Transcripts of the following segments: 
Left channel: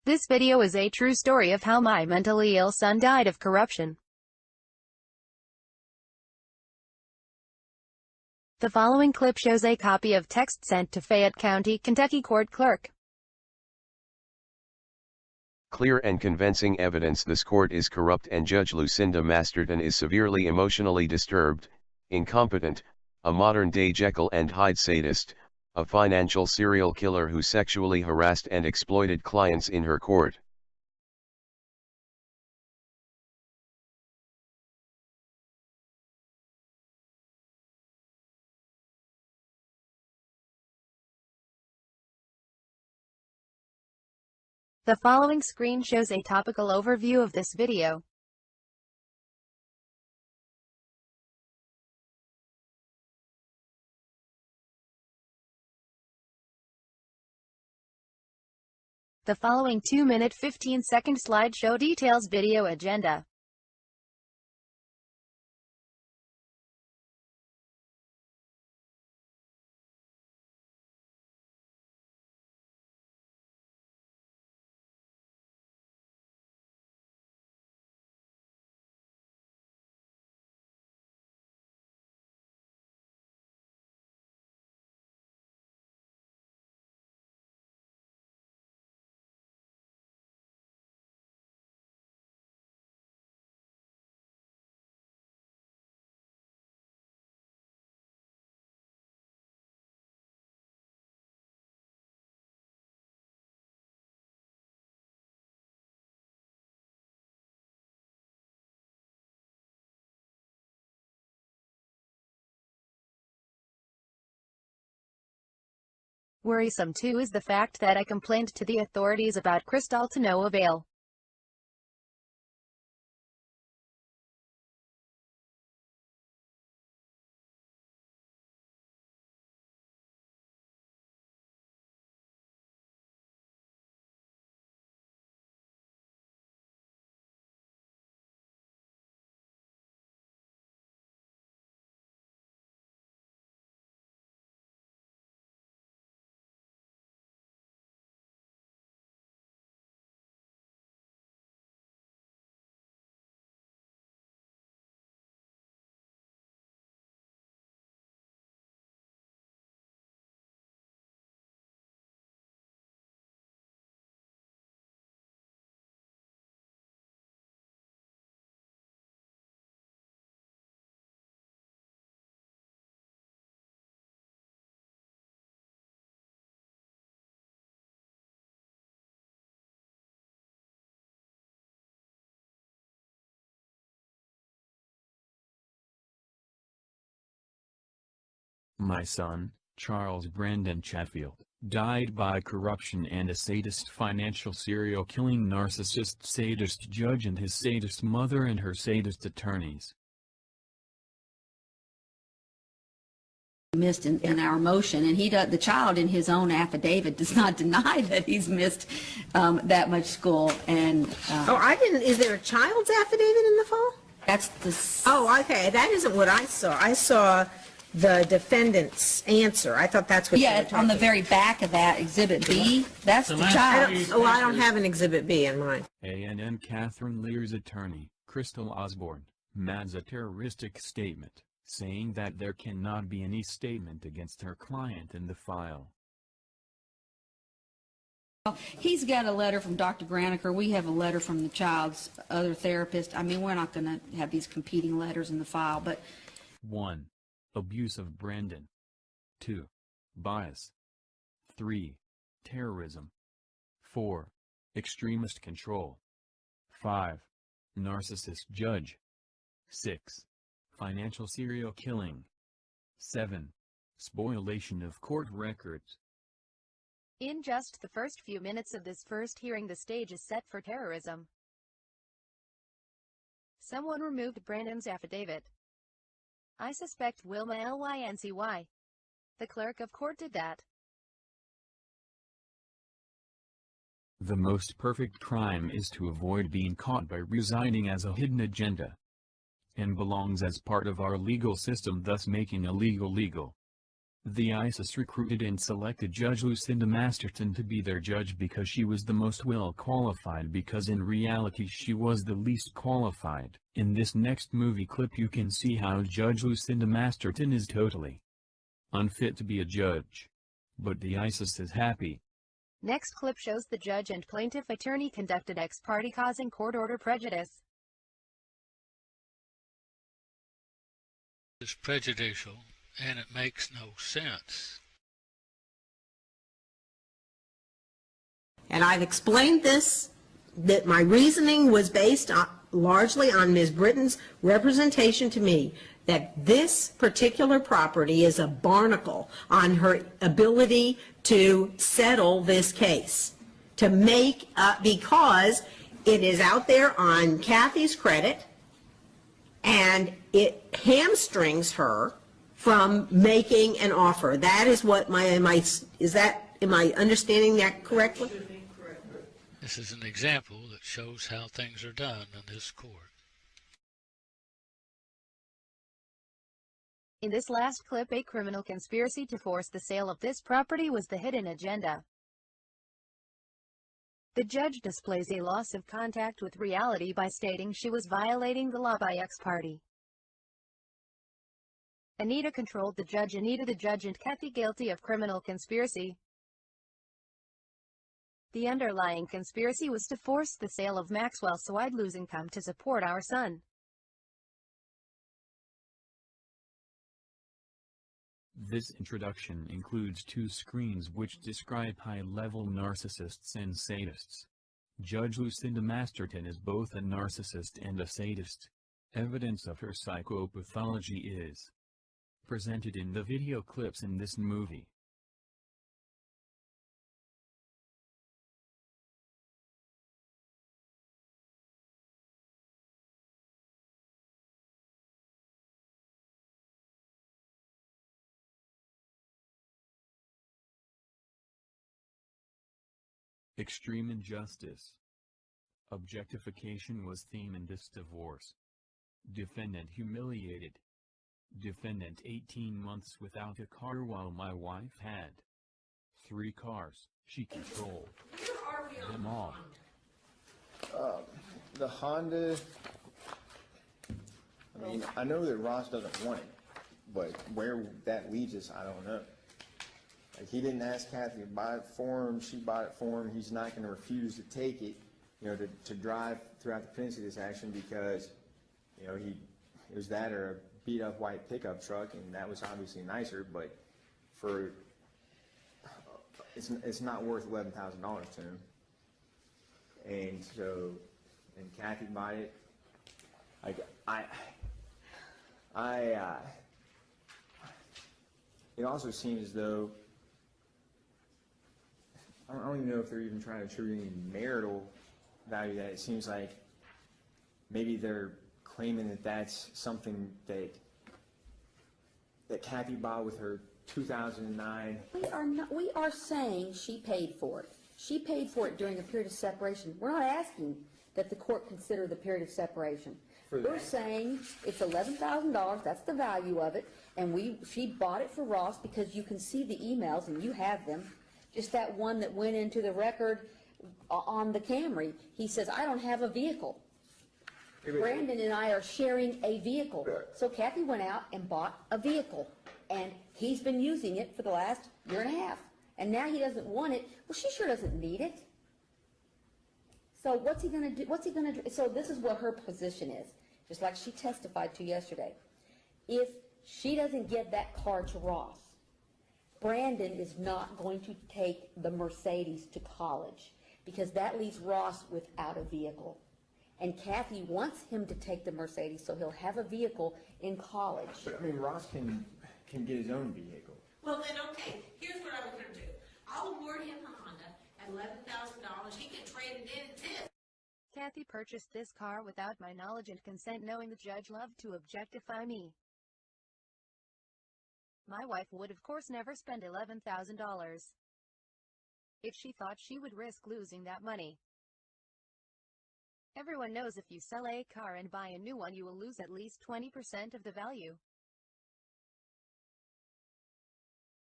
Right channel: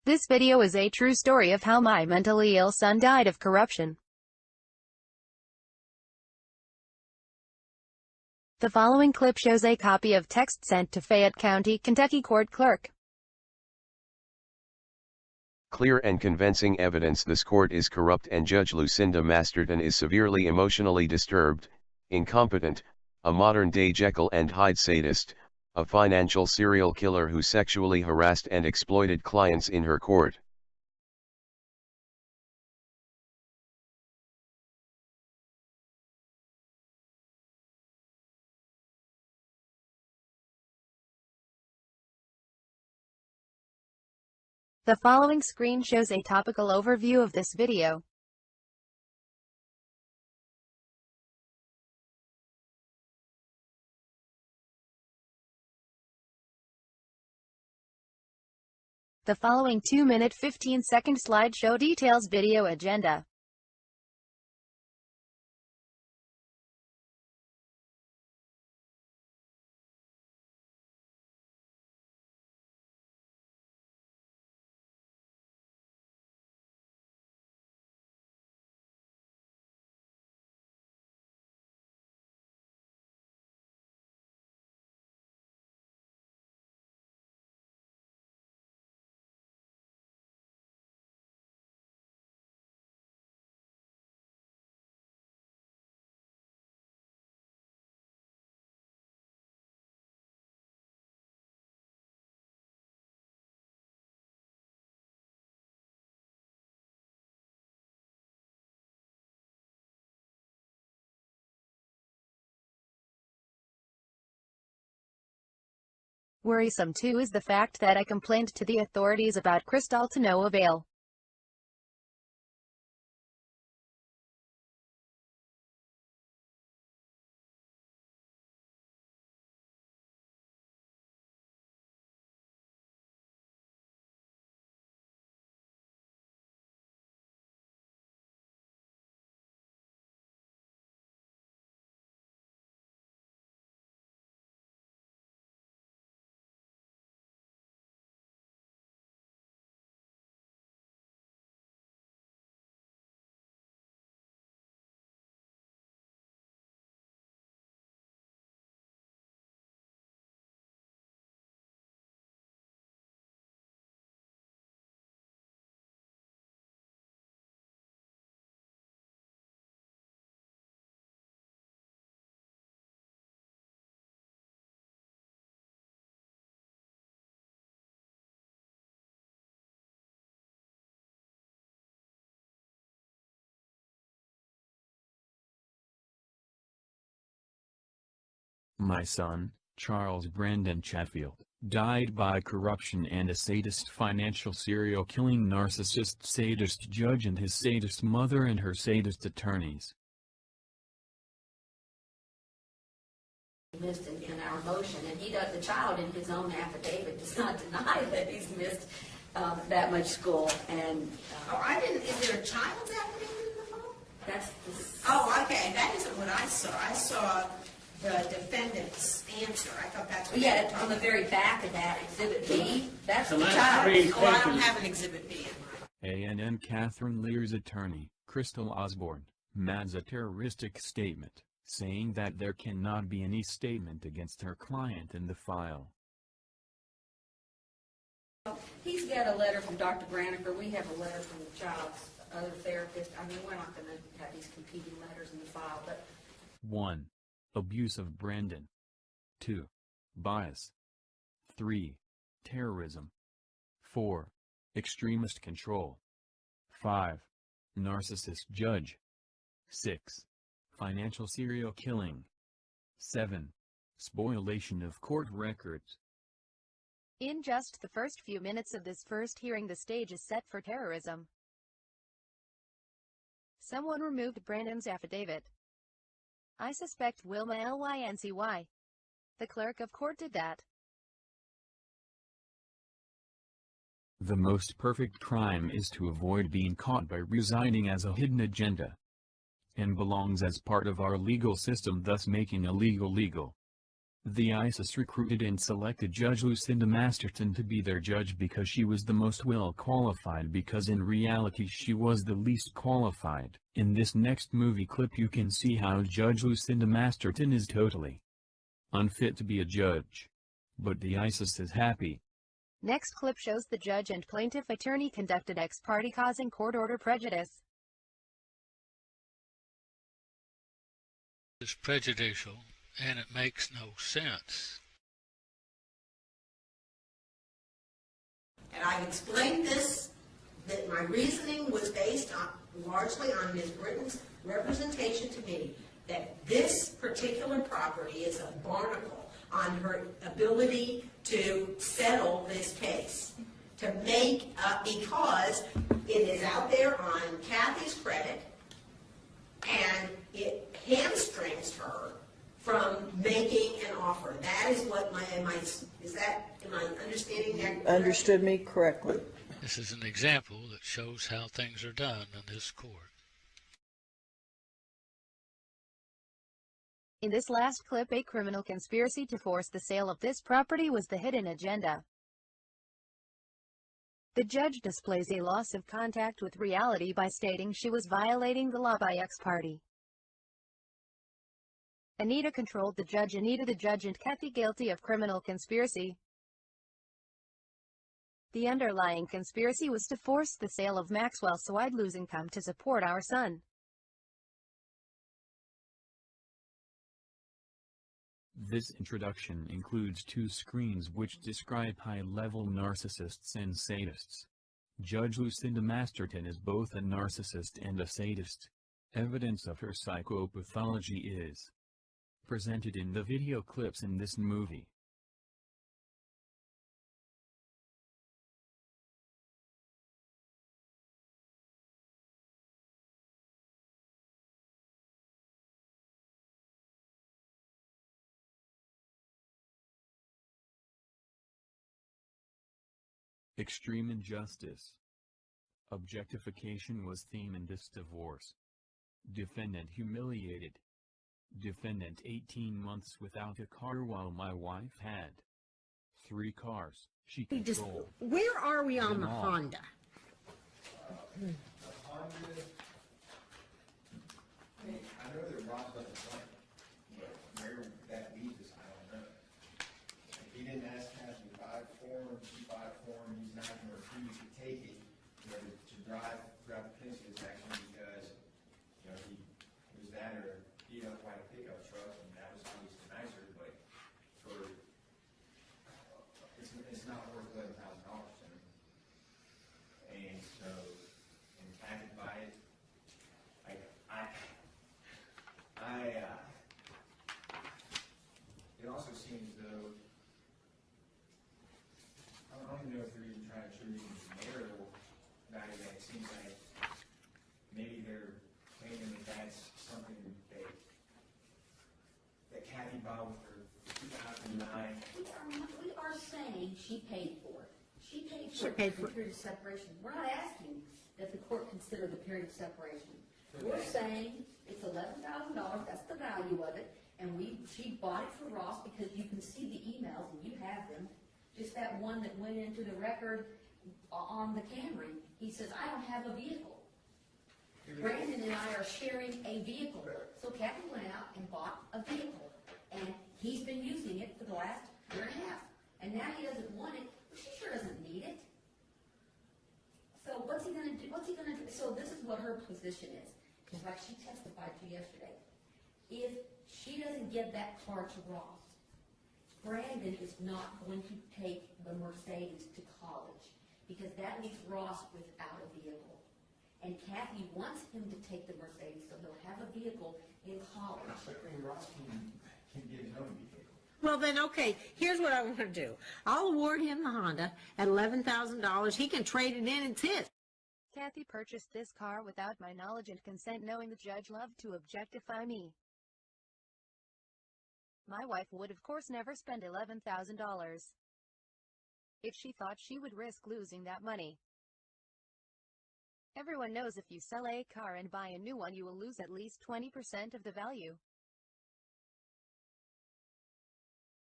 This video is a true story of how my mentally ill son died of corruption. The following clip shows a copy of text sent to Fayette County, Kentucky court clerk. Clear and convincing evidence this court is corrupt and Judge Lucinda Masterton is severely emotionally disturbed, incompetent, a modern-day Jekyll and Hyde sadist, a financial serial killer who sexually harassed and exploited clients in her court. The following screen shows a topical overview of this video. The following 2-minute 15-second slideshow details video agenda. Worrisome too is the fact that I complained to the authorities about Crystal to no avail. My son, Charles Brandon Chatfield, died by corruption and a sadist financial serial killing narcissist sadist judge and his sadist mother and her sadist attorneys. Missed in our motion, and the child in his own affidavit does not deny that he's missed that much school. And oh, I didn't. Is there a child's affidavit in the file? that's the. Oh, okay. That isn't what I saw. I saw the defendant's answer. I thought that's what you were Yeah, talking on the about. very back of that exhibit B, that's the child. Oh, I don't have an exhibit B in mine. A&M Catherine Lear's attorney, Crystal Osborne, adds a terroristic statement, saying that there cannot be any statement against her client in the file. He's got a letter from Dr. Graniker. We have a letter from the child's other therapist. I mean, we're not going to have these competing letters in the file, but 1. Abuse of Brandon. 2. Bias. 3. Terrorism. 4. Extremist control. 5. Narcissist judge. 6. Financial serial killing. 7. Spoliation of court records. In just the first few minutes of this first hearing, the stage is set for terrorism. Someone removed Brandon's affidavit. I suspect Wilma Lyncy. The clerk of court did that. The most perfect crime is to avoid being caught by residing as a hidden agenda, and belongs as part of our legal system, thus making illegal legal. The ISIS recruited and selected Judge Lucinda Masterton to be their judge because she was the most well-qualified, because in reality she was the least qualified. In this next movie clip you can see how Judge Lucinda Masterton is totally unfit to be a judge. But the ISIS is happy. Next clip shows the judge and plaintiff attorney conducted ex parte, causing court order prejudice. It's prejudicial, and it makes no sense. And I've explained this, that my reasoning was based largely on Ms. Britton's representation to me that this particular property is a barnacle on her ability to settle this case, to make up, because it is out there on Kathy's credit, and it hamstrings her from making an offer. That is what am I understanding that correctly? Understood me correctly. This is an example that shows how things are done in this court. In this last clip, a criminal conspiracy to force the sale of this property was the hidden agenda. The judge displays a loss of contact with reality by stating she was violating the law by ex parte. Anita controlled the judge. Anita the judge and Kathy guilty of criminal conspiracy. The underlying conspiracy was to force the sale of Maxwell so I'd lose income to support our son. This introduction includes 2 screens which describe high-level narcissists and sadists. Judge Lucinda Masterton is both a narcissist and a sadist. Evidence of her psychopathology is presented in the video clips in this movie. Extreme injustice. Objectification was theme in this divorce. Defendant humiliated. Defendant 18 months without a car while my wife had 3 cars. She controlled. Where are we on them the all. Honda? The Honda, I mean, I know that Ross doesn't want it, but where that leads us, I don't know. Like, he didn't ask Kathy to buy it for him, she bought it for him, he's not gonna refuse to take it, you know, to drive throughout the pendency of this action because, you know, it was that or a beat-up white pickup truck, and that was obviously nicer, but it's not worth $11,000 to him. And so, and Kathy bought it. It also seems as though, I don't even know if they're even trying to attribute any marital value to that. It seems like maybe they're claiming that that's something that Kathy bought with her 2009. We are saying she paid for it. She paid for it during the period of separation. We're not asking that the court consider the period of separation. We're saying it's $11,000, that's the value of it, and she bought it for Ross because you can see the emails, and you have them. Just that one that went into the record on the Camry. He says, I don't have a vehicle. Brandon and I are sharing a vehicle. So Kathy went out and bought a vehicle, and he's been using it for the last year and a half. And now he doesn't want it. Well, she sure doesn't need it. So what's he going to do? What's he going to do? So this is what her position is, just like she testified to yesterday. If she doesn't get that car to Ross, Brandon is not going to take the Mercedes to college because that leaves Ross without a vehicle. And Kathy wants him to take the Mercedes so he'll have a vehicle in college. But I mean, Ross can get his own vehicle. Well then, okay, here's what I want to do. I'll award him the Honda at $11,000. He can trade it in, it's his. Kathy purchased this car without my knowledge and consent, knowing the judge loved to objectify me. My wife would of course never spend $11,000 if she thought she would risk losing that money. Everyone knows if you sell a car and buy a new one, you will lose at least 20% of the value.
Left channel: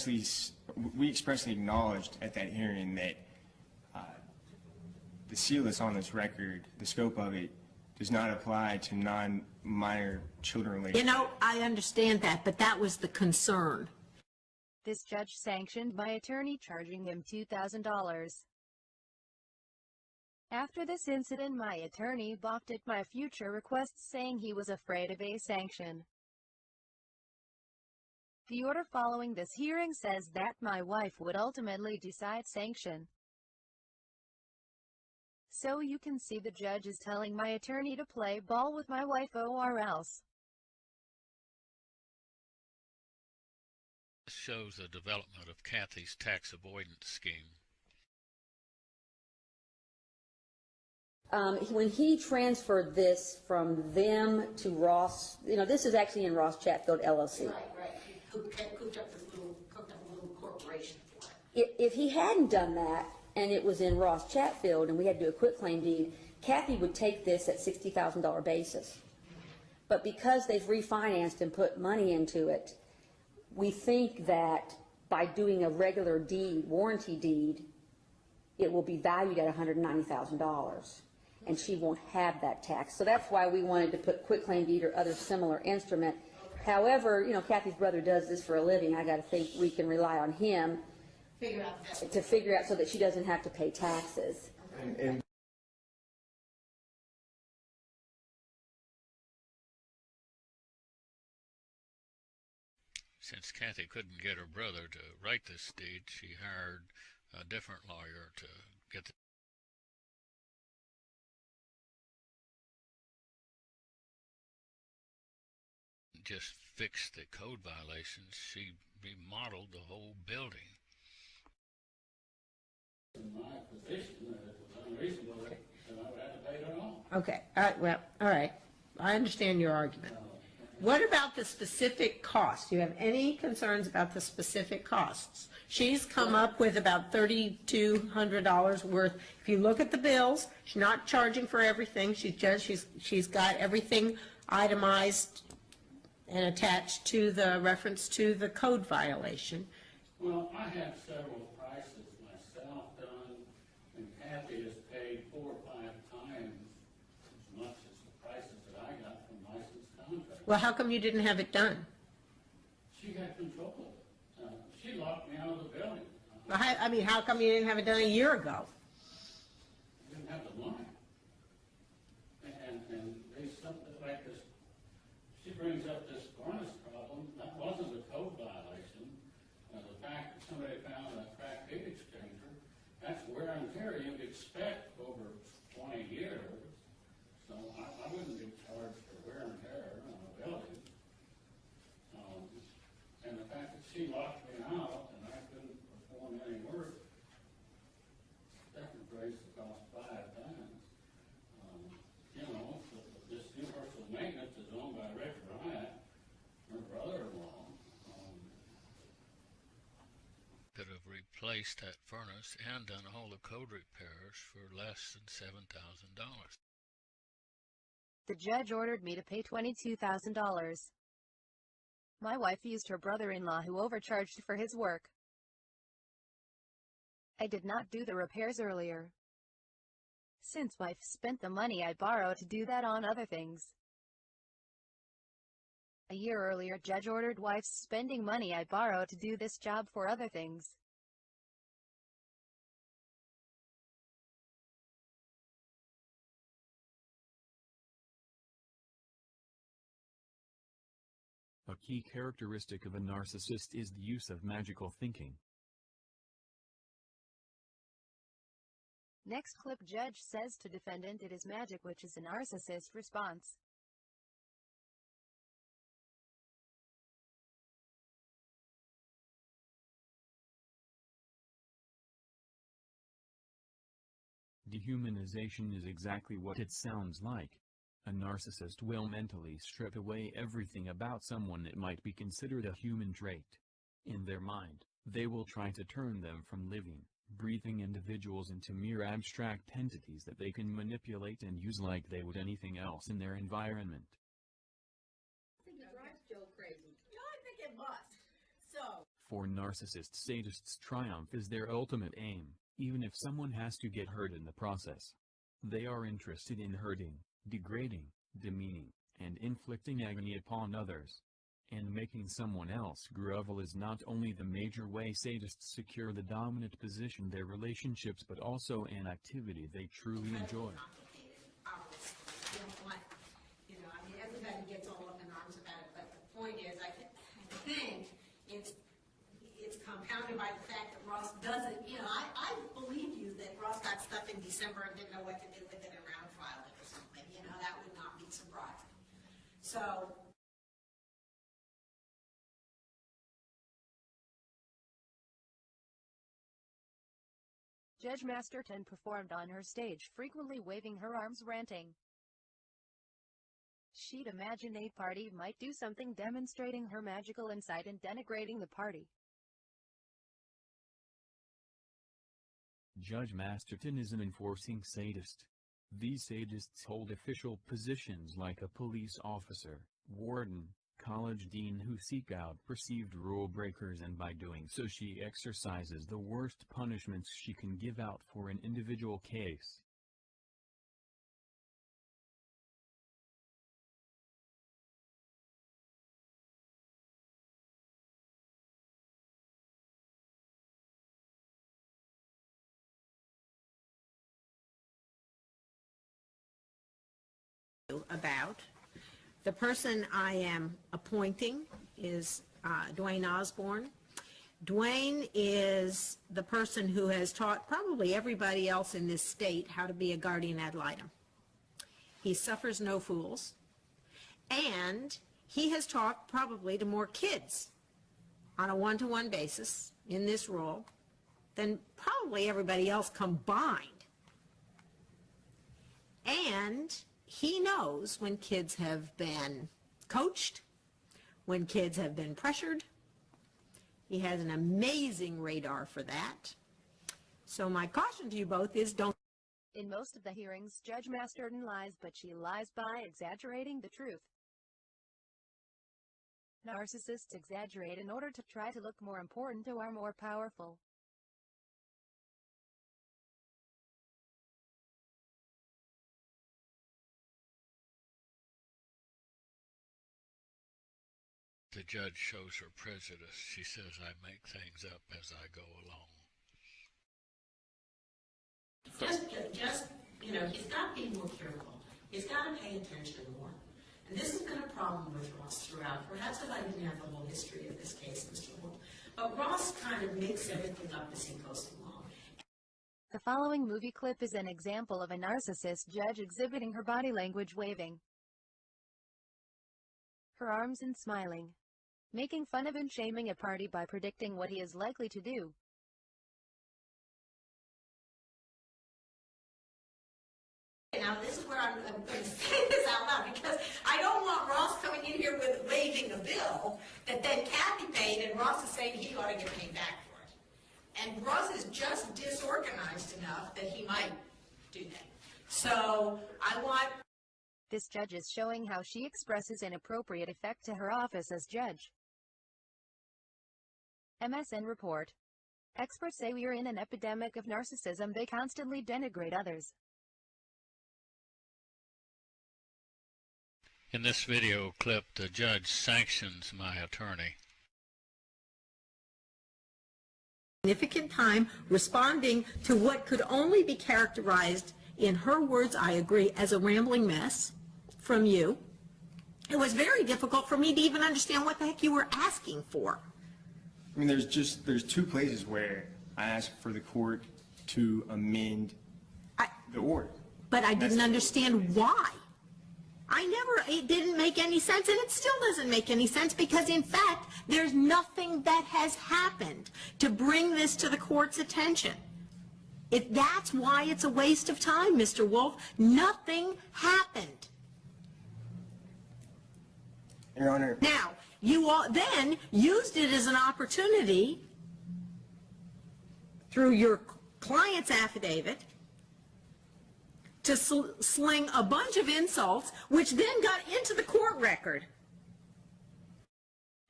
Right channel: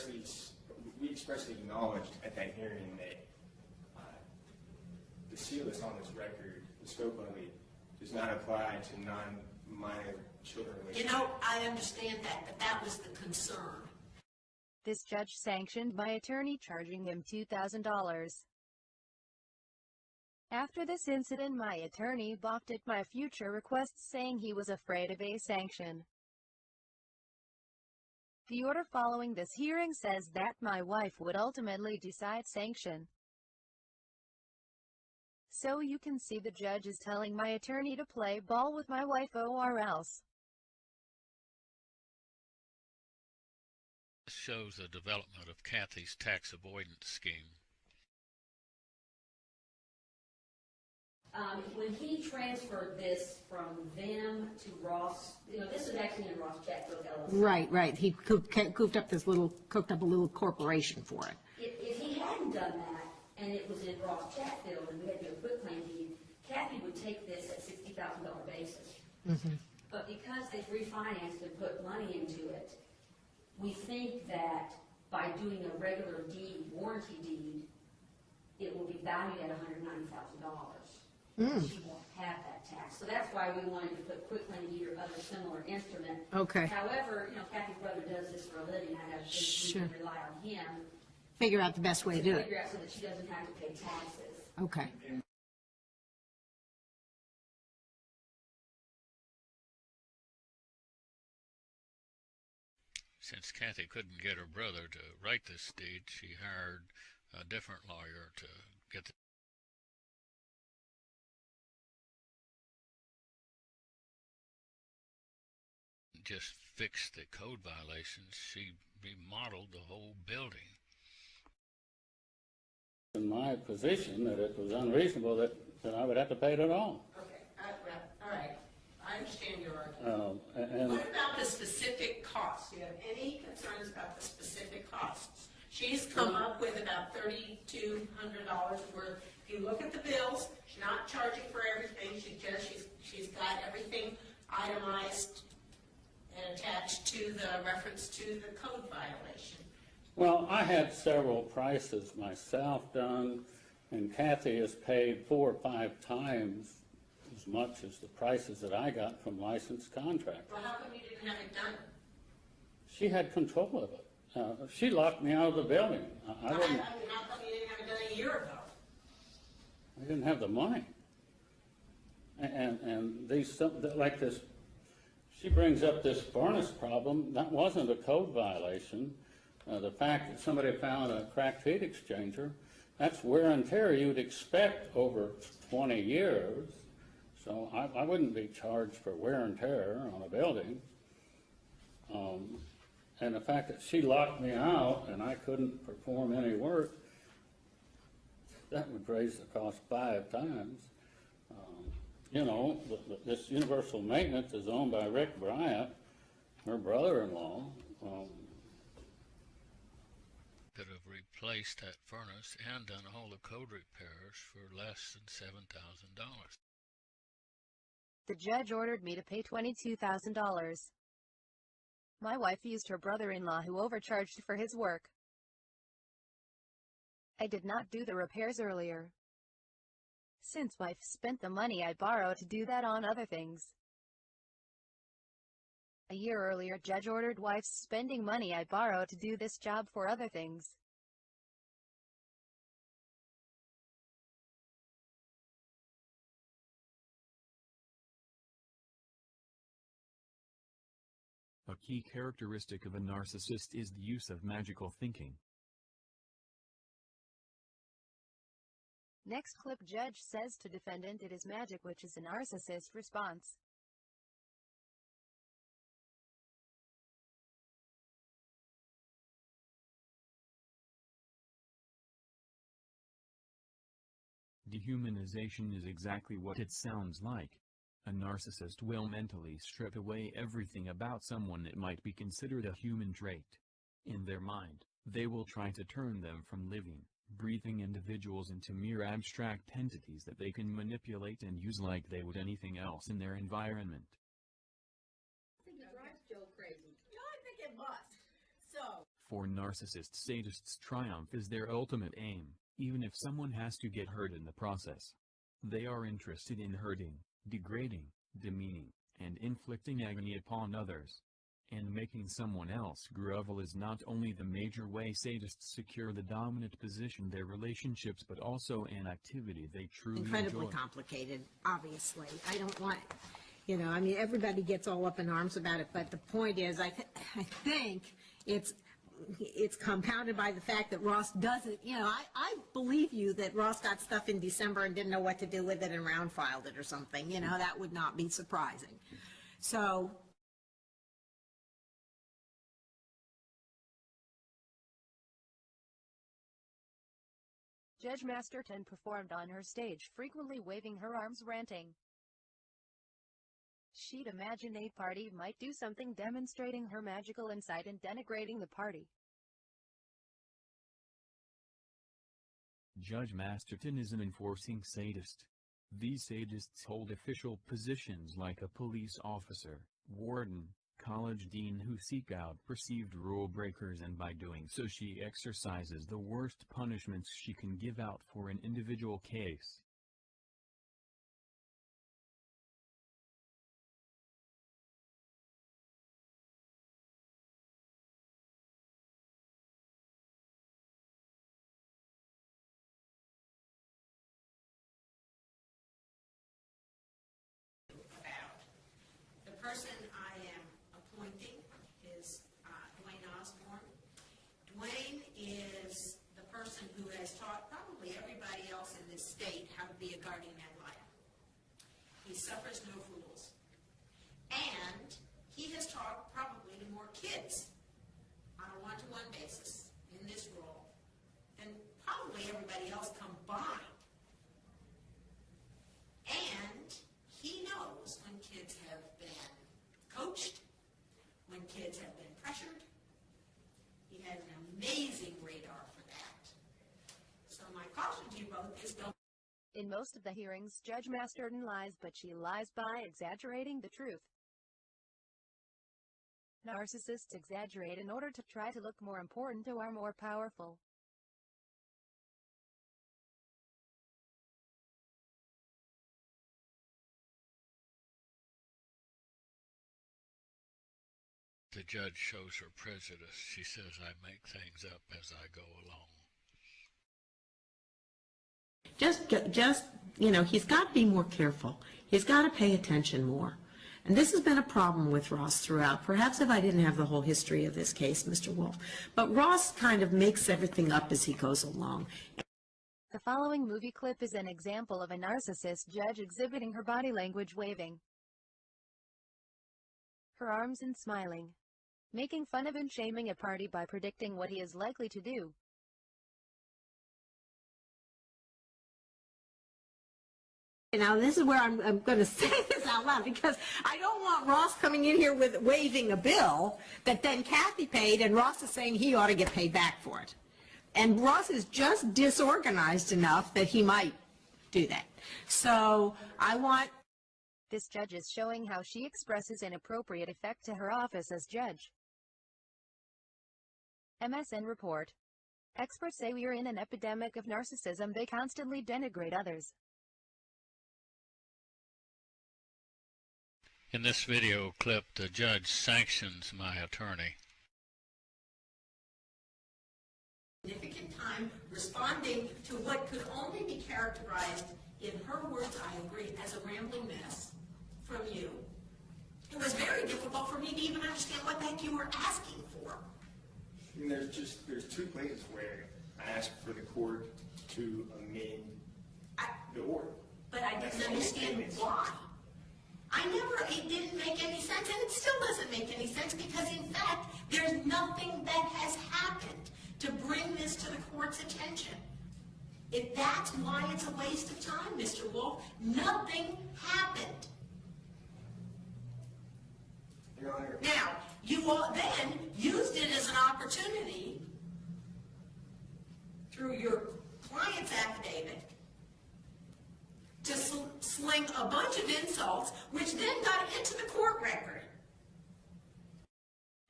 We expressly acknowledged at that hearing that the seal that's on this record, the scope of it, does not apply to non-minor children related. You know, I understand that, but that was the concern. This judge sanctioned my attorney, charging him $2,000. After this incident, my attorney balked at my future requests, saying he was afraid of a sanction. The order following this hearing says that my wife would ultimately decide sanction. So you can see the judge is telling my attorney to play ball with my wife or else. This shows the development of Kathy's tax avoidance scheme. When he transferred this from them to Ross, you know, this is actually in Ross Chatfield LLC. Right. He cooked up a little corporation for it. If he hadn't done that, and it was in Ross Chatfield, and we had to do a quitclaim deed, Kathy would take this at $60,000 basis. But because they've refinanced and put money into it, we think that by doing a regular deed, warranty deed, it will be valued at $190,000. And she won't have that tax. So that's why we wanted to put quitclaim deed or other similar instrument. Okay. However, you know, Kathy's brother does this for a living. I gotta think we can rely on him Figure out the best way to to do figure it. out so that she doesn't have to pay taxes. Okay. Since Kathy couldn't get her brother to write this deed, she hired a different lawyer to get the just fix the code violations. She remodeled the whole building. In my position, that it was unreasonable that I would have to pay it at all. Okay. All right. I understand your argument. What about the specific costs? Do you have any concerns about the specific costs? She's come up with about $3,200 worth. If you look at the bills, she's not charging for everything. She's got everything itemized and attached to the reference to the code violation. Well, I had several prices myself done, and Kathy has paid 4 or 5 times as much as the prices that I got from licensed contractors. Well, how come you didn't have it done? She had control of it. She locked me out of the building. I mean, how come you didn't have it done a year ago? I didn't have the money. And these, like this, she brings up this furnace problem. That wasn't a code violation. The fact that somebody found a cracked heat exchanger, that's wear and tear you'd expect over 20 years. So I wouldn't be charged for wear and tear on a building. And the fact that she locked me out and I couldn't perform any work, that would raise the cost 5 times. You know, this Universal Maintenance is owned by Rick Bryant, her brother-in-law. Could have replaced that furnace and done all the code repairs for less than $7,000. The judge ordered me to pay $22,000. My wife used her brother-in-law, who overcharged for his work. I did not do the repairs earlier, since wife spent the money I borrowed to do that on other things. A year earlier, judge ordered wife's spending money I borrowed to do this job for other things. A key characteristic of a narcissist is the use of magical thinking. Next clip, judge says to defendant it is magic, which is a narcissist response. Dehumanization is exactly what it sounds like. A narcissist will mentally strip away everything about someone that might be considered a human trait. In their mind, they will try to turn them from living, breathing individuals into mere abstract entities that they can manipulate and use like they would anything else in their environment. I think it drives Joe crazy. No, I think it must. So, For narcissist sadists, triumph is their ultimate aim, even if someone has to get hurt in the process. They are interested in hurting, degrading, demeaning, and inflicting agony upon others. And making someone else grovel is not only the major way sadists secure the dominant position in their relationships, but also an activity they truly enjoy. Incredibly complicated, obviously. I don't want, I mean, everybody gets all up in arms about it, but the point is, I think it's compounded by the fact that Ross doesn't, I believe you that Ross got stuff in December and didn't know what to do with it and round filed it or something, that would not be surprising. So, Judge Masterton performed on her stage, frequently waving her arms, ranting. She'd imagine a party might do something demonstrating her magical insight and denigrating the party. Judge Masterton is an enforcing sadist. These sadists hold official positions like a police officer, warden, college dean who seek out perceived rule breakers, and by doing so she exercises the worst punishments she can give out for an individual case. about. The person I am appointing is Dwayne Osborne. Dwayne is the person who has taught probably everybody else in this state how to be a guardian ad litem. He suffers no fools, and he has taught probably to more kids on a one-to-one basis in this role than probably everybody else combined. And he knows when kids have been coached, when kids have been pressured. He has an amazing radar for that. So my caution to you both is don't. In most of the hearings, Judge Masterton lies, but she lies by exaggerating the truth. Narcissists exaggerate in order to try to look more important or more powerful. The judge shows her prejudice. She says, I make things up as I go along. Just, he's got to be more careful. He's got to pay attention more. And this has been a problem with Ross throughout. Perhaps if I didn't have the whole history of this case, Mr. Wolf. But Ross kind of makes everything up as he goes along. The following movie clip is an example of a narcissist judge exhibiting her body language, waving her arms and smiling, making fun of and shaming a party by predicting what he is likely to do. Now this is where I'm going to say this out loud, because I don't want Ross coming in here with waving a bill that then Kathy paid and Ross is saying he ought to get paid back for it. And Ross is just disorganized enough that he might do that. So I want... This judge is showing how she expresses inappropriate effect to her office as judge. MSN report. Experts say we are in an epidemic of narcissism. They constantly denigrate others. In this video clip, the judge sanctions my attorney. Significant time responding to what could only be characterized, in her words, I agree, as a rambling mess from you. It was very difficult for me to even understand what the heck you were asking for. I mean, there's two places where I asked for the court to amend the order. But I didn't understand why. It didn't make any sense, and it still doesn't make any sense, because in fact, there's nothing that has happened to bring this to the court's attention. That's why it's a waste of time, Mr. Wolf. Nothing happened. Your Honor. Now, you all then used it as an opportunity through your client's affidavit to sling a bunch of insults, which then got into the court record.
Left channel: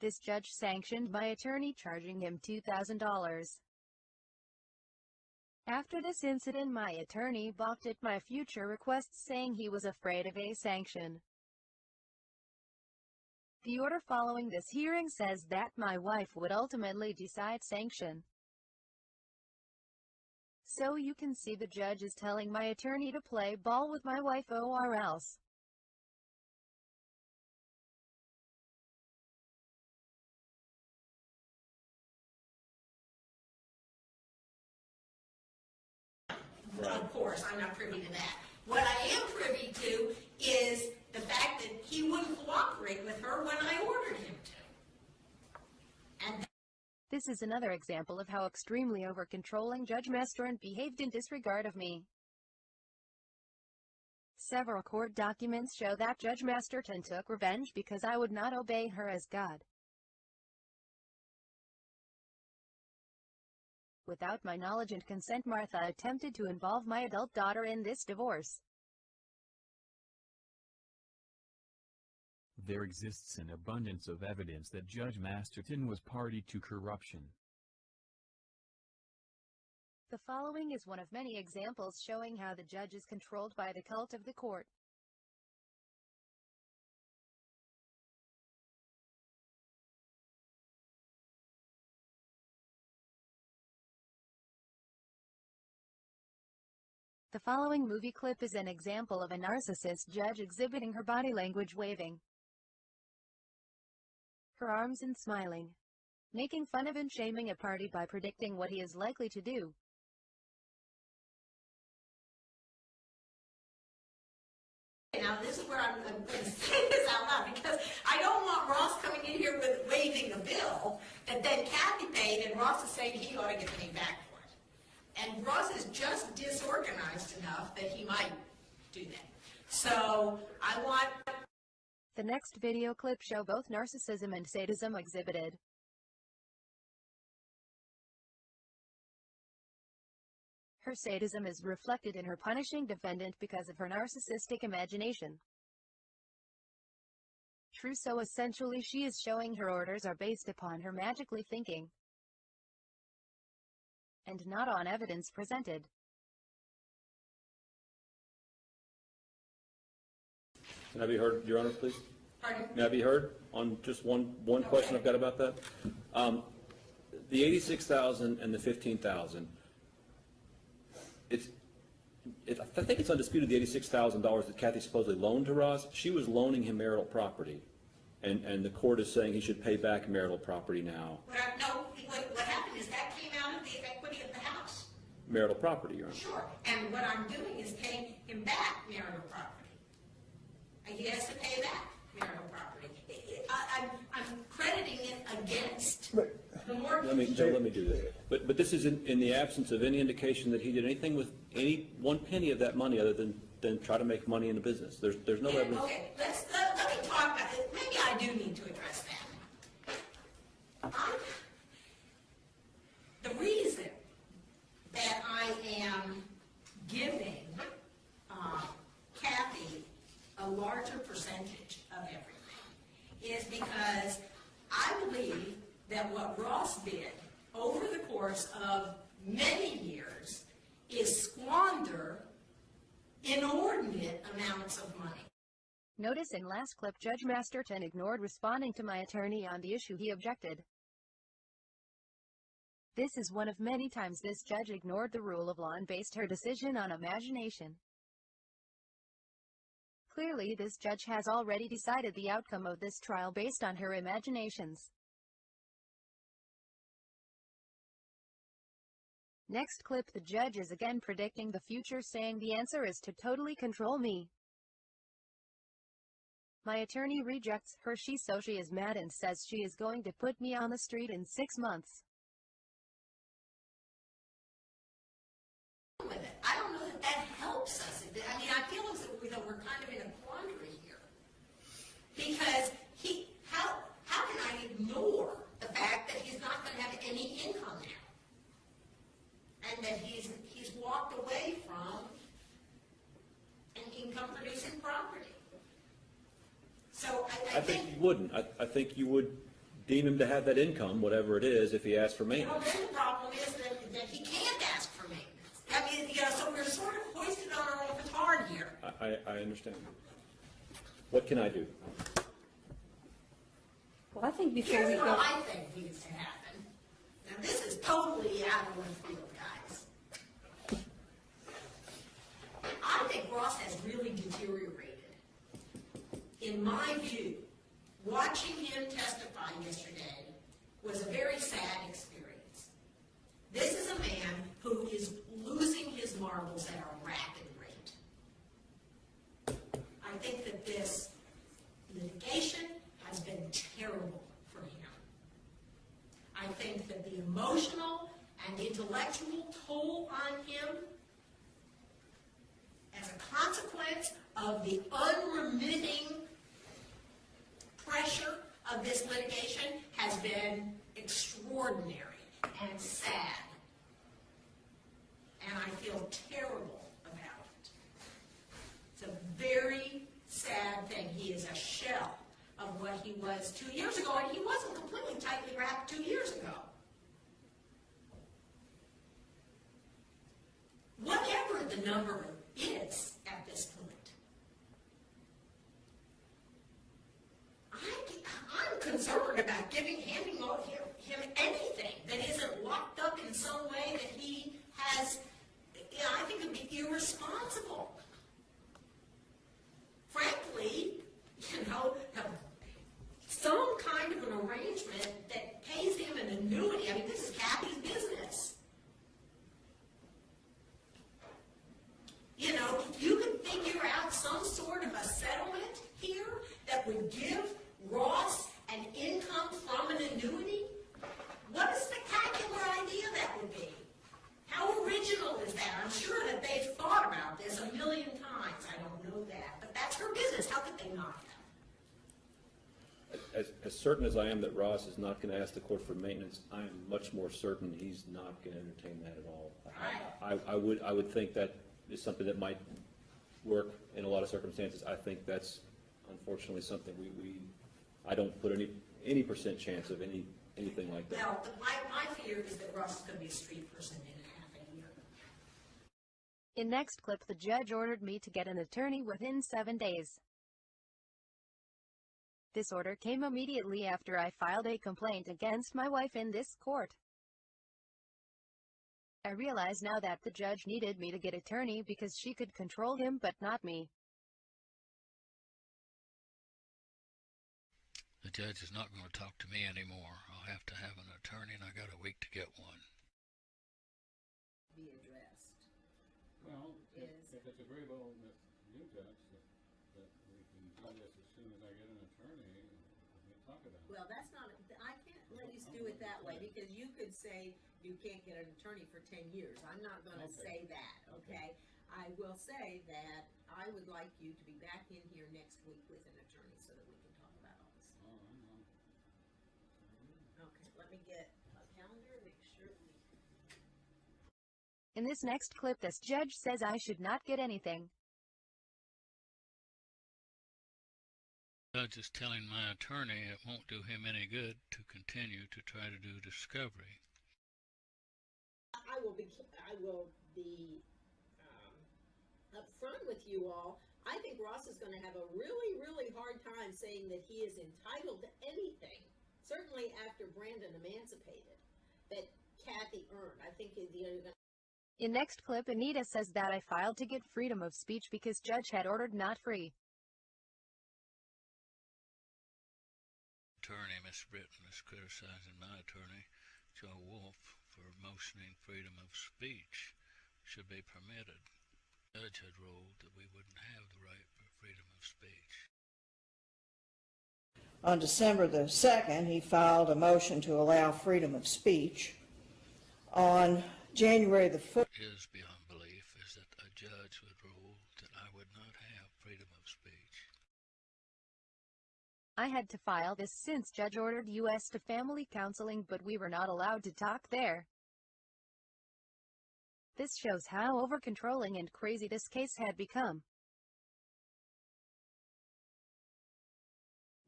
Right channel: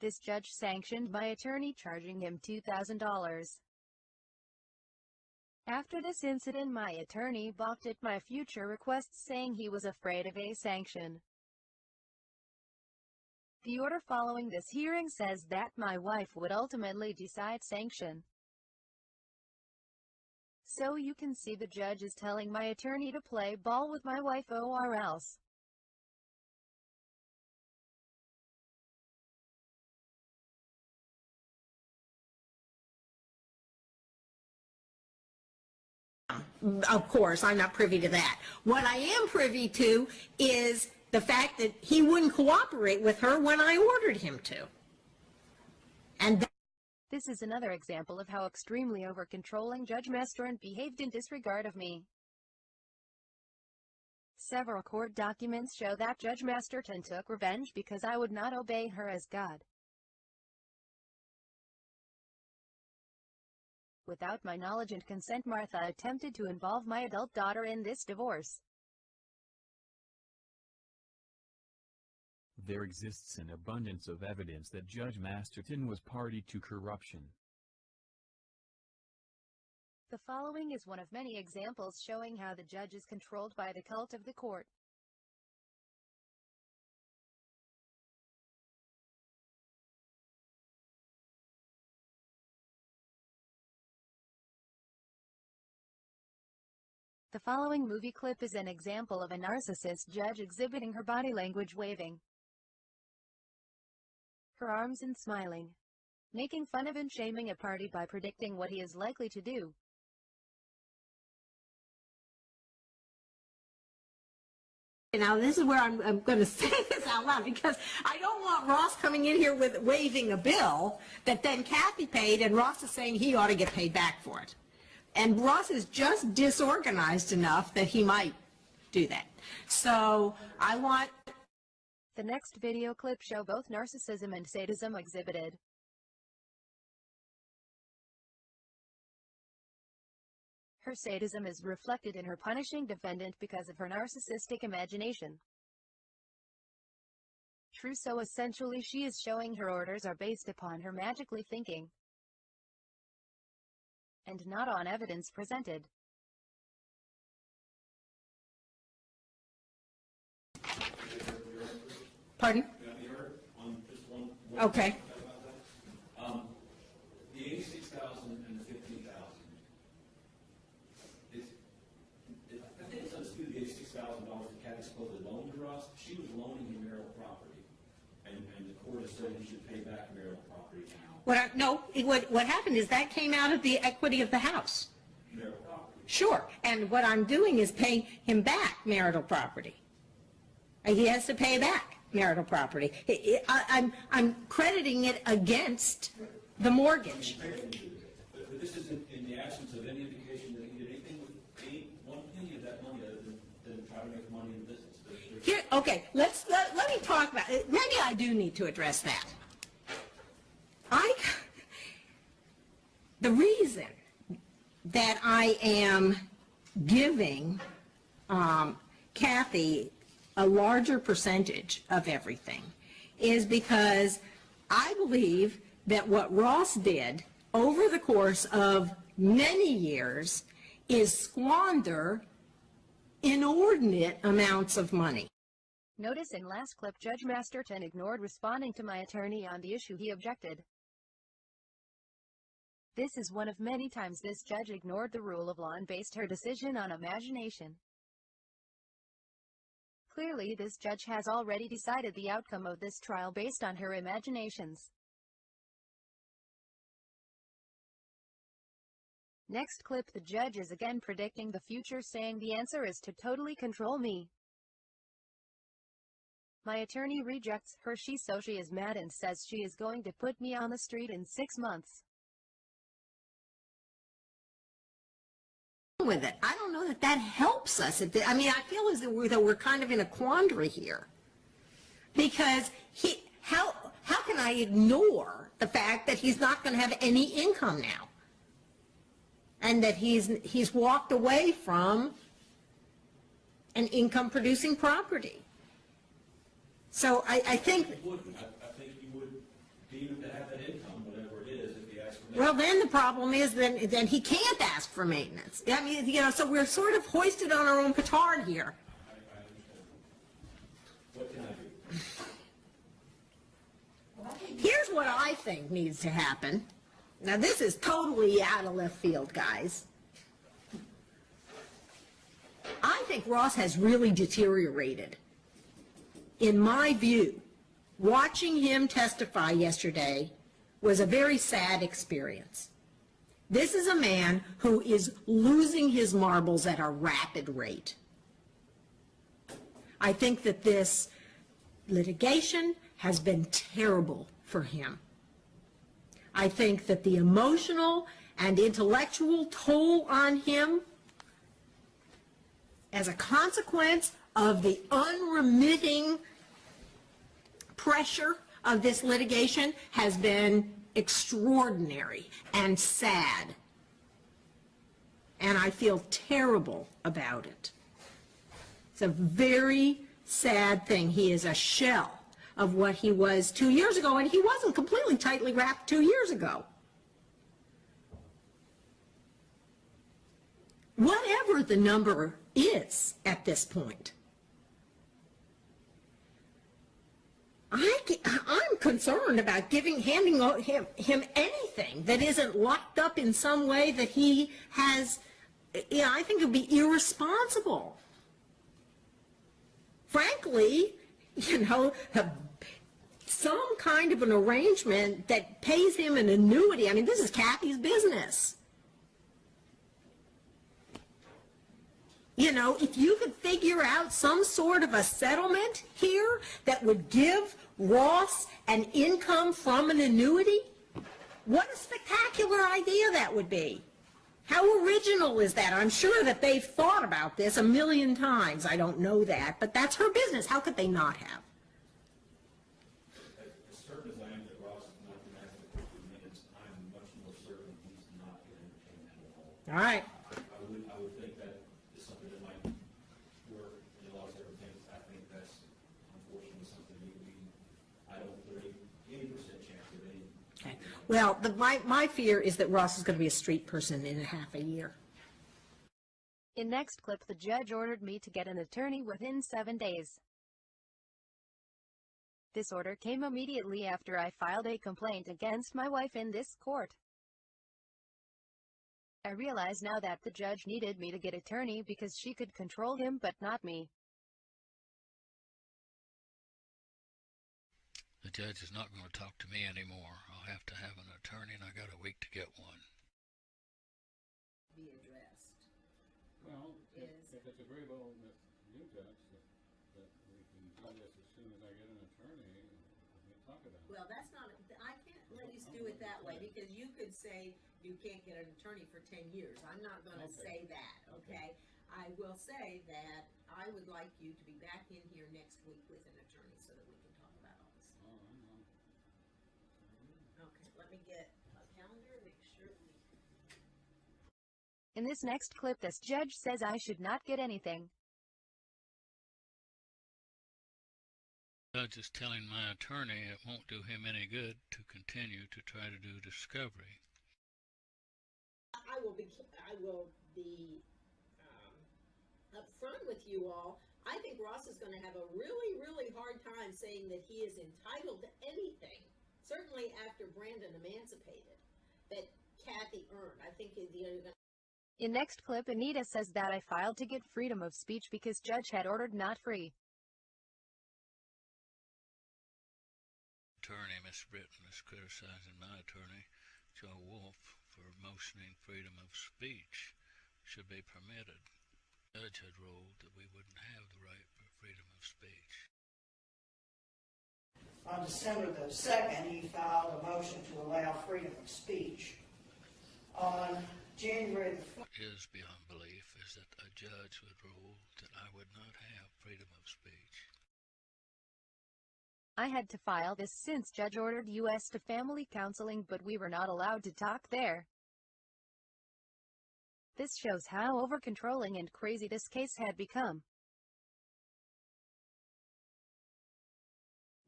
This judge sanctioned my attorney, charging him $2,000. After this incident, my attorney balked at my future requests, saying he was afraid of a sanction. The order following this hearing says that my wife would ultimately decide sanction. So you can see the judge is telling my attorney to play ball with my wife or else. Of course, I'm not privy to that. What I am privy to is the fact that he wouldn't cooperate with her when I ordered him to. And this is another example of how extremely over-controlling Judge Masterton behaved in disregard of me. Several court documents show that Judge Masterton took revenge because I would not obey her as God. Without my knowledge and consent, Martha attempted to involve my adult daughter in this divorce. There exists an abundance of evidence that Judge Masterton was party to corruption. The following is one of many examples showing how the judge is controlled by the cult of the court. The following movie clip is an example of a narcissist judge exhibiting her body language, waving her arms and smiling, making fun of and shaming a party by predicting what he is likely to do. now this is where I'm going to say this out loud, because I don't want Ross coming in here with waving a bill that then Kathy paid and Ross is saying he ought to get paid back for it. And Ross is just disorganized enough that he might do that. So I want... The next video clip show both narcissism and sadism exhibited. Her sadism is reflected in her punishing defendant because of her narcissistic imagination. True, so essentially she is showing her orders are based upon her magically thinking, and not on evidence presented. Can I be heard, Your Honor, please? Pardon? Can I be heard on just one Okay. question I've got about that? The $86,000 and the $15,000. I think it's undisputed the $86,000 that Kathy supposedly loaned to Ross. She was loaning him marital property, and the court is saying he should pay back marital property now. What happened is that came out of the equity of the house. Marital property, Your Honor. Sure, and what I'm doing is paying him back marital property. He has to pay back marital property. I'm crediting it against the mortgage. Let me do this. But this is in the absence of any indication that he did anything with any one penny of that money other than try to make money in the business. There's no evidence. Okay, let me talk about it. Maybe I do need to address that. The reason that I am giving Kathy a larger percentage of everything is because I believe that what Ross did over the course of many years is squander inordinate amounts of money. Notice in last clip Judge Masterton ignored responding to my attorney on the issue he objected. This is one of many times this judge ignored the rule of law and based her decision on imagination. Clearly this judge has already decided the outcome of this trial based on her imaginations. Next clip, the judge is again predicting the future, saying the answer is to totally control me. My attorney rejects her she is mad and says she is going to put me on the street in 6 months. With it. I don't know that that helps us. I mean, I feel as though we're kind of in a quandary here. Because how can I ignore the fact that he's not going to have any income now? And that he's walked away from an income-producing property. So I think... You wouldn't. I think you would deem him to have that income, whatever it is, if he asks for maintenance. Well, then the problem is then he can't ask for maintenance. I mean, you know, so we're sort of hoisted on our own petard here. I understand. What can I do? Well, I think Here's what I think needs to happen. Now, this is totally out of left field, guys. I think Ross has really deteriorated. In my view, watching him testify yesterday was a very sad experience. This is a man who is losing his marbles at a rapid rate. I think that this litigation has been terrible for him. I think that the emotional and intellectual toll on him as a consequence of the unremitting pressure of this litigation has been extraordinary and sad. And I feel terrible about it. It's a very sad thing. He is a shell of what he was 2 years ago, and he wasn't completely tightly wrapped 2 years ago. Whatever the number is at this point, I'm concerned about handing him anything that isn't locked up in some way that he has. You know, I think it would be irresponsible. Frankly, you know, some kind of an arrangement that pays him an annuity. I mean, this is Kathy's business. You know, if you could figure out some sort of a settlement here that would give Ross an income from an annuity, what a spectacular idea that would be. How original is that? I'm sure that they've thought about this a million times. I don't know that, but that's her business. How could they not have? As certain as I am that Ross is not going to ask the court for maintenance, I am much more certain he's not going to entertain that at all. All right. I would think that is something that might work in a lot of circumstances. I think that's unfortunately something I don't put any percent chance of anything like that. Well, my fear is that Ross is going to be a street person in a half a year. In next clip, the judge ordered me to get an attorney within 7 days. This order came immediately after I filed a complaint against my wife in this court. I realize now that the judge needed me to get an attorney because she could control him but not me. The judge is not going to talk to me anymore. I'll have to have an attorney, and I got a week to get one. Be addressed. Well, if it's agreeable with you, Judge, that we can do this as soon as I get an attorney, we can talk about it. Well, that's not, I can't let you do it that way, because you could say you can't get an attorney for 10 years. I'm not going to say that, okay? I will say that I would like you to be back in here next week with an attorney so that we can talk about all this. Okay, let me get a calendar, make sure we... In this next clip, this judge says I should not get anything. The judge is telling my attorney it won't do him any good to continue to try to do discovery. I will be upfront with you all. I think Ross is going to have a really, really hard time saying that he is entitled to anything, certainly after Brandon emancipated, that Kathy earned. I think In next clip, Anita says that I filed to get freedom of speech because judge had ordered not free. Attorney, Miss Britton, is criticizing my attorney, Joe Wolf, for motioning freedom of speech should be permitted. The judge had ruled that we wouldn't have the right for freedom of speech. On December the 2nd, he filed a motion to allow freedom of speech. On January the 1st... What is beyond belief is that a judge would rule that I would not have freedom of speech. I had to file this since judge ordered us to family counseling, but we were not allowed to talk there. This shows how over-controlling and crazy this case had become.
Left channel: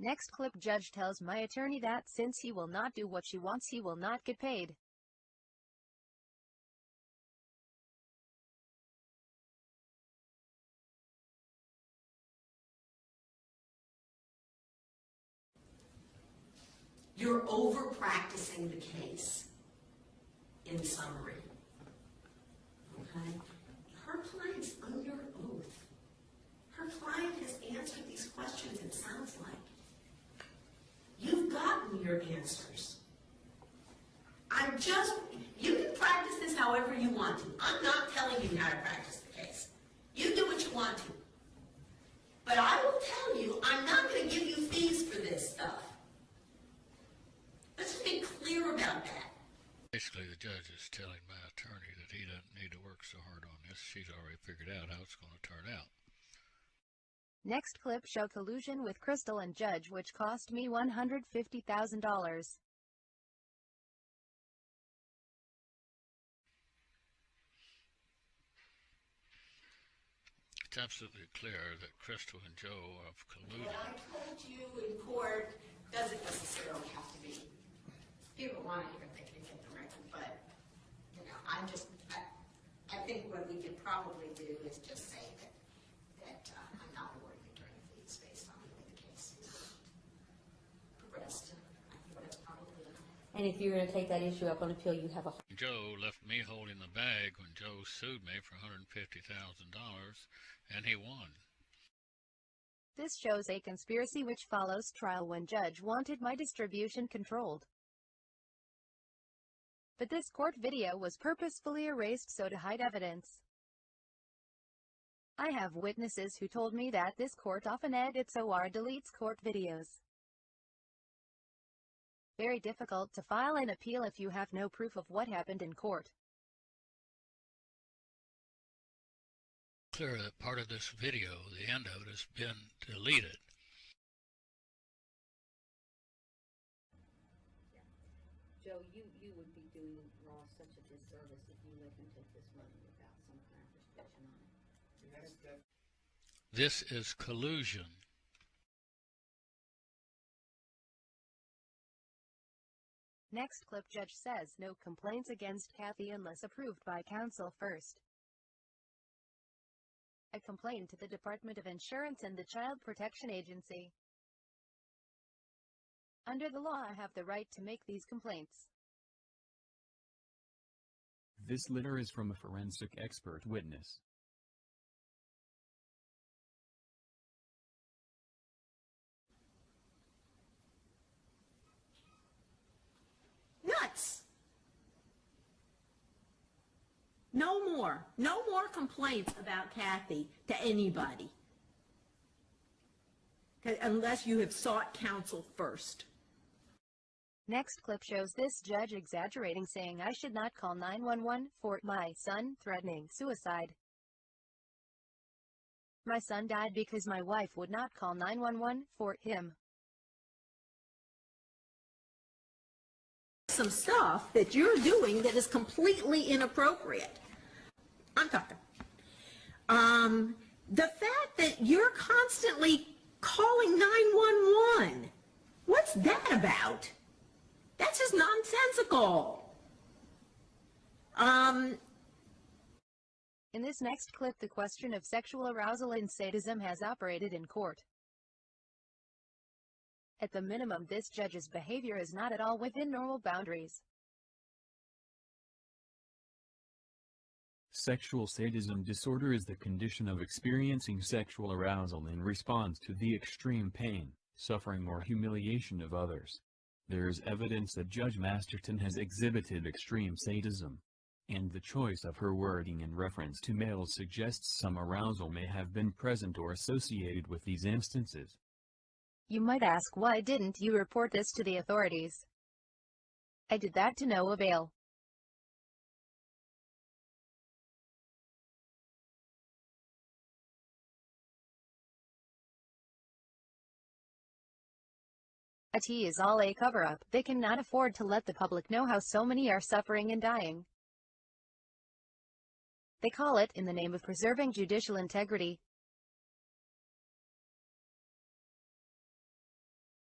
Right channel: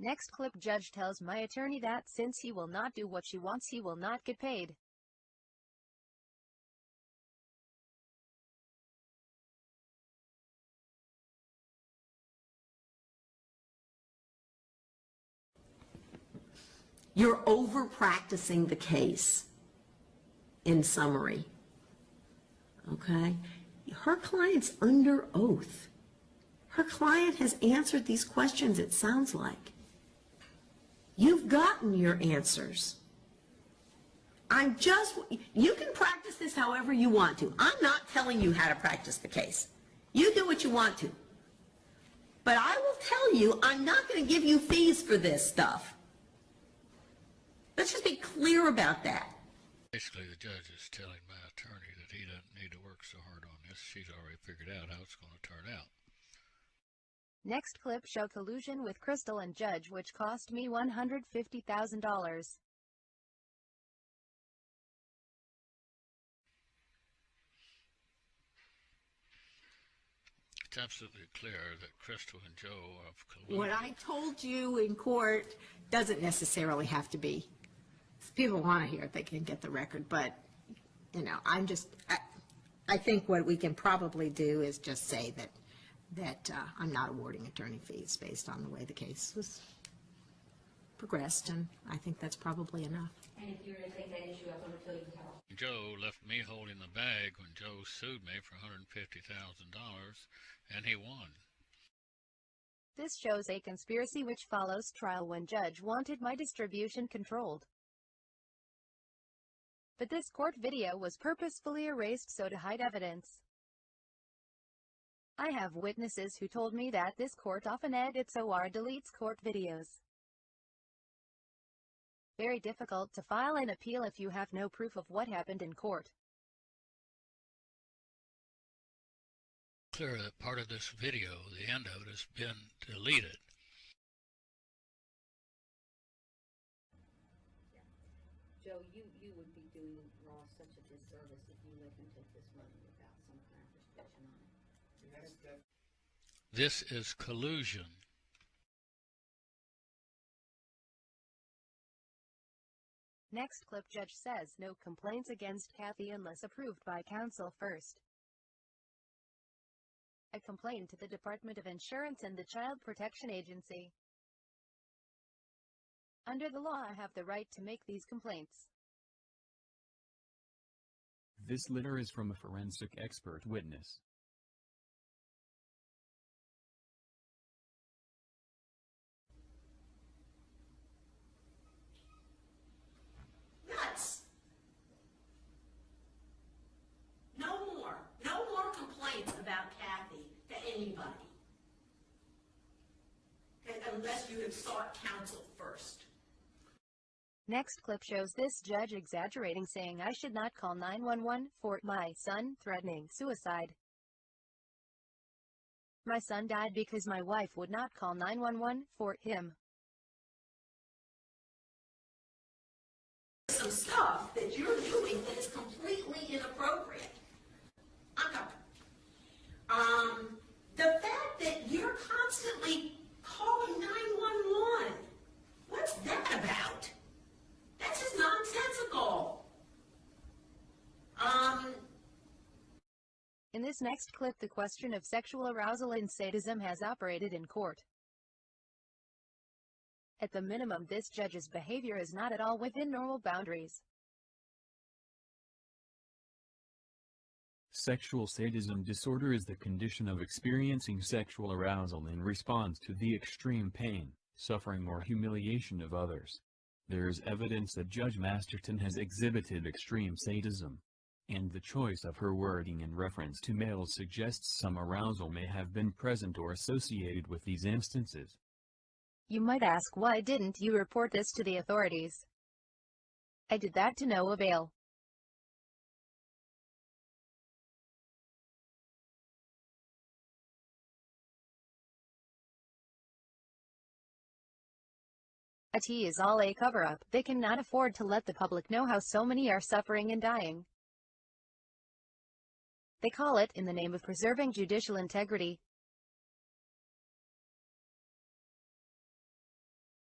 Next clip: judge tells my attorney that since he will not do what she wants, he will not get paid. You're over practicing the case, in summary. Okay? Her client's under oath. Her client has answered these questions, it sounds like. You've gotten your answers. You can practice this however you want to. I'm not telling you how to practice the case. You do what you want to. But I will tell you, I'm not going to give you fees for this stuff. Let's just be clear about that. Basically, the judge is telling my attorney that he doesn't need to work so hard on this. She's already figured out how it's going to turn out. Next clip: show collusion with Crystal and judge, which cost me $150,000. It's absolutely clear that Crystal and Joe have colluded. What I told you in court doesn't necessarily have to be. If people want to hear it, they can get the record, but, you know, I think what we can probably do is just say that I'm not awarding attorney fees based on the way the case was progressed, and I think that's probably enough. And if you're going to take that issue up on appeal, you have a... Joe left me holding the bag when Joe sued me for $150,000, and he won. This shows a conspiracy which follows trial when judge wanted my distribution controlled. But this court video was purposefully erased so to hide evidence. I have witnesses who told me that this court often edits or deletes court videos. Very difficult to file an appeal if you have no proof of what happened in court. Clear that part of this video, the end of it, has been deleted. Joe, you would be doing Ross such a disservice if you let him take this money without some kind of restriction on it. This is collusion. Next clip: judge says no complaints against Kathy unless approved by counsel first. I complained to the Department of Insurance and the Child Protection Agency. Under the law, I have the right to make these complaints. This letter is from a forensic expert witness. Nuts! No more complaints about Kathy to anybody. Unless you have sought counsel first. Next clip shows this judge exaggerating, saying I should not call 911 for my son threatening suicide. My son died because my wife would not call 911 for him. Some stuff that you're doing that is completely inappropriate. I'm talking. The fact that you're constantly calling 911, what's that about? That's just nonsensical. In this next clip, the question of sexual arousal and sadism has operated in court. At the minimum, this judge's behavior is not at all within normal boundaries. Sexual sadism disorder is the condition of experiencing sexual arousal in response to the extreme pain, suffering or humiliation of others. There is evidence that Judge Masterton has exhibited extreme sadism, and the choice of her wording in reference to males suggests some arousal may have been present or associated with these instances. You might ask, why didn't you report this to the authorities? I did that to no avail. It is all a cover-up. They cannot afford to let the public know how so many are suffering and dying. They call it in the name of preserving judicial integrity.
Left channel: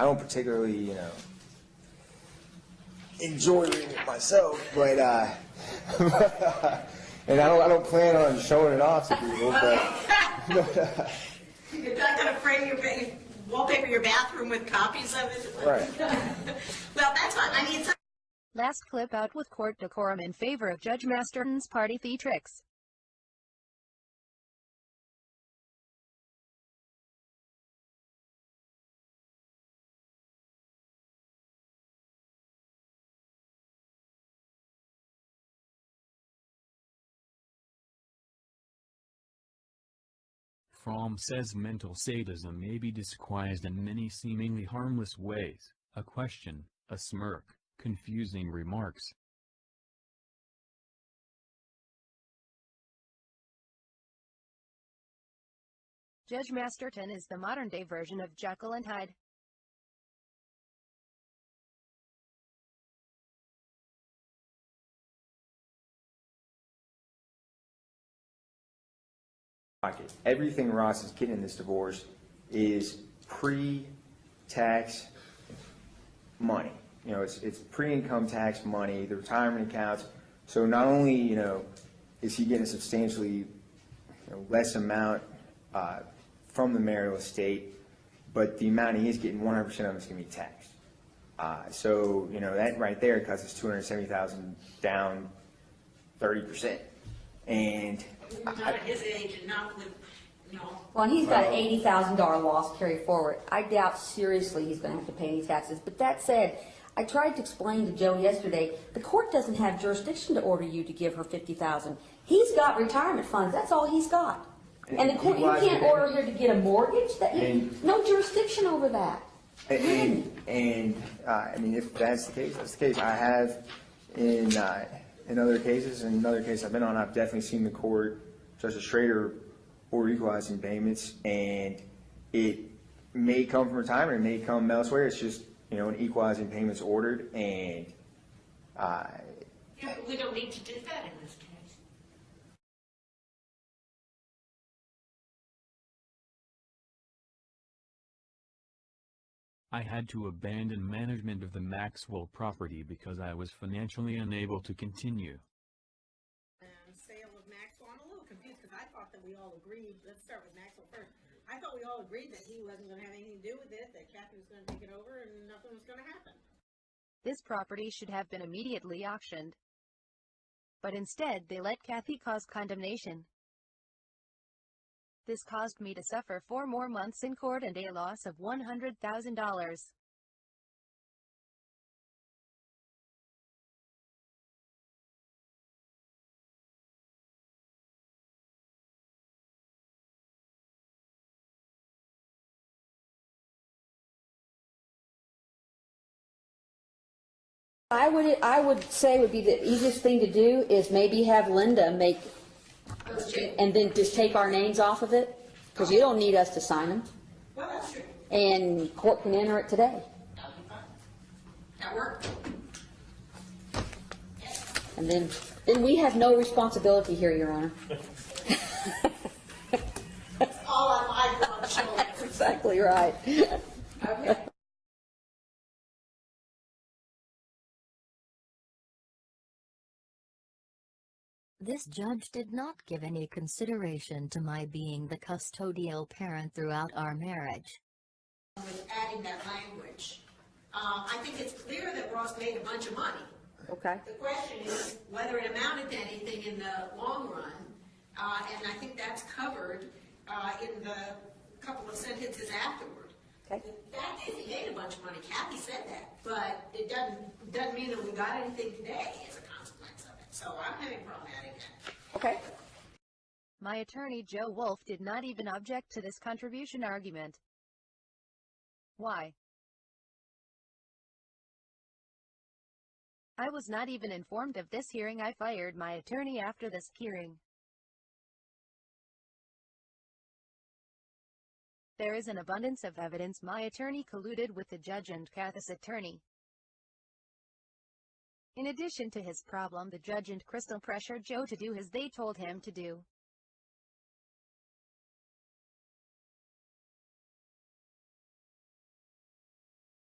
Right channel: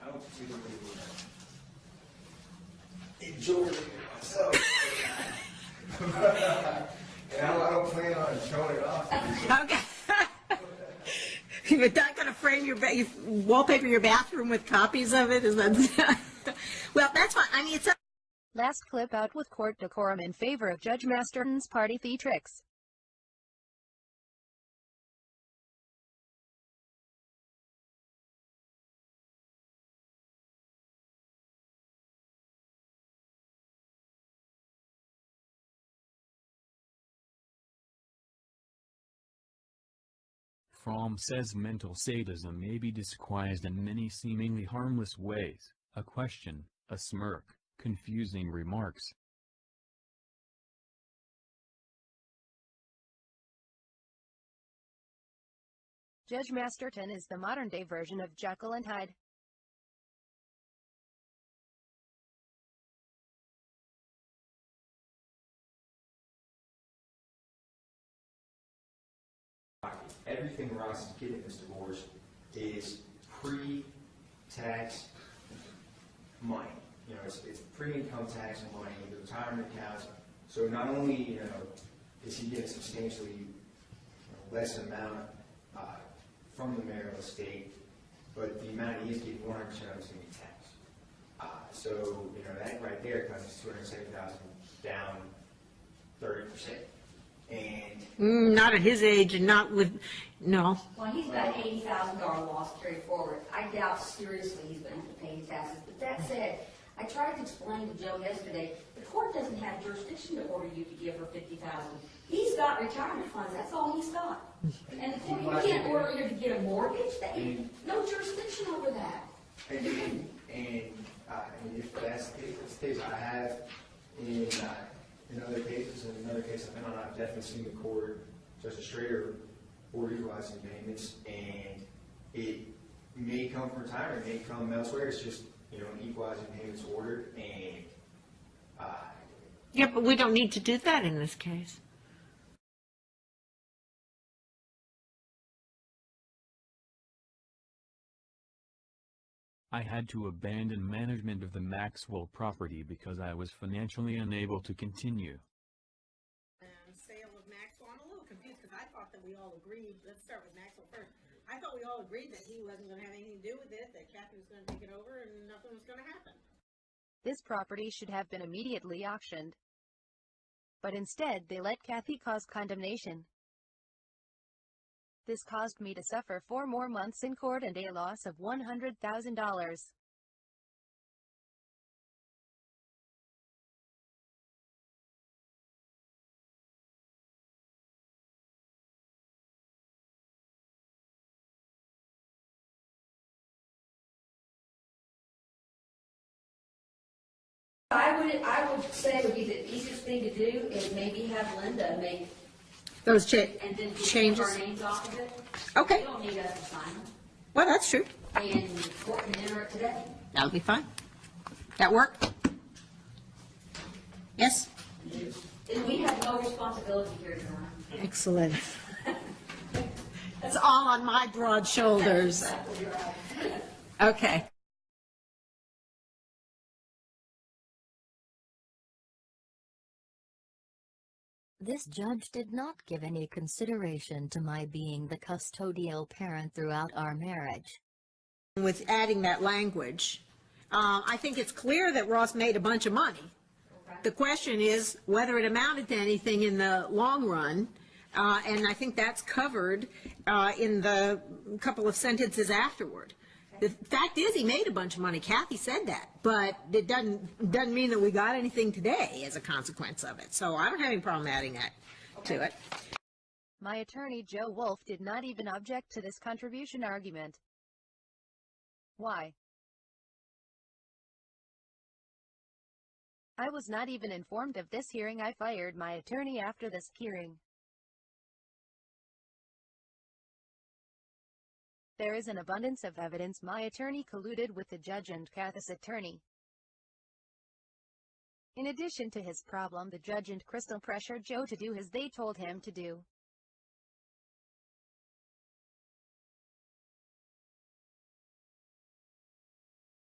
I don't particularly, enjoy reading it myself, but, and I don't plan on showing it off to people, but You're not going to frame you wallpaper your bathroom with copies of it? Is that Right. Well, that's fine. I mean, it's Last clip out with court decorum in favor of Judge Masterton's party theatrics. Fromm says mental sadism may be disguised in many seemingly harmless ways: a question, a smirk, confusing remarks. Judge Masterton is the modern-day version of Jekyll and Hyde. everything Ross is getting in this divorce is pre-tax money. It's pre-income tax money, the retirement accounts. So not only, is he getting a substantially less amount from the marital estate, but the amount he is getting, 100% of it is going to be taxed. So, that right there cuts us $270,000 down 30%. And not at his age and not with, no. Well, he's got an $80,000 loss carried forward. I doubt seriously he's going to have to pay any taxes. But that said, I tried to explain to Joe yesterday, the court doesn't have jurisdiction to order you to give her $50,000. He's got retirement funds. That's all he's got. And the court, you can't order her to get a mortgage. No jurisdiction over that. I mean, if that's the case, that's the case. I have in other cases, in another case I've been on, I've definitely seen the court, Justice Schrader, order equalizing payments, and it may come from retirement, it may come elsewhere. It's just, an equalizing payments ordered, and Yeah, but we don't need to do that in this case. I had to abandon management of the Maxwell property because I was financially unable to continue. Sale of Maxwell, I'm a little confused because I thought that we all agreed, let's start with Maxwell first. I thought we all agreed that he wasn't going to have anything to do with it, that Kathy was going to take it over and nothing was going to happen. This property should have been immediately auctioned. But instead, they let Kathy cause condemnation. This caused me to suffer 4 more months in court and a loss of $100,000. I would say would be the easiest thing to do is maybe have Linda make Those changes. and then just take our names off of it. Because Okay. they don't need us to sign them. Well, that's true. And court can enter it today. That'll be fine. That work? Yes? And then we have no responsibility here, Your Honor. Excellent. It's all on my broad shoulders. Exactly right. Okay. This judge did not give any consideration to my being the custodial parent throughout our marriage. With adding that language, I think it's clear that Ross made a bunch of money. Okay. The question is whether it amounted to anything in the long run, and I think that's covered in the couple of sentences afterward. Okay. The fact is he made a bunch of money. Kathy said that, but it doesn't mean that we got anything today as a consequence of it. So I don't have any problem adding that to it. My attorney, Joe Wolf, did not even object to this contribution argument. Why? I was not even informed of this hearing. I fired my attorney after this hearing. There is an abundance of evidence my attorney colluded with the judge and Kathy's attorney. In addition to his problem, the judge and Crystal pressured Joe to do as they told him to do.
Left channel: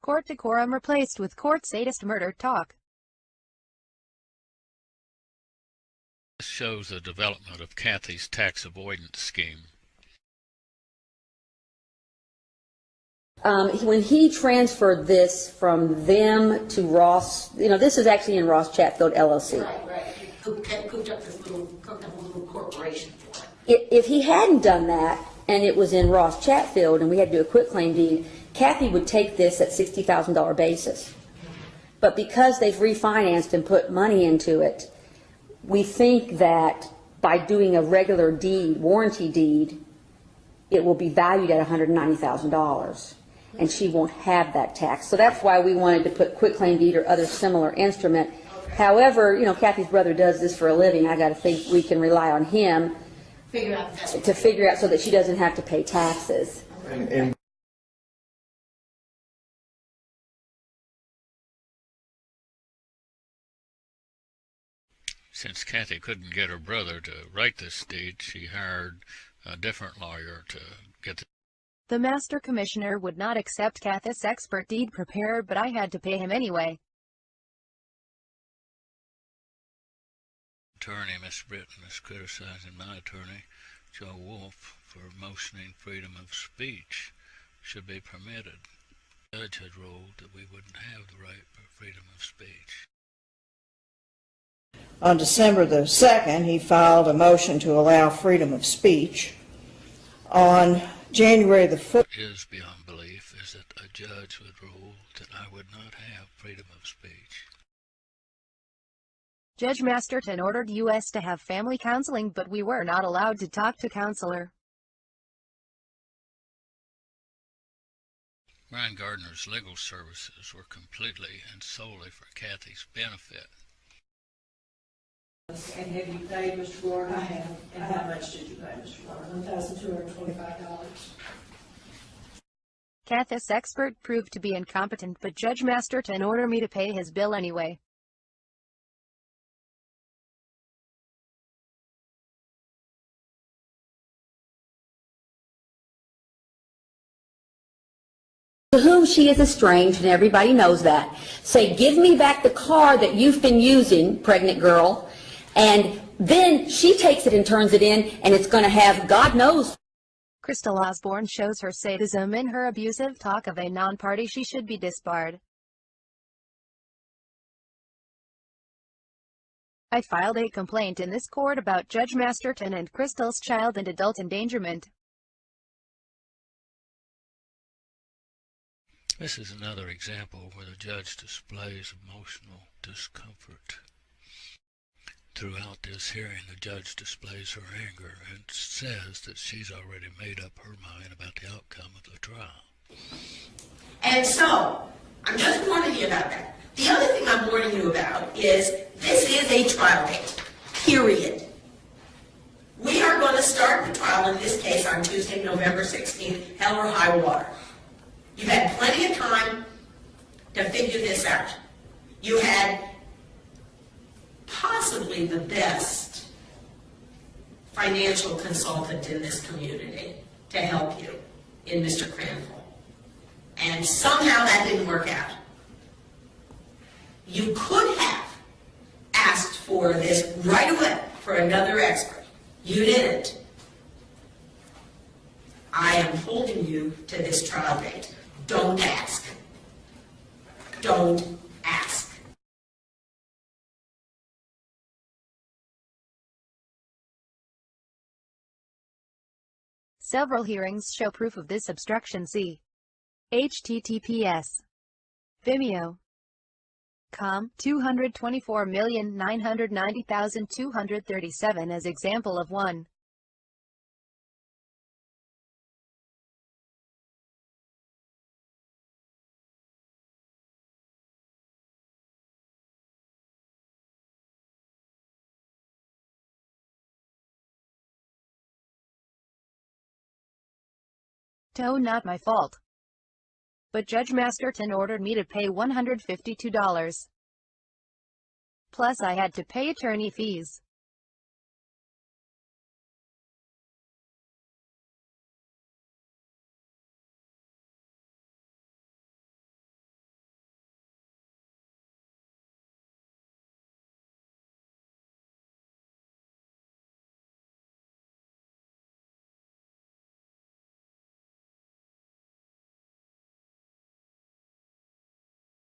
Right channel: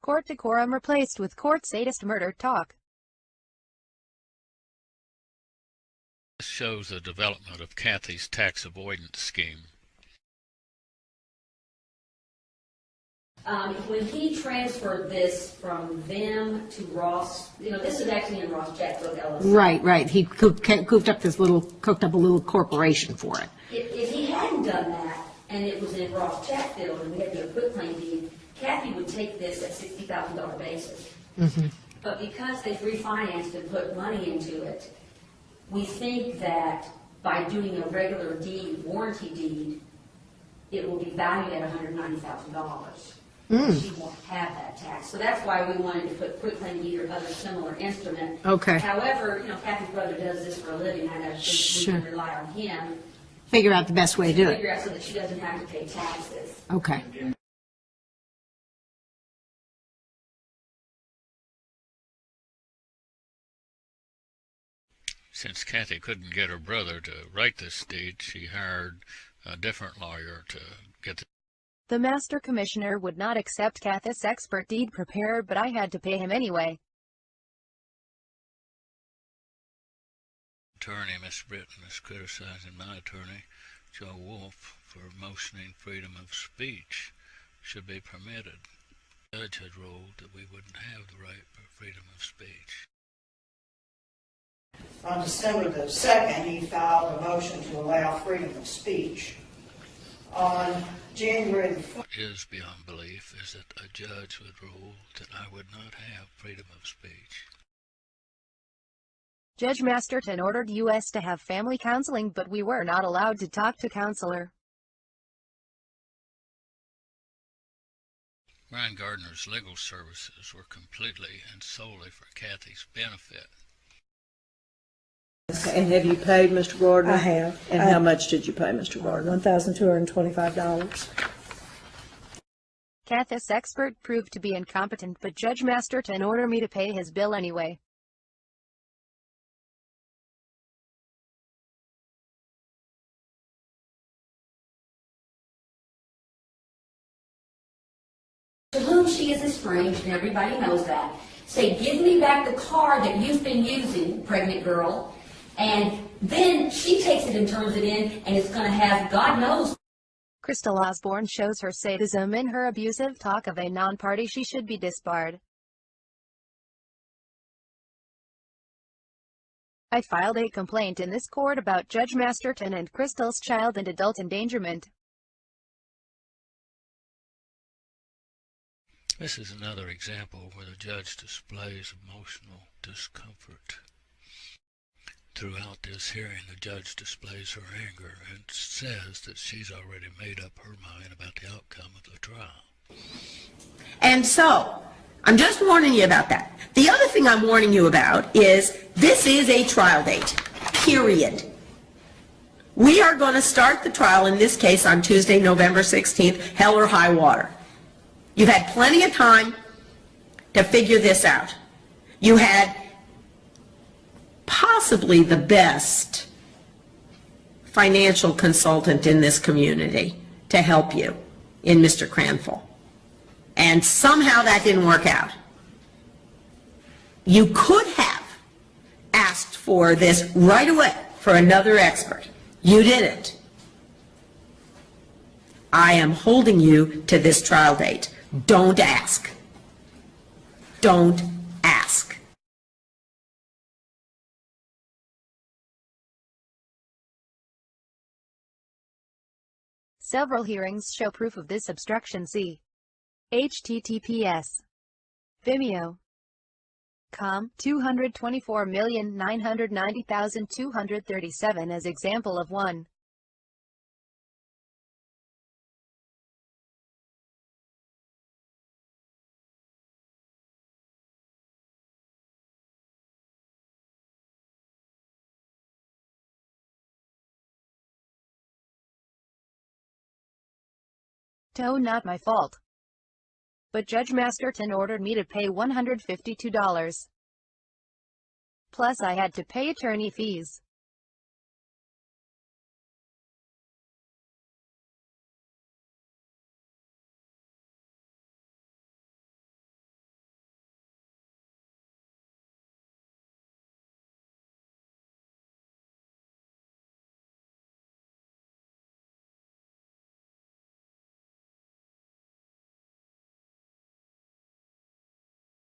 Court decorum replaced with court sadist murder talk. This shows the development of Kathy's tax avoidance scheme. When he transferred this from them to Ross, this is actually in Ross Chatfield LLC. Right. He cooked up a little corporation for it. If he hadn't done that, and it was in Ross Chatfield, and we had to do a quitclaim deed, Kathy would take this at $60,000 basis. Mm-hmm. But because they've refinanced and put money into it, we think that by doing a regular deed, warranty deed, it will be valued at $190,000. And she won't have that tax. So that's why we wanted to put quitclaim deed or other similar instrument. Okay. However, Kathy's brother does this for a living. I got to think we can rely on him. Figure out the best way to do figure out so that she doesn't have to pay taxes. Okay. And Since Kathy couldn't get her brother to write this deed, she hired a different lawyer to get The master commissioner would not accept Kathy's expert deed preparer, but I had to pay him anyway. attorney. Miss Britton is criticizing my attorney, Joe Wolf, for motioning freedom of speech should be permitted. The judge had ruled that we wouldn't have the right for freedom of speech. On December the 2nd, he filed a motion to allow freedom of speech. On January the 5th, What is beyond belief is that a judge would rule that I would not have freedom of speech. Judge Masterton ordered us to have family counseling, but we were not allowed to talk to counselor. Ryan Gardner's legal services were completely and solely for Kathy's benefit. and have you paid Mr. Gardner? I have. And how much did you pay Mr. Gardner? $1,225. Kathy's expert proved to be incompetent, but Judge Masterton ordered me to pay his bill anyway. To whom she is estranged, and everybody knows that. Say, give me back the car that you've been using, pregnant girl, and then she takes it and turns it in, and it's going to have, God knows. Crystal Osborne shows her sadism in her abusive talk of a non-party. She should be disbarred. I filed a complaint in this court about Judge Masterton and Crystal's child and adult endangerment. This is another example where the judge displays emotional discomfort. Throughout this hearing, the judge displays her anger and says that she's already made up her mind about the outcome of the trial. And so, I'm just warning you about that. The other thing I'm warning you about is this is a trial date, period. We are going to start the trial in this case on Tuesday, November 16th, hell or high water. You've had plenty of time to figure this out. You had possibly the best financial consultant in this community to help you in Mr. Cranful. And somehow that didn't work out. You could have asked for this right away for another expert. You didn't. I am holding you to this trial date. Don't ask. Don't ask. Several hearings show proof of this obstruction. See https Vimeo.com 224,990,237 as example of 1. Not my fault. But Judge Masterton ordered me to pay $152. Plus I had to pay attorney fees.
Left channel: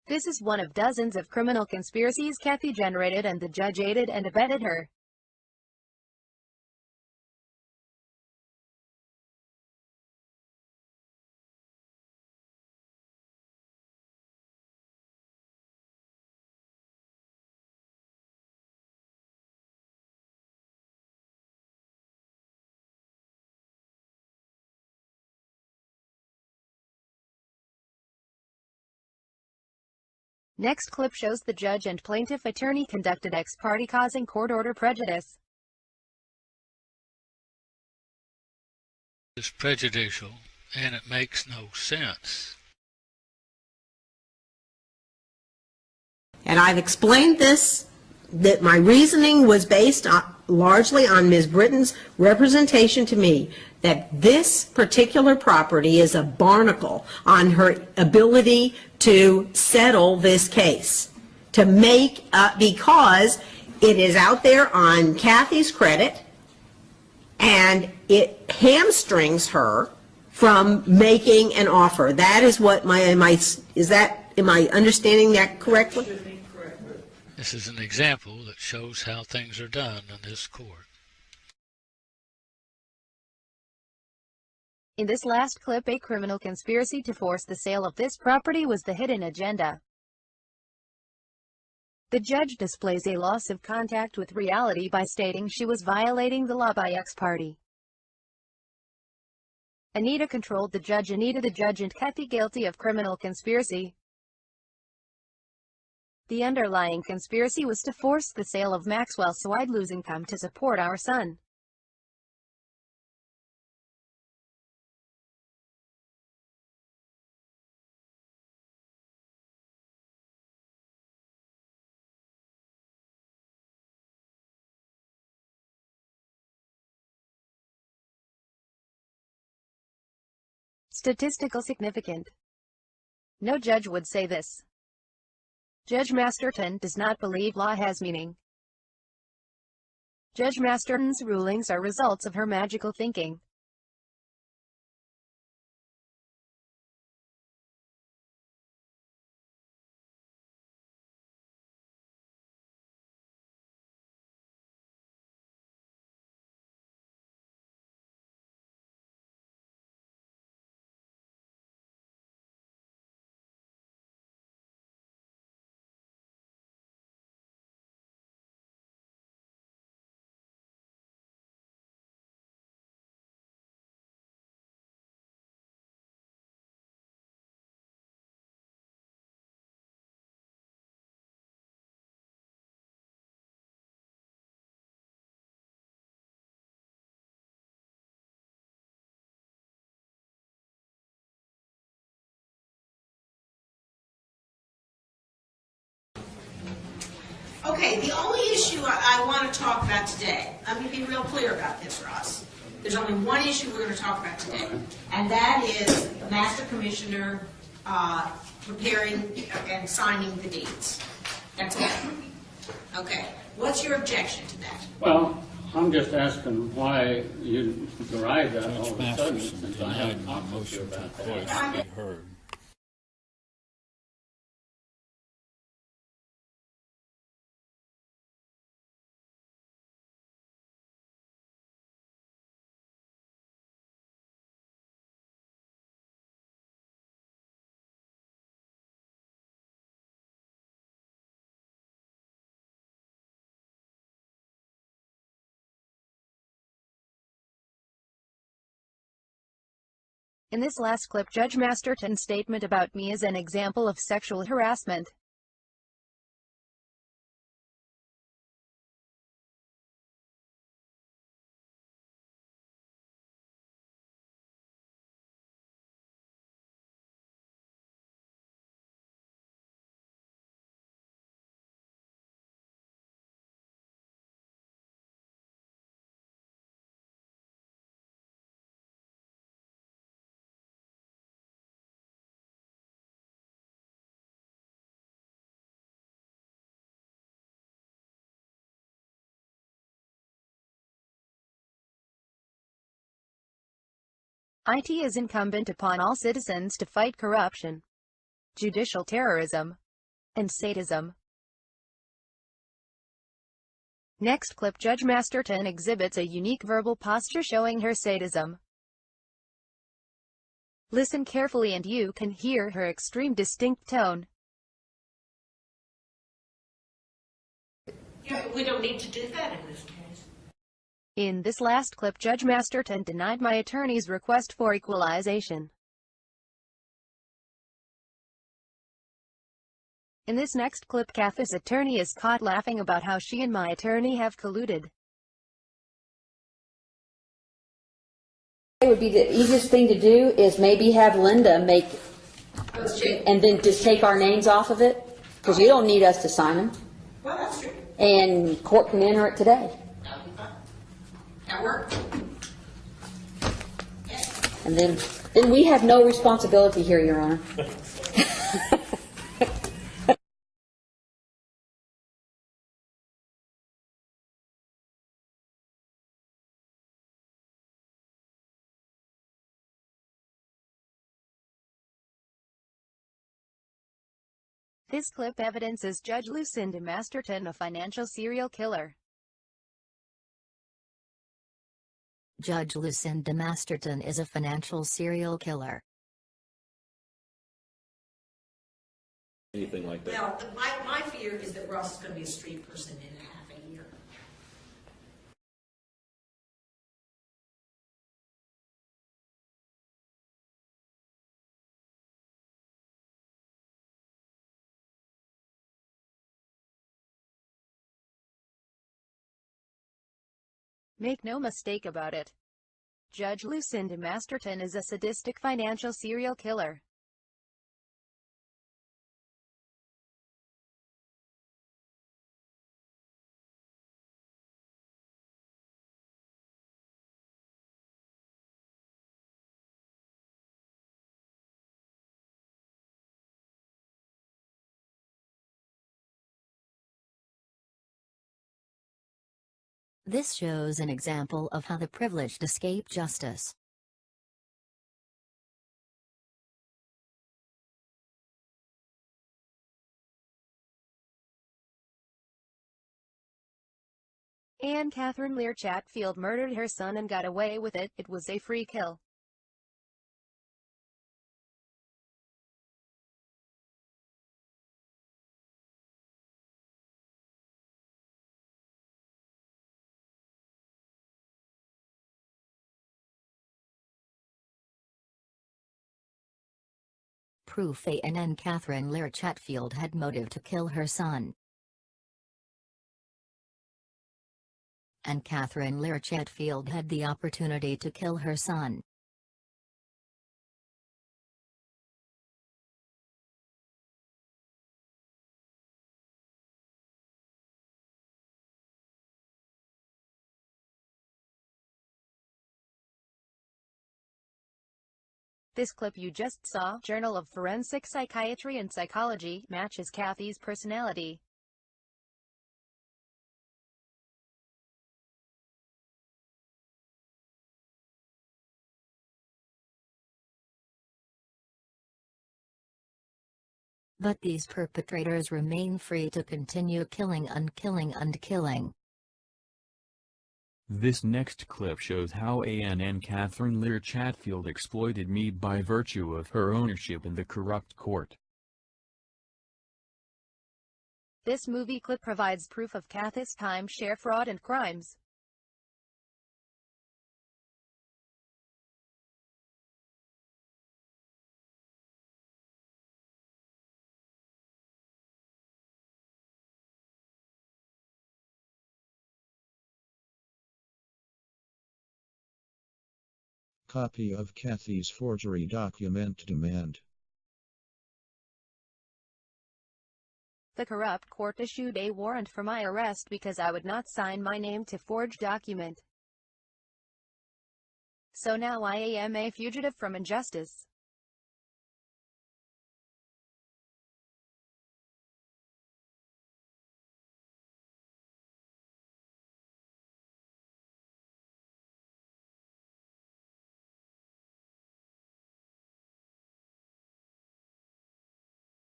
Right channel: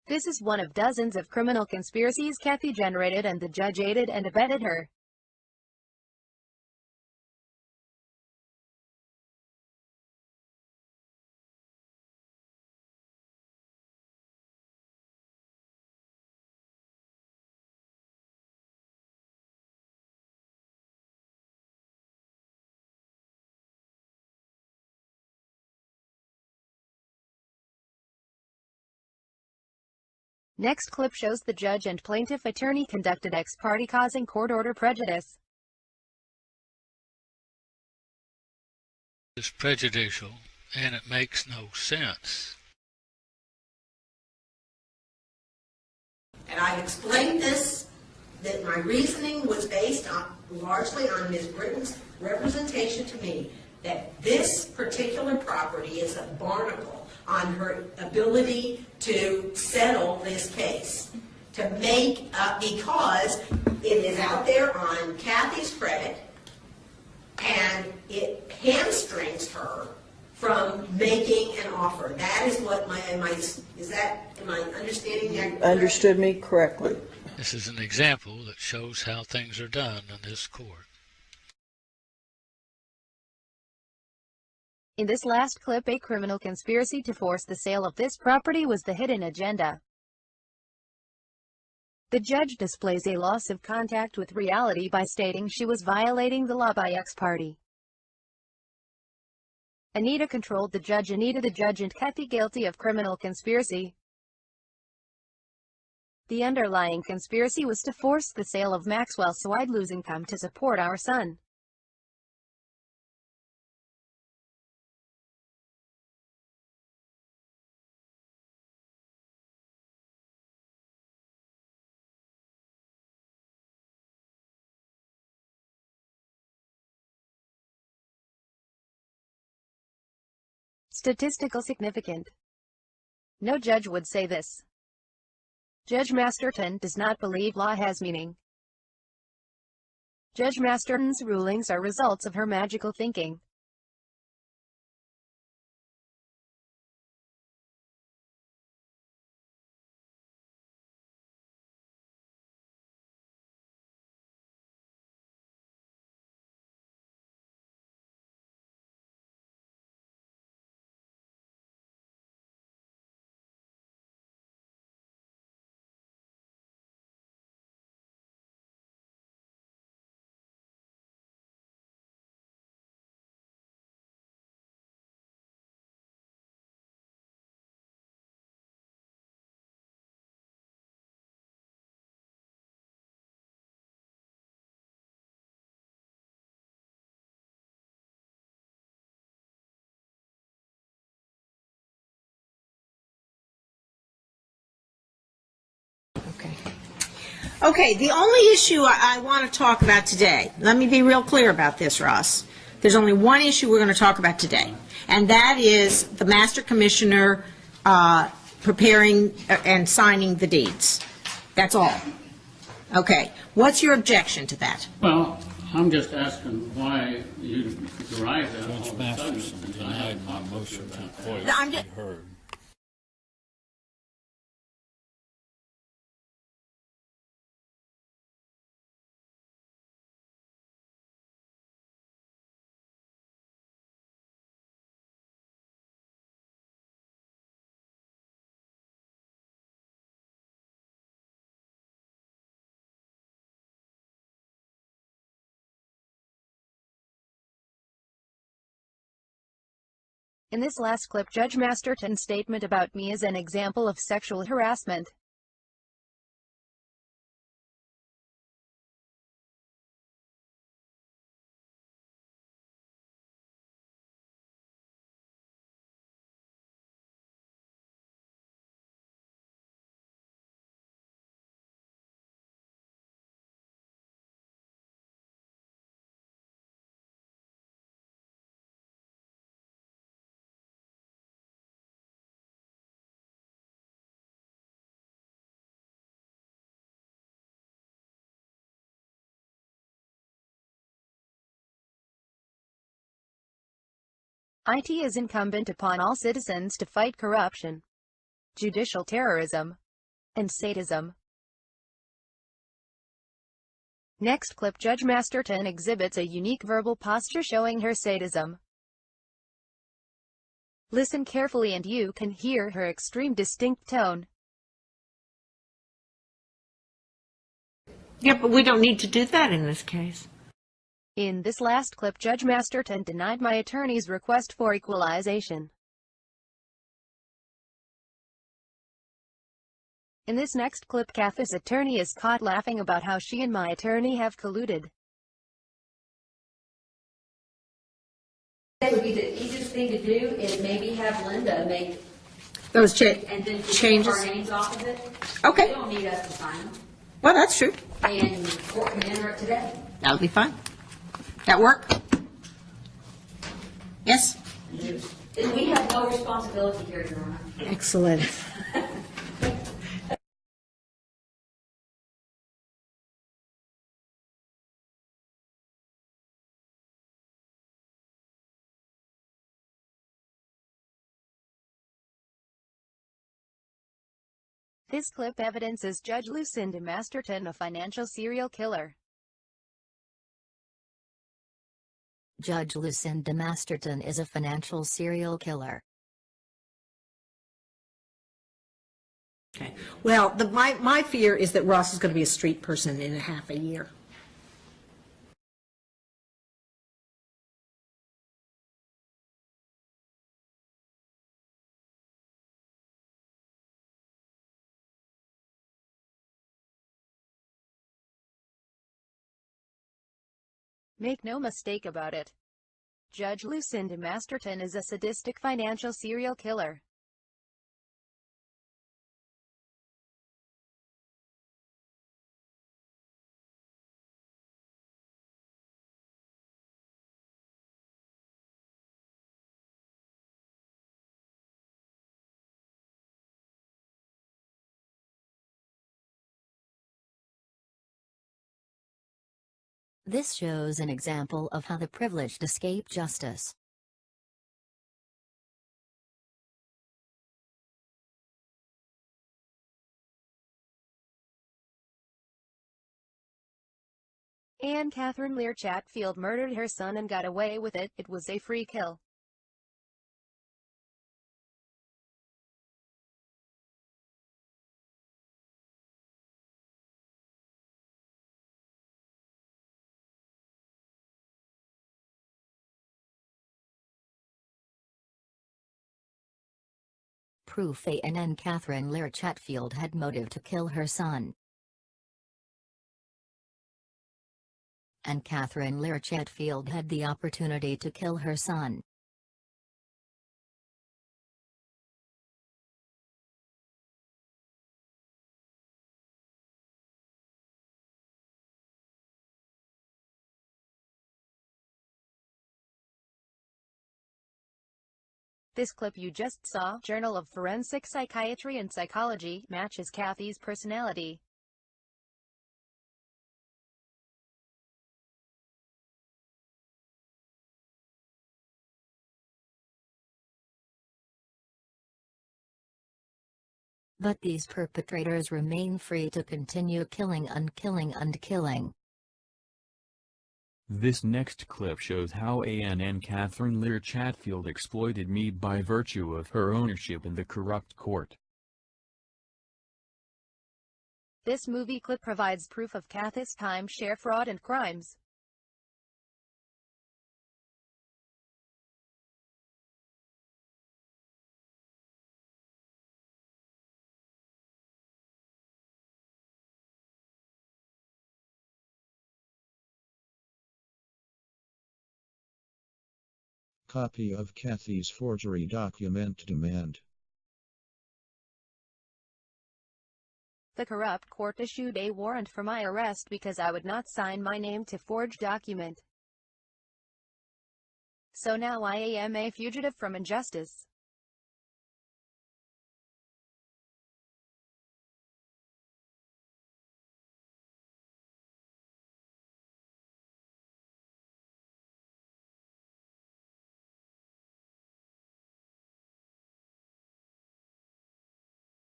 This is one of dozens of criminal conspiracies Kathy generated, and the judge aided and abetted her. Next clip shows the judge and plaintiff attorney conducted ex parte, causing court order prejudice. It's prejudicial, and it makes no sense. And I've explained this, that my reasoning was based largely on Ms. Britton's representation to me that this particular property is a barnacle on her ability to settle this case, to make up, because it is out there on Kathy's credit, and it hamstrings her from making an offer. That is what am I understanding that correctly? Understood me correctly. This is an example that shows how things are done in this court. In this last clip, a criminal conspiracy to force the sale of this property was the hidden agenda. The judge displays a loss of contact with reality by stating she was violating the law by ex parte. Anita controlled the judge. The judge and Kathy guilty of criminal conspiracy. The underlying conspiracy was to force the sale of Maxwell so I'd lose income to support our son. Statistical significant. No judge would say this. Judge Masterton does not believe law has meaning. Judge Masterton's rulings are results of her magical thinking. Okay, the only issue I want to talk about today, let me be real clear about this, Ross. There's only one issue we're going to talk about today, and that is the Master Commissioner preparing and signing the deeds. That's all. Okay, what's your objection to that? Well, I'm just asking why you derived that all Judge of a sudden. Masterson denied my motion to voice be heard. In this last clip, Judge Masterton's statement about me is an example of sexual harassment. It is incumbent upon all citizens to fight corruption, judicial terrorism, and sadism. Next clip, Judge Masterton exhibits a unique verbal posture showing her sadism. Listen carefully and you can hear her extreme distinct tone. Yeah, but we don't need to do that in this case. In this last clip, Judge Masterton denied my attorney's request for equalization. In this next clip, Kathy's attorney is caught laughing about how she and my attorney have colluded. It would be the easiest thing to do is maybe have Linda make Those changes. and then just take our names off of it. 'Cause Okay. you don't need us to sign them, Well, that's true. and court can enter it today. That would be fine. That work? Yes? And then we have no responsibility here, Your Honor. Excellent. This clip evidences Judge Lucinda Masterton a financial serial killer. Judge Lucinda Masterton is a financial serial killer. Anything like Well, my fear is that Ross is going to be a street person in a half a year. Make no mistake about it. Judge Lucinda Masterton is a sadistic financial serial killer. This shows an example of how the privileged escape justice. Anne Catherine Lear Chatfield murdered her son and got away with it. It was a free kill. Proof Anne Catherine Lear Chatfield had motive to kill her son. Anne Catherine Lear Chatfield had the opportunity to kill her son. This clip you just saw, Journal of Forensic Psychiatry and Psychology, matches Kathy's personality. But these perpetrators remain free to continue killing and killing and killing. This next clip shows how Anne Catherine Lear Chatfield exploited me by virtue of her ownership in the corrupt court. This movie clip provides proof of Kathy's timeshare fraud and crimes. Copy of Kathy's forgery document demand. The corrupt court issued a warrant for my arrest because I would not sign my name to forged document. So now I am a fugitive from injustice.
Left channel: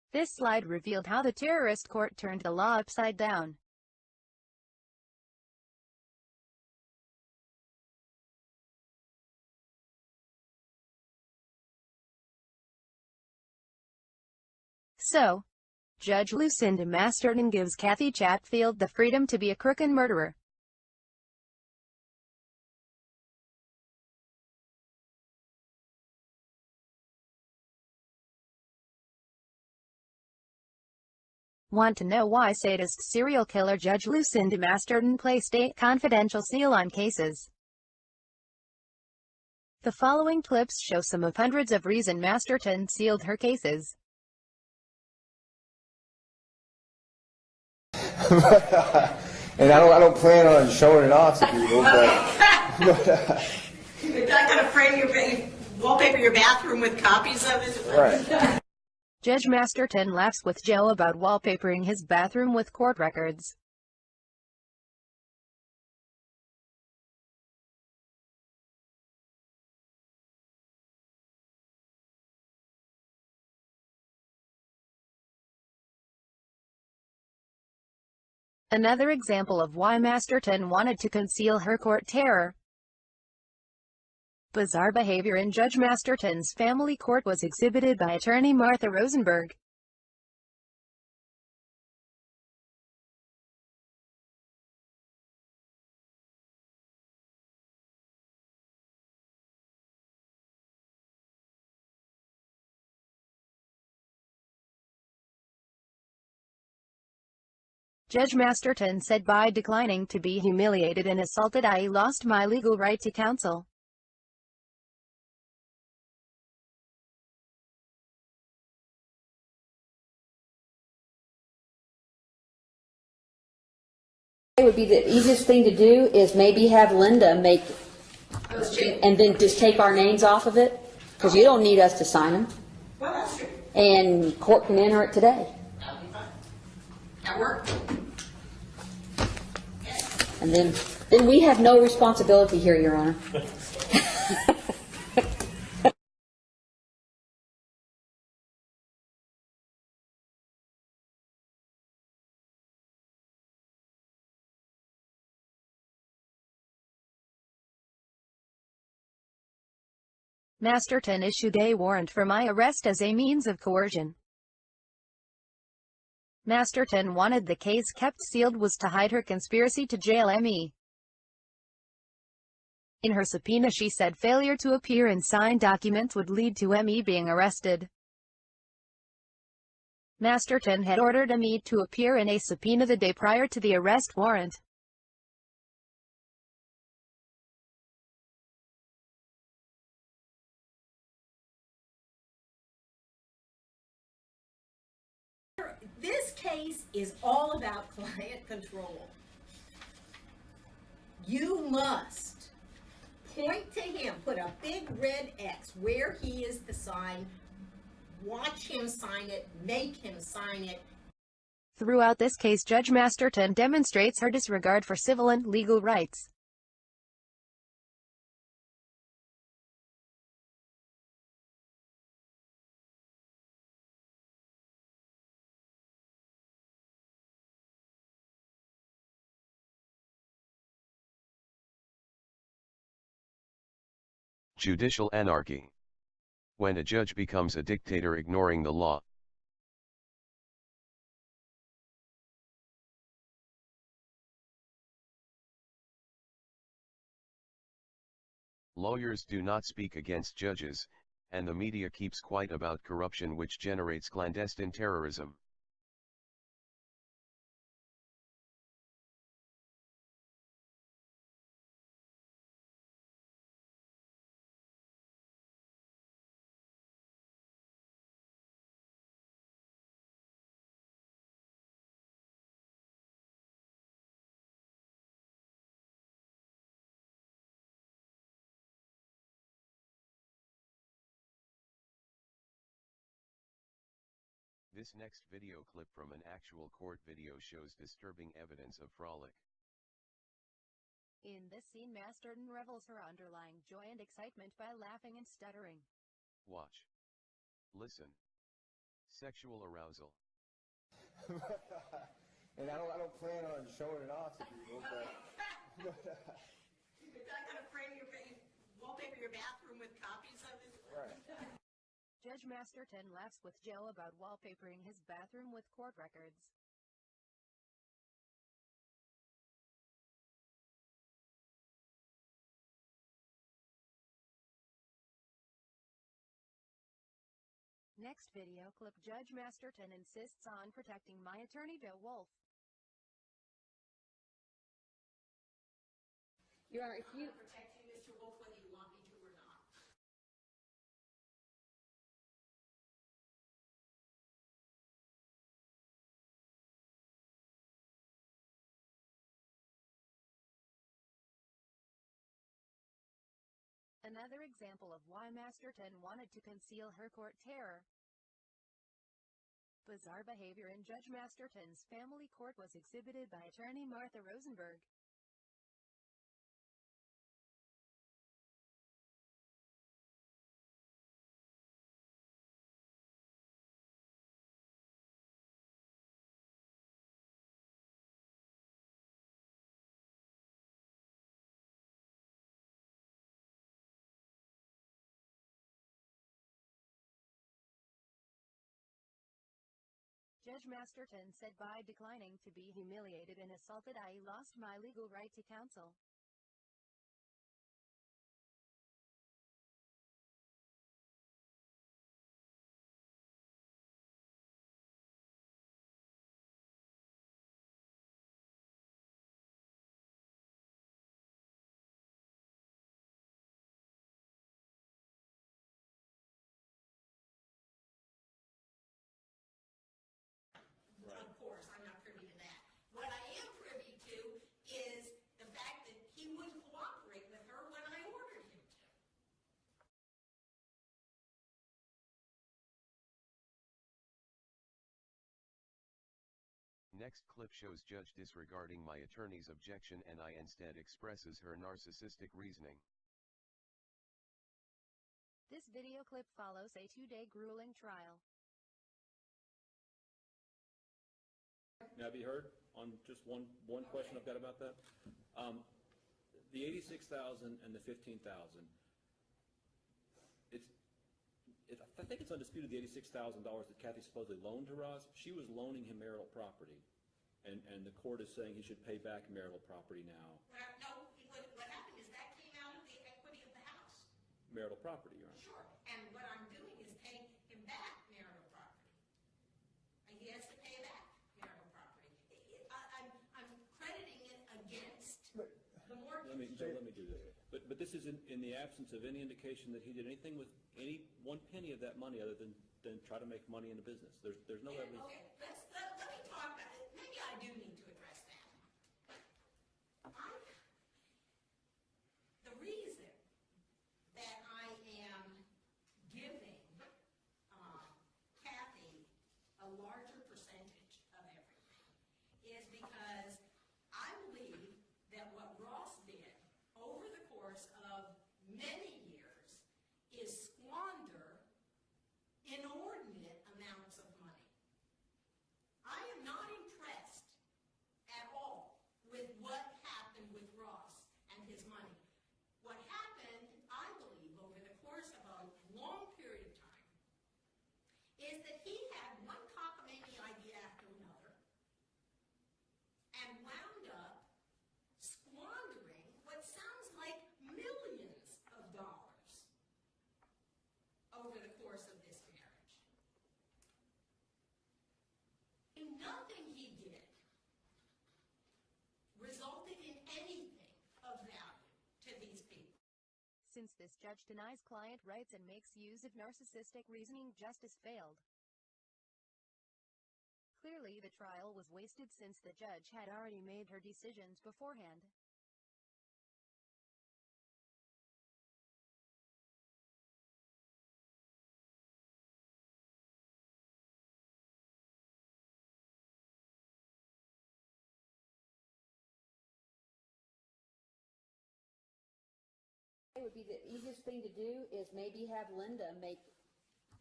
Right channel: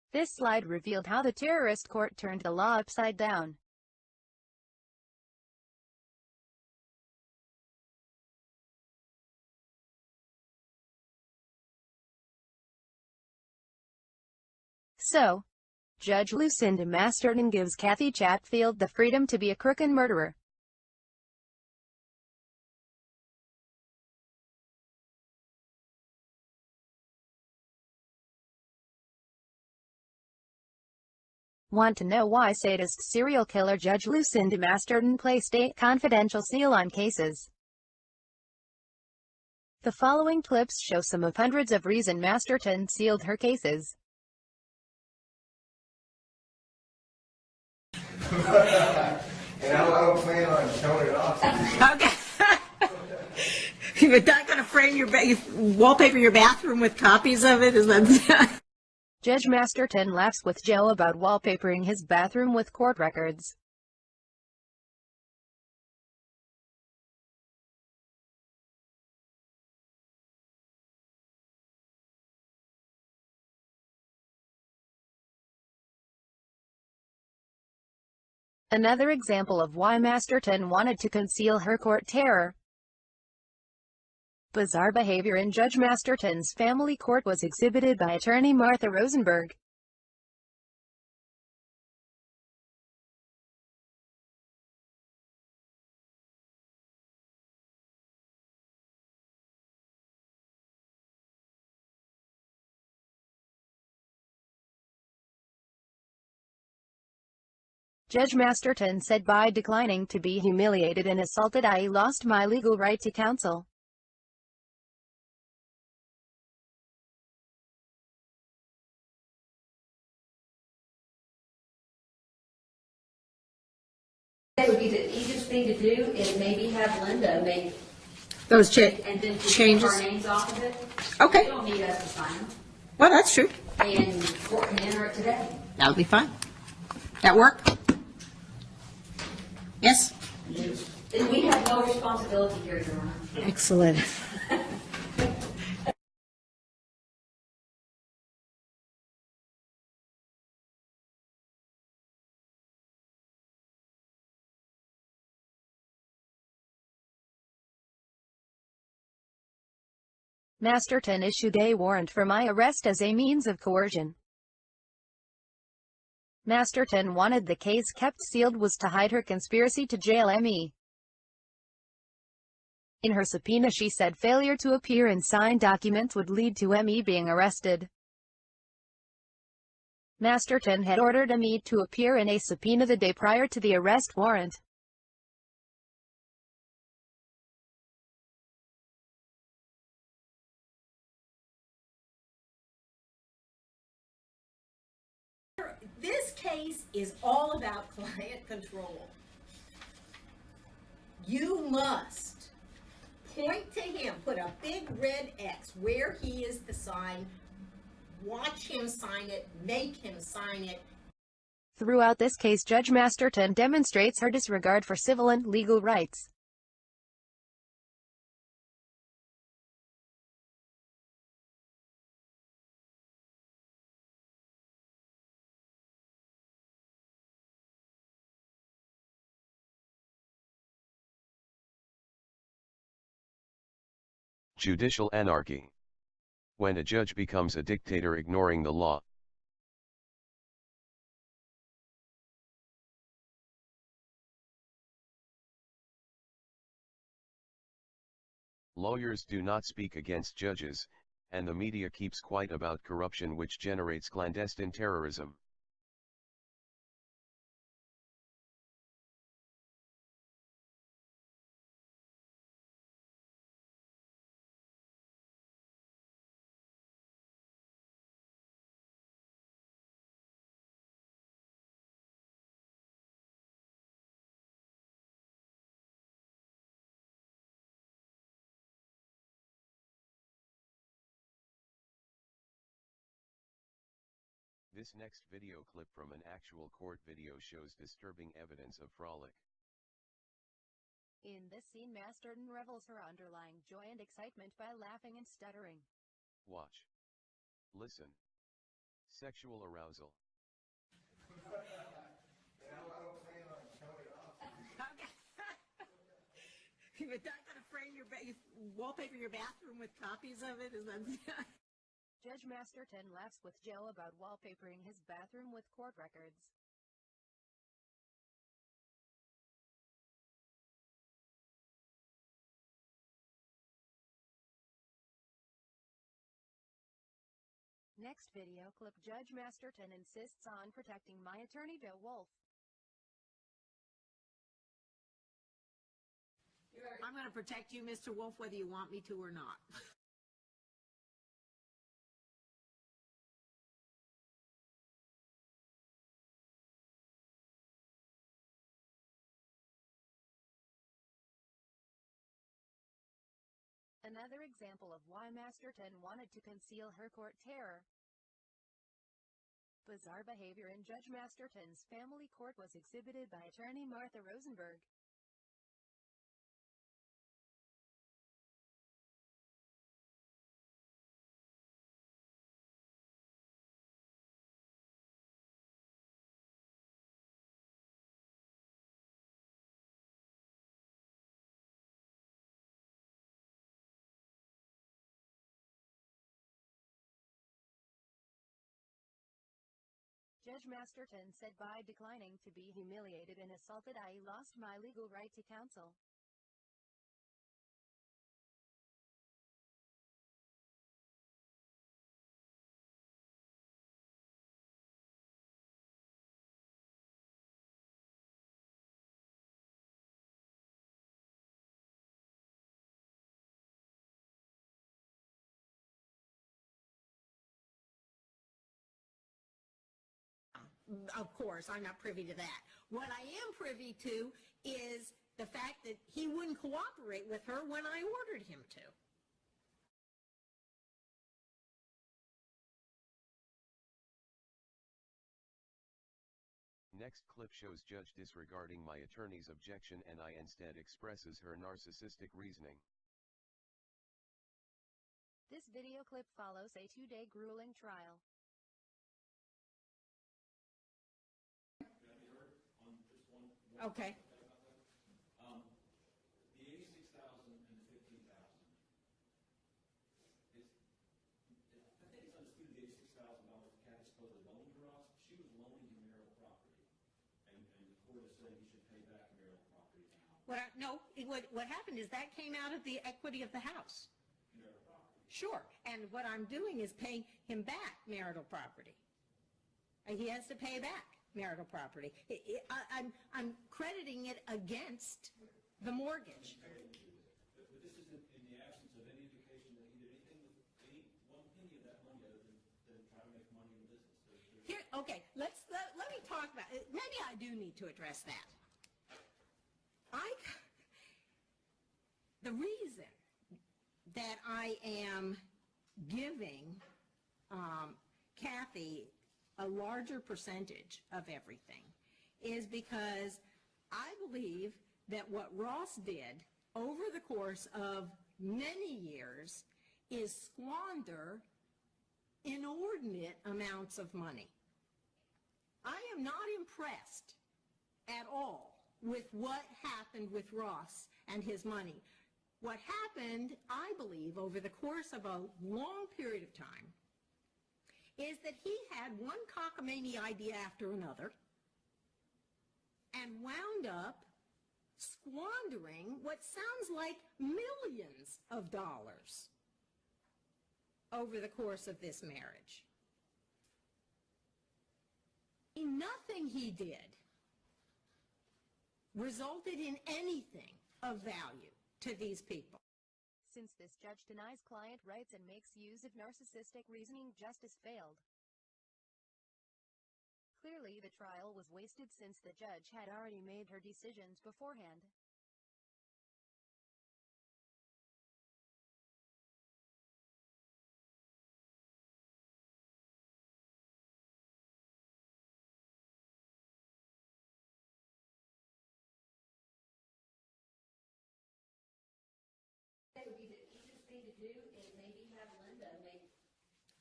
This slide revealed how the terrorist court turned the law upside down. So, Judge Lucinda Masterton gives Kathy Chatfield the freedom to be a crook and murderer. Want to know why sadist serial killer Judge Lucinda Masterton placed a confidential seal on cases? The following clips show some of hundreds of reasons Masterton sealed her cases. And I don't plan on showing it off to people, You're not going to frame you wallpaper your bathroom with copies of it? Is that Right. Judge Masterton laughs with Joe about wallpapering his bathroom with court records. Another example of why Masterton wanted to conceal her court terror. Bizarre behavior in Judge Masterton's family court was exhibited by attorney Martha Rosenberg. Judge Masterton said, by declining to be humiliated and assaulted, I lost my legal right to counsel. It would be the easiest thing to do is maybe have Linda make those and then just take our names off of it. Because Okay. we don't need us to sign them. Well, that's true. And court can enter it today. That would be fine. That work? Yes? And then we have no responsibility here, Your Honor. Excellent. Masterton issued a warrant for my arrest as a means of coercion. Masterton wanted the case kept sealed was to hide her conspiracy to jail me. In her subpoena she said failure to appear and sign documents would lead to me being arrested. Masterton had ordered me to appear in a subpoena the day prior to the arrest warrant. This case is all about client control. You must point to him, put a big red X where he is the sign, watch him sign it, make him sign it. Throughout this case, Judge Masterton demonstrates her disregard for civil and legal rights. Judicial anarchy. When a judge becomes a dictator ignoring the law. Lawyers do not speak against judges, and the media keeps quiet about corruption which generates clandestine terrorism. This next video clip from an actual court video shows disturbing evidence of frolic. In this scene, Masterton revels her underlying joy and excitement by laughing and stuttering. Watch. Listen. Sexual arousal. And I don't plan on showing it off to people, but You're not going to frame you wallpaper your bathroom with copies of it? Is that... Right. Judge Masterton laughs with Joe about wallpapering his bathroom with court records. Next video clip: Judge Masterton insists on protecting my attorney Joe Wolf. I'm going to protect you, Mr. Wolf, whether you want me to or not. Another example of why Masterton wanted to conceal her court terror. Bizarre behavior in Judge Masterton's family court was exhibited by attorney Martha Rosenberg. Judge Masterton said, by declining to be humiliated and assaulted, I lost my legal right to counsel. Of course, I'm not privy to that. What I am privy to is the fact that he wouldn't cooperate with her when I ordered him to. Next clip shows judge disregarding my attorney's objection and I instead expresses her narcissistic reasoning. This video clip follows a 2-day grueling trial. Now, be heard on just one Okay. question I've got about that. The $86,000 and the $15,000. I think it's undisputed the $86,000 that Kathy supposedly loaned to Ross. She was loaning him marital property, and the court is saying he should pay back marital property now. What happened is that came out of the equity of the house. Marital property, right? Sure, and what I'm doing is paying him back marital property. He has to pay back marital property. I'm crediting it against the mortgage. Let me do that. But this is in the absence of any indication that he did anything with any one penny of that money other than try to make money in the business. There's no evidence. Okay, let me talk about it. Maybe I do need to address that. The reason that I am giving Kathy a larger percentage of everything is because I believe that what Ross did over the course of many years is squander inordinate amounts of money. I am not impressed at all with what happened with Ross and his money. What happened, I believe, over the course of a long period of time is that he had one cockamamie idea after another and wound up squandering what sounds like millions of dollars over the course of this marriage. Nothing he did resulted in anything of value to these people. Since this judge denies client rights and makes use of narcissistic reasoning, justice failed. Clearly the trial was wasted since the judge had already made her decisions beforehand. It would be the easiest thing to do is maybe have Linda make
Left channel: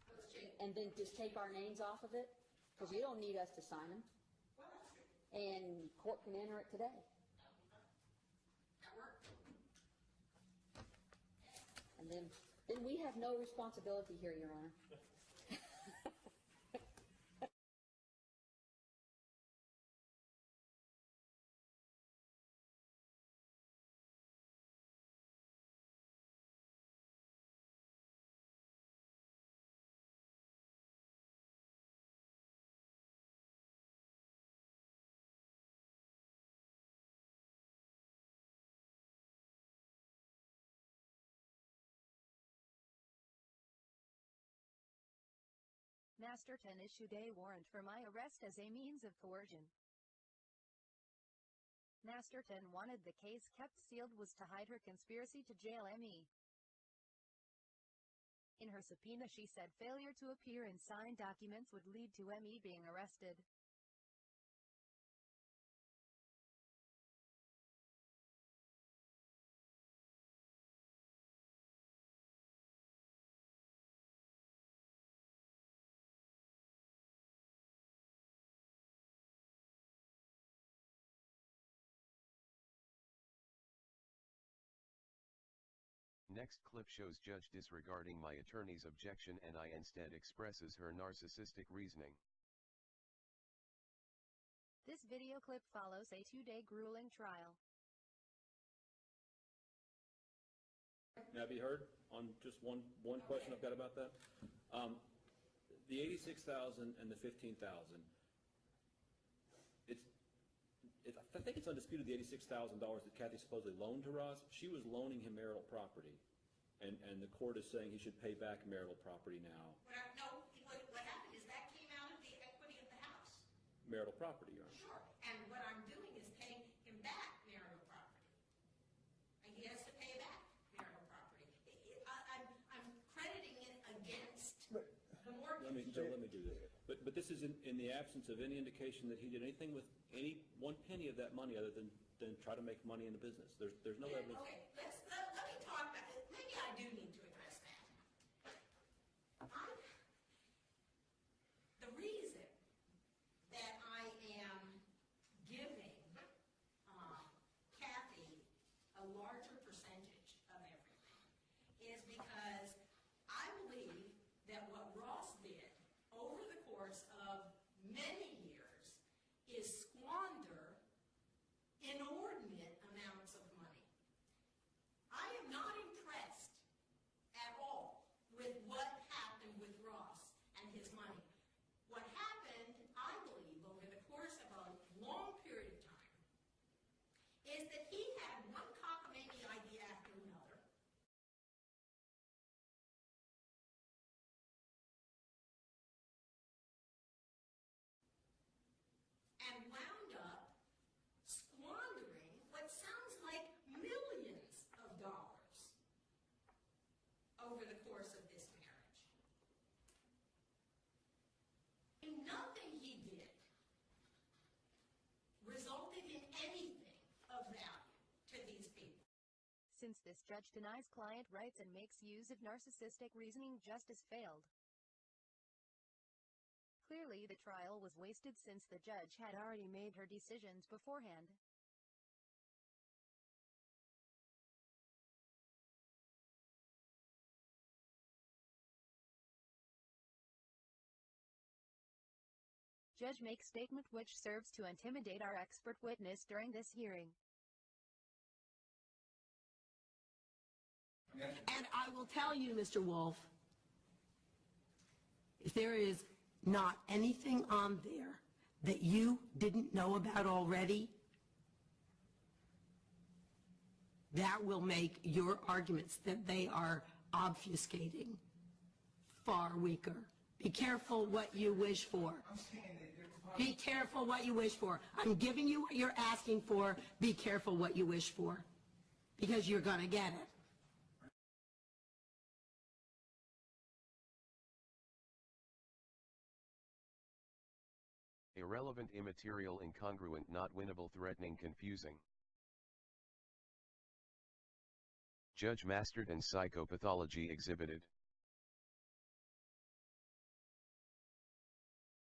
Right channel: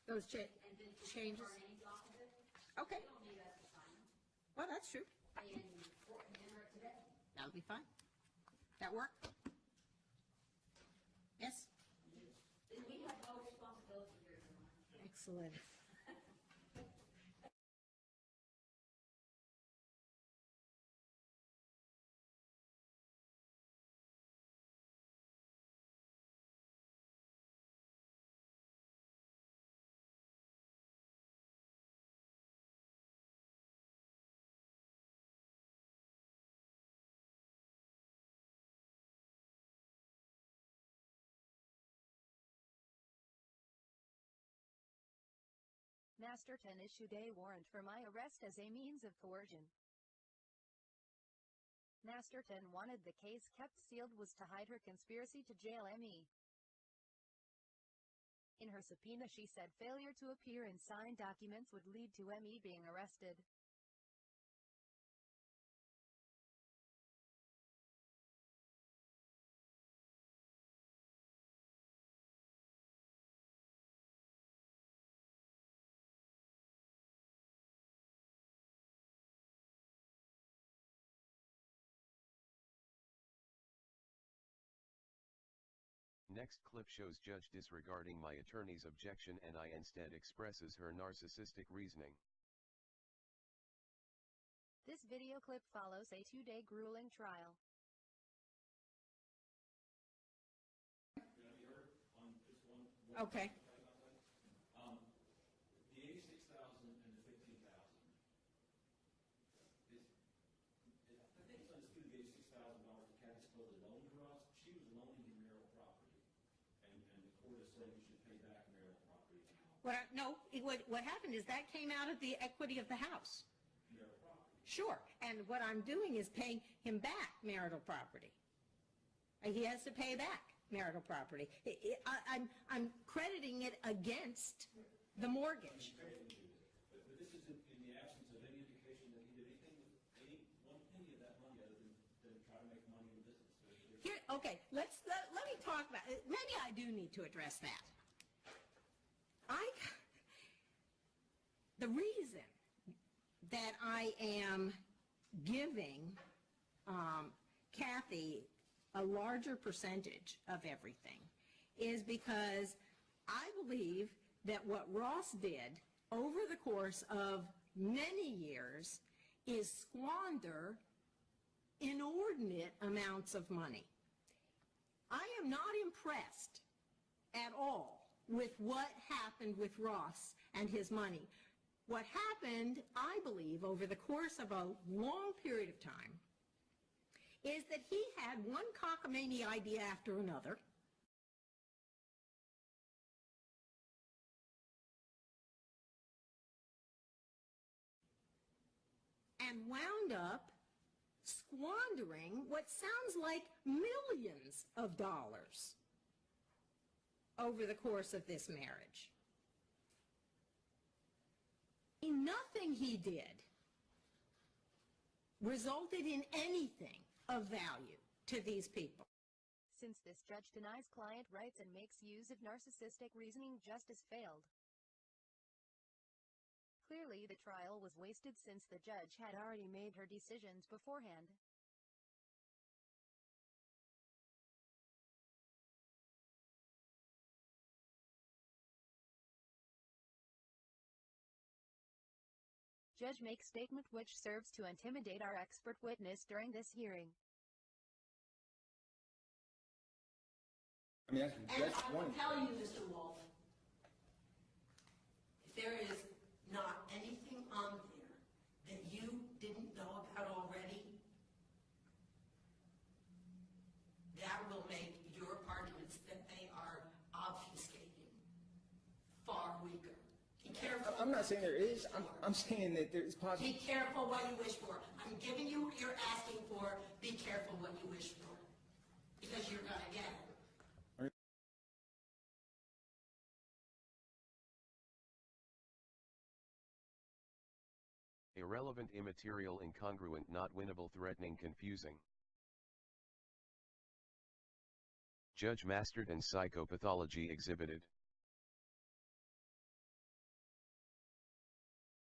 Those checks. and then just take our names off of it. 'Cause Okay. they don't need us to sign them, Well, that's true. and court can enter it today. That would be fine. That work? Yes? And then we have no responsibility here, Your Honor. Excellent. Masterton issued a warrant for my arrest as a means of coercion. Masterton wanted the case kept sealed was to hide her conspiracy to jail me. In her subpoena she said failure to appear and sign documents would lead to me being arrested. Next clip shows judge disregarding my attorney's objection and instead expresses her narcissistic reasoning. This video clip follows a 2-day grueling trial. May I be heard on just one Okay. question I've got about that? The 86,000 and the 15,000. I think it's undisputed the $86,000 that Kathy supposedly loaned to Ross. She was loaning him marital property, and the court is saying he should pay back marital property now. What happened is that came out of the equity of the house. Marital property, Your Honor. Sure, and what I'm doing is paying him back marital property. And he has to pay back marital property. I'm crediting it against the mortgage. Let me do this. But this is in the absence of any indication that he did anything with any one penny of that money other than try to make money in the business. There's no evidence. Okay, let me talk about it. Maybe I do need to address that. The reason that I am giving Kathy a larger percentage of everything is because I believe that what Ross did over the course of many years is squander inordinate amounts of money. I am not impressed at all with what happened with Ross and his money. What happened, I believe, over the course of a long period of time is that he had one cockamamie idea after another. And wound up squandering what sounds like millions of dollars over the course of this marriage. Nothing he did resulted in anything of value to these people. Since this judge denies client rights and makes use of narcissistic reasoning, justice failed. Clearly the trial was wasted since the judge had already made her decisions beforehand. Judge makes statement which serves to intimidate our expert witness during this hearing. And I will tell you, Mr. Wolf, if there is not anything on there that you didn't know about already, that will make your arguments that they are obfuscating far weaker. Be careful what you wish for. I'm saying that there's Be careful what you wish for. I'm giving you what you're asking for. Be careful what you wish for, because you're going to get it. Irrelevant, immaterial, incongruent, not winnable, threatening, confusing. Judge Masterton psychopathology exhibited.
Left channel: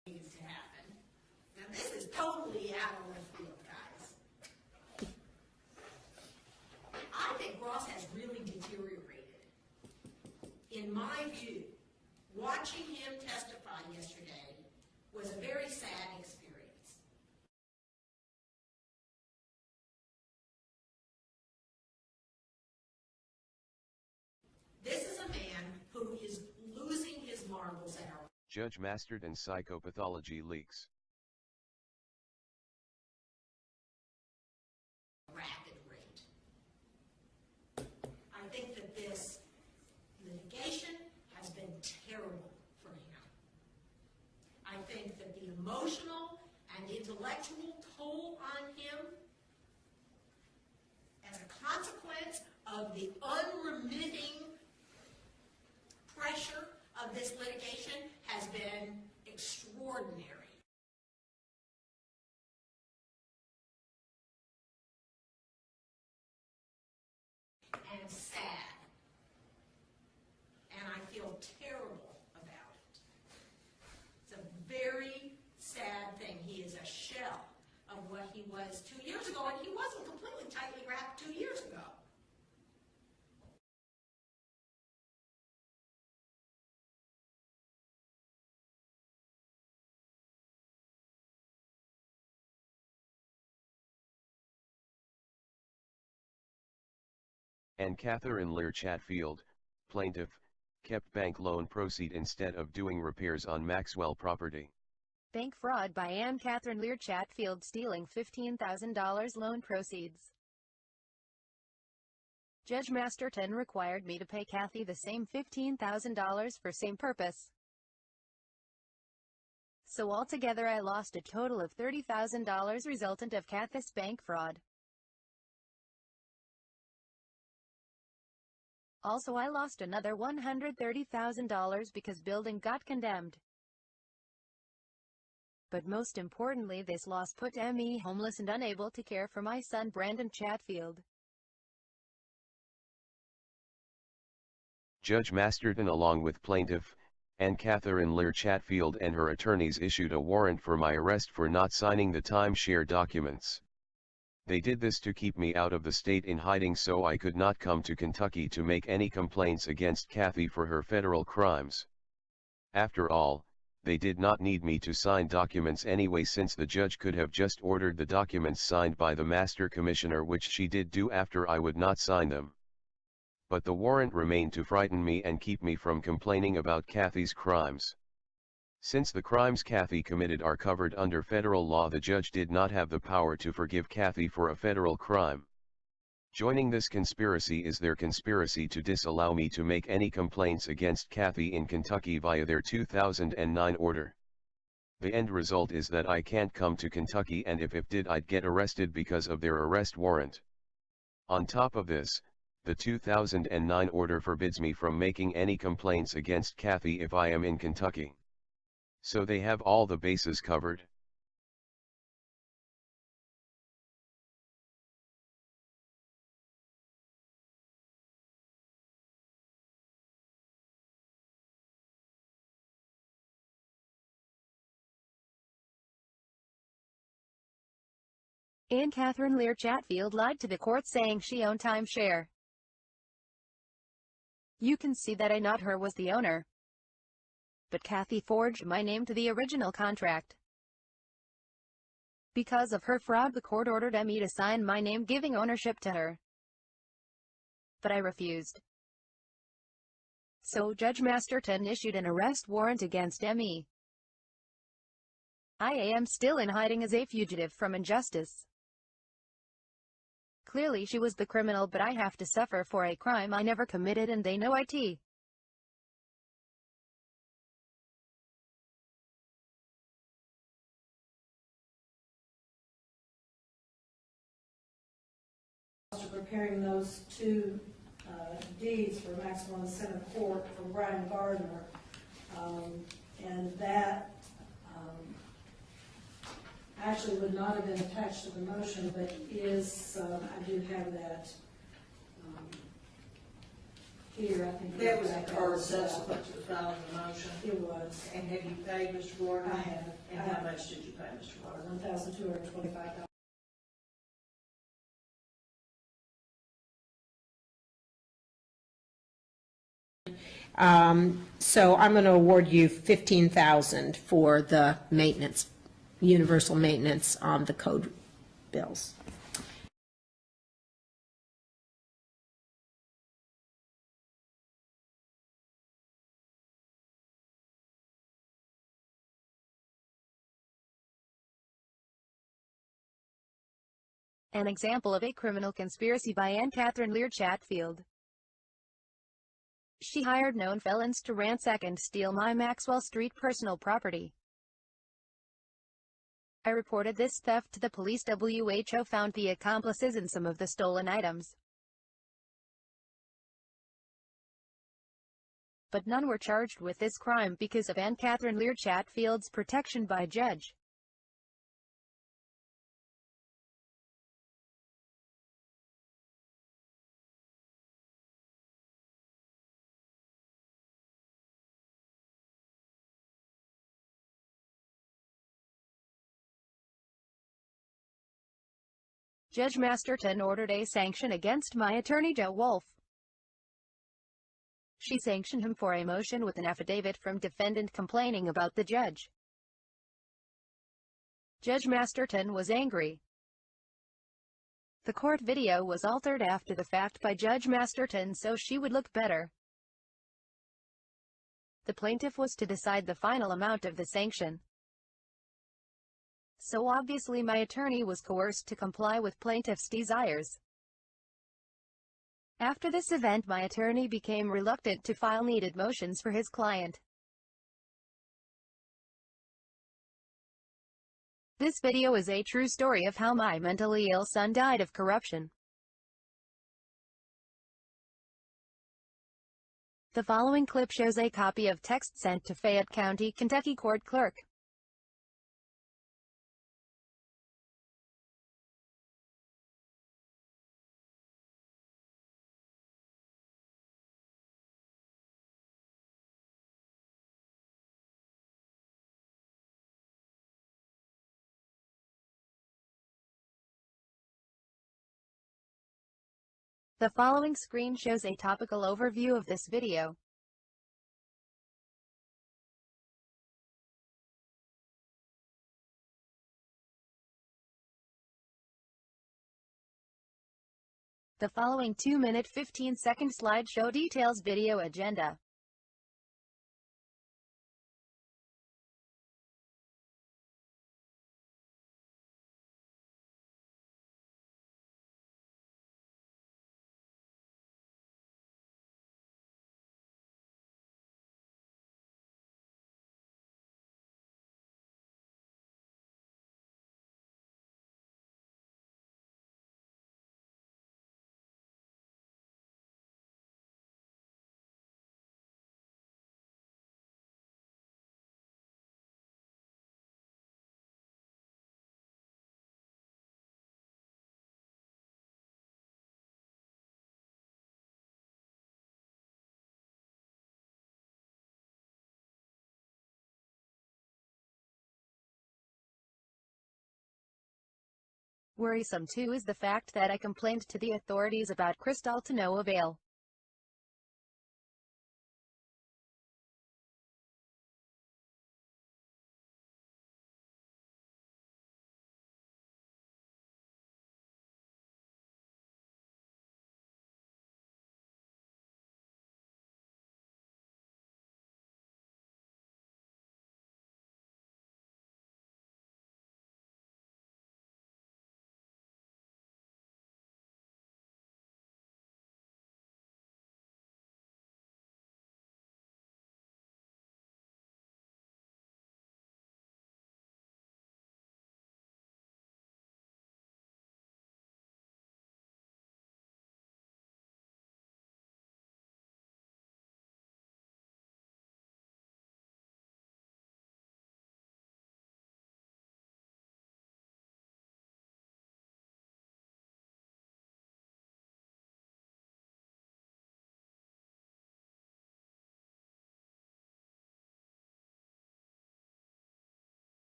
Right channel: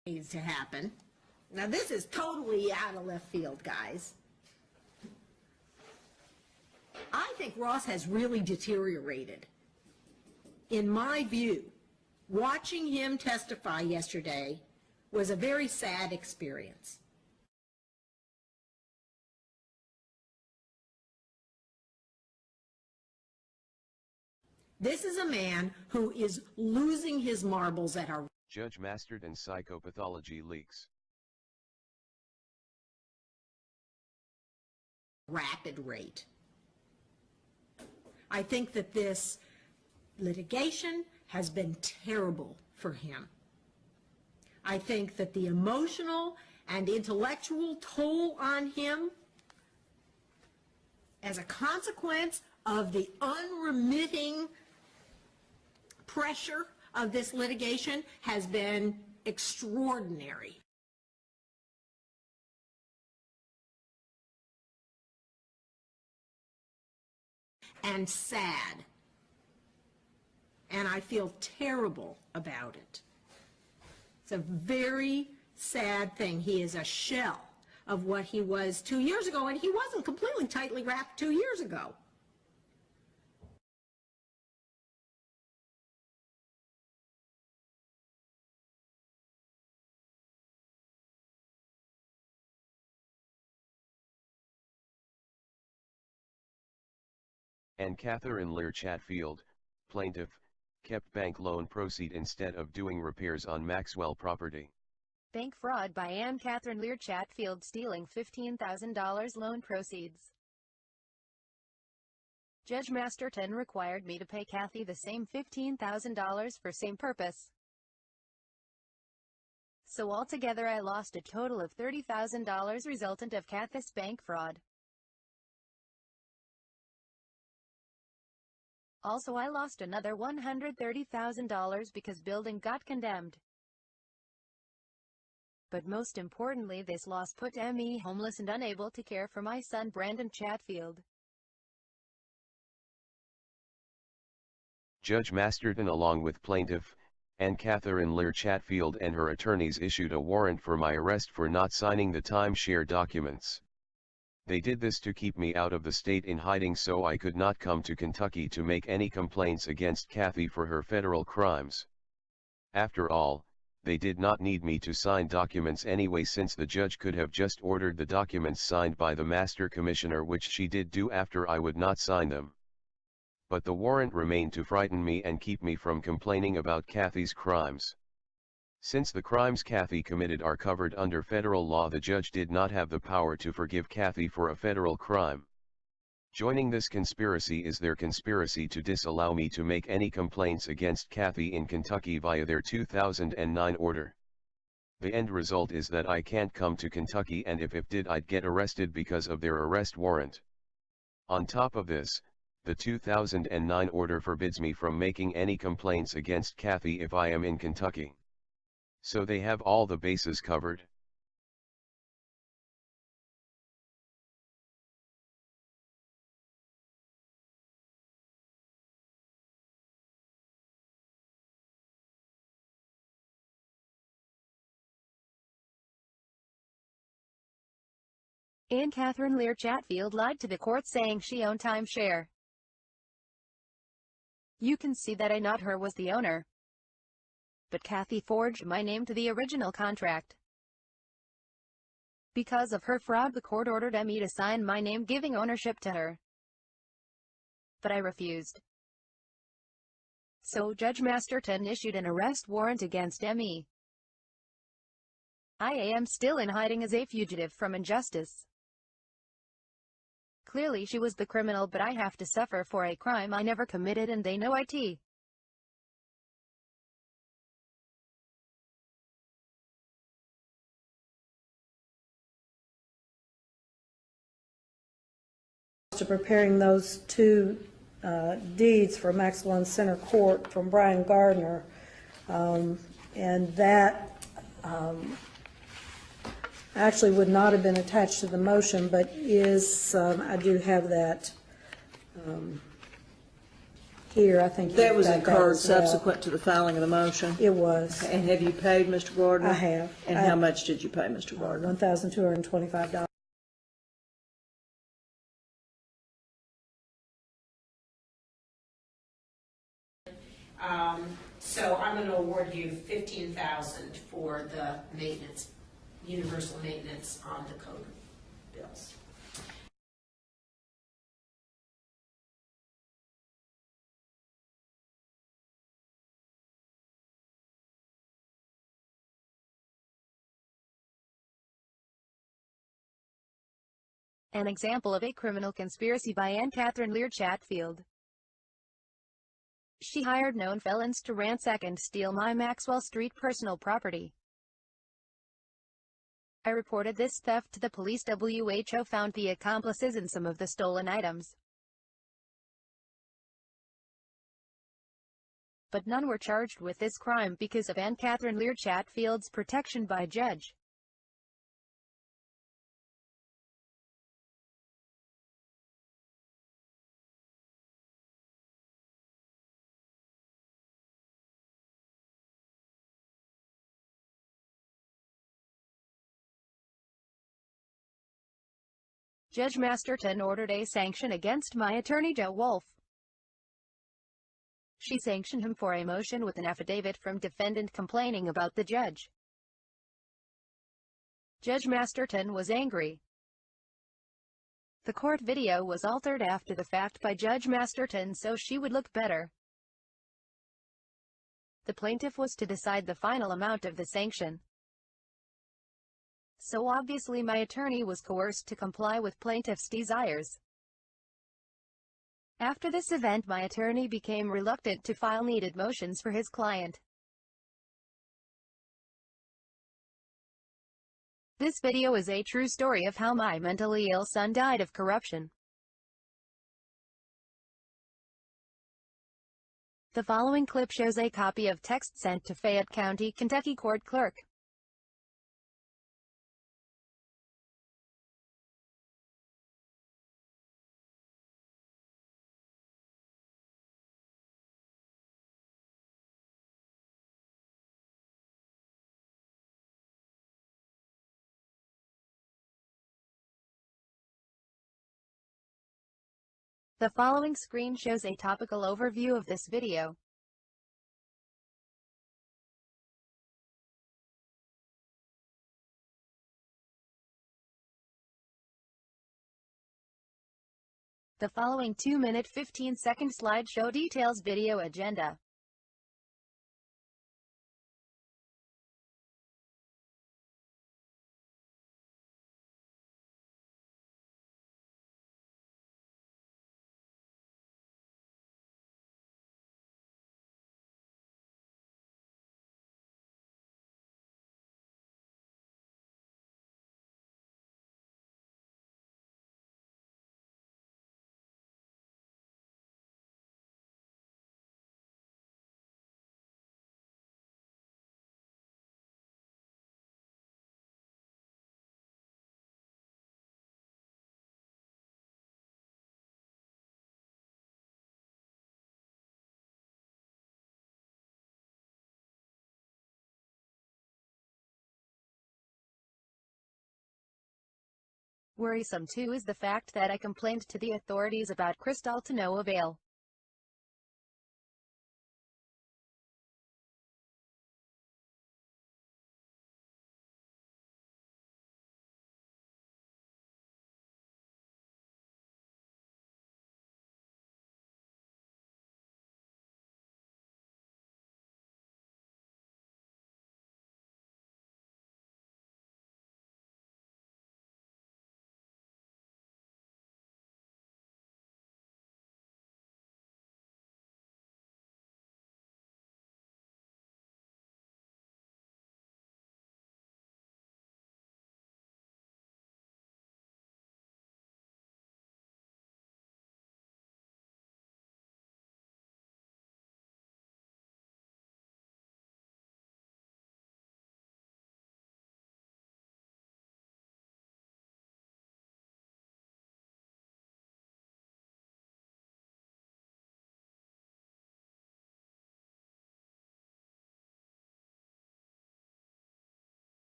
needs to happen. Now this is totally out of left field, guys. I think Ross has really deteriorated. In my view, watching him testify yesterday was a very sad experience. This is a man who is losing his marbles at our Judge Masterton psychopathology leaks. rapid rate. I think that this litigation has been terrible for him. I think that the emotional and intellectual toll on him as a consequence of the unremitting pressure of this litigation has been extraordinary. And sad. And I feel terrible about it. It's a very sad thing. He is a shell of what he was 2 years ago, and he wasn't completely tightly wrapped 2 years ago. And Catherine Lear Chatfield, plaintiff, kept bank loan proceed instead of doing repairs on Maxwell property. Bank fraud by Anne Catherine Lear Chatfield stealing $15,000 loan proceeds. Judge Masterton required me to pay Kathy the same $15,000 for same purpose. So altogether I lost a total of $30,000 resultant of Kathy's bank fraud. Also I lost another $130,000 because building got condemned. But most importantly, this loss put me homeless and unable to care for my son Brandon Chatfield. Judge Masterton along with plaintiff, Anne Catherine Lear Chatfield and her attorneys issued a warrant for my arrest for not signing the timeshare documents. They did this to keep me out of the state in hiding so I could not come to Kentucky to make any complaints against Kathy for her federal crimes. After all, they did not need me to sign documents anyway since the judge could have just ordered the documents signed by the master commissioner, which she did do after I would not sign them. But the warrant remained to frighten me and keep me from complaining about Kathy's crimes. Since the crimes Kathy committed are covered under federal law, the judge did not have the power to forgive Kathy for a federal crime. Joining this conspiracy is their conspiracy to disallow me to make any complaints against Kathy in Kentucky via their 2009 order. The end result is that I can't come to Kentucky, and if did I'd get arrested because of their arrest warrant. On top of this, the 2009 order forbids me from making any complaints against Kathy if I am in Kentucky. So they have all the bases covered. Anne Catherine Lear Chatfield lied to the court saying she owned timeshare. You can see that I, not her, was the owner. But Kathy forged my name to the original contract. Because of her fraud, the court ordered me to sign my name giving ownership to her. But I refused. So Judge Masterton issued an arrest warrant against me. I am still in hiding as a fugitive from injustice. Clearly she was the criminal, but I have to suffer for a crime I never committed, and they know it. To preparing those two deeds for Maxwell and Center Court from Brian Gardner, and that actually would not have been attached to the motion, but is, I do have that here, I think. That was you've got incurred as well. subsequent to the filing of the motion? It was. And have you paid Mr. Gardner? I have. And how much did you pay Mr. Gardner? $1,225. So I'm going to award you $15,000 for the maintenance, universal maintenance on the code bills. An example of a criminal conspiracy by Anne Catherine Lear Chatfield. She hired known felons to ransack and steal my Maxwell Street personal property. I reported this theft to the police. WHO found the accomplices in some of the stolen items, but none were charged with this crime because of Anne Catherine Lear Chatfield's protection by judge. Judge Masterton ordered a sanction against my attorney Joe Wolf. She sanctioned him for a motion with an affidavit from defendant complaining about the judge. Judge Masterton was angry. The court video was altered after the fact by Judge Masterton so she would look better. The plaintiff was to decide the final amount of the sanction. So obviously my attorney was coerced to comply with plaintiff's desires. After this event, my attorney became reluctant to file needed motions for his client. This video is a true story of how my mentally ill son died of corruption. The following clip shows a copy of text sent to Fayette County, Kentucky court clerk. The following screen shows a topical overview of this video. The following 2-minute 15-second slideshow details video agenda. Worrisome too is the fact that I complained to the authorities about Crystal to no avail.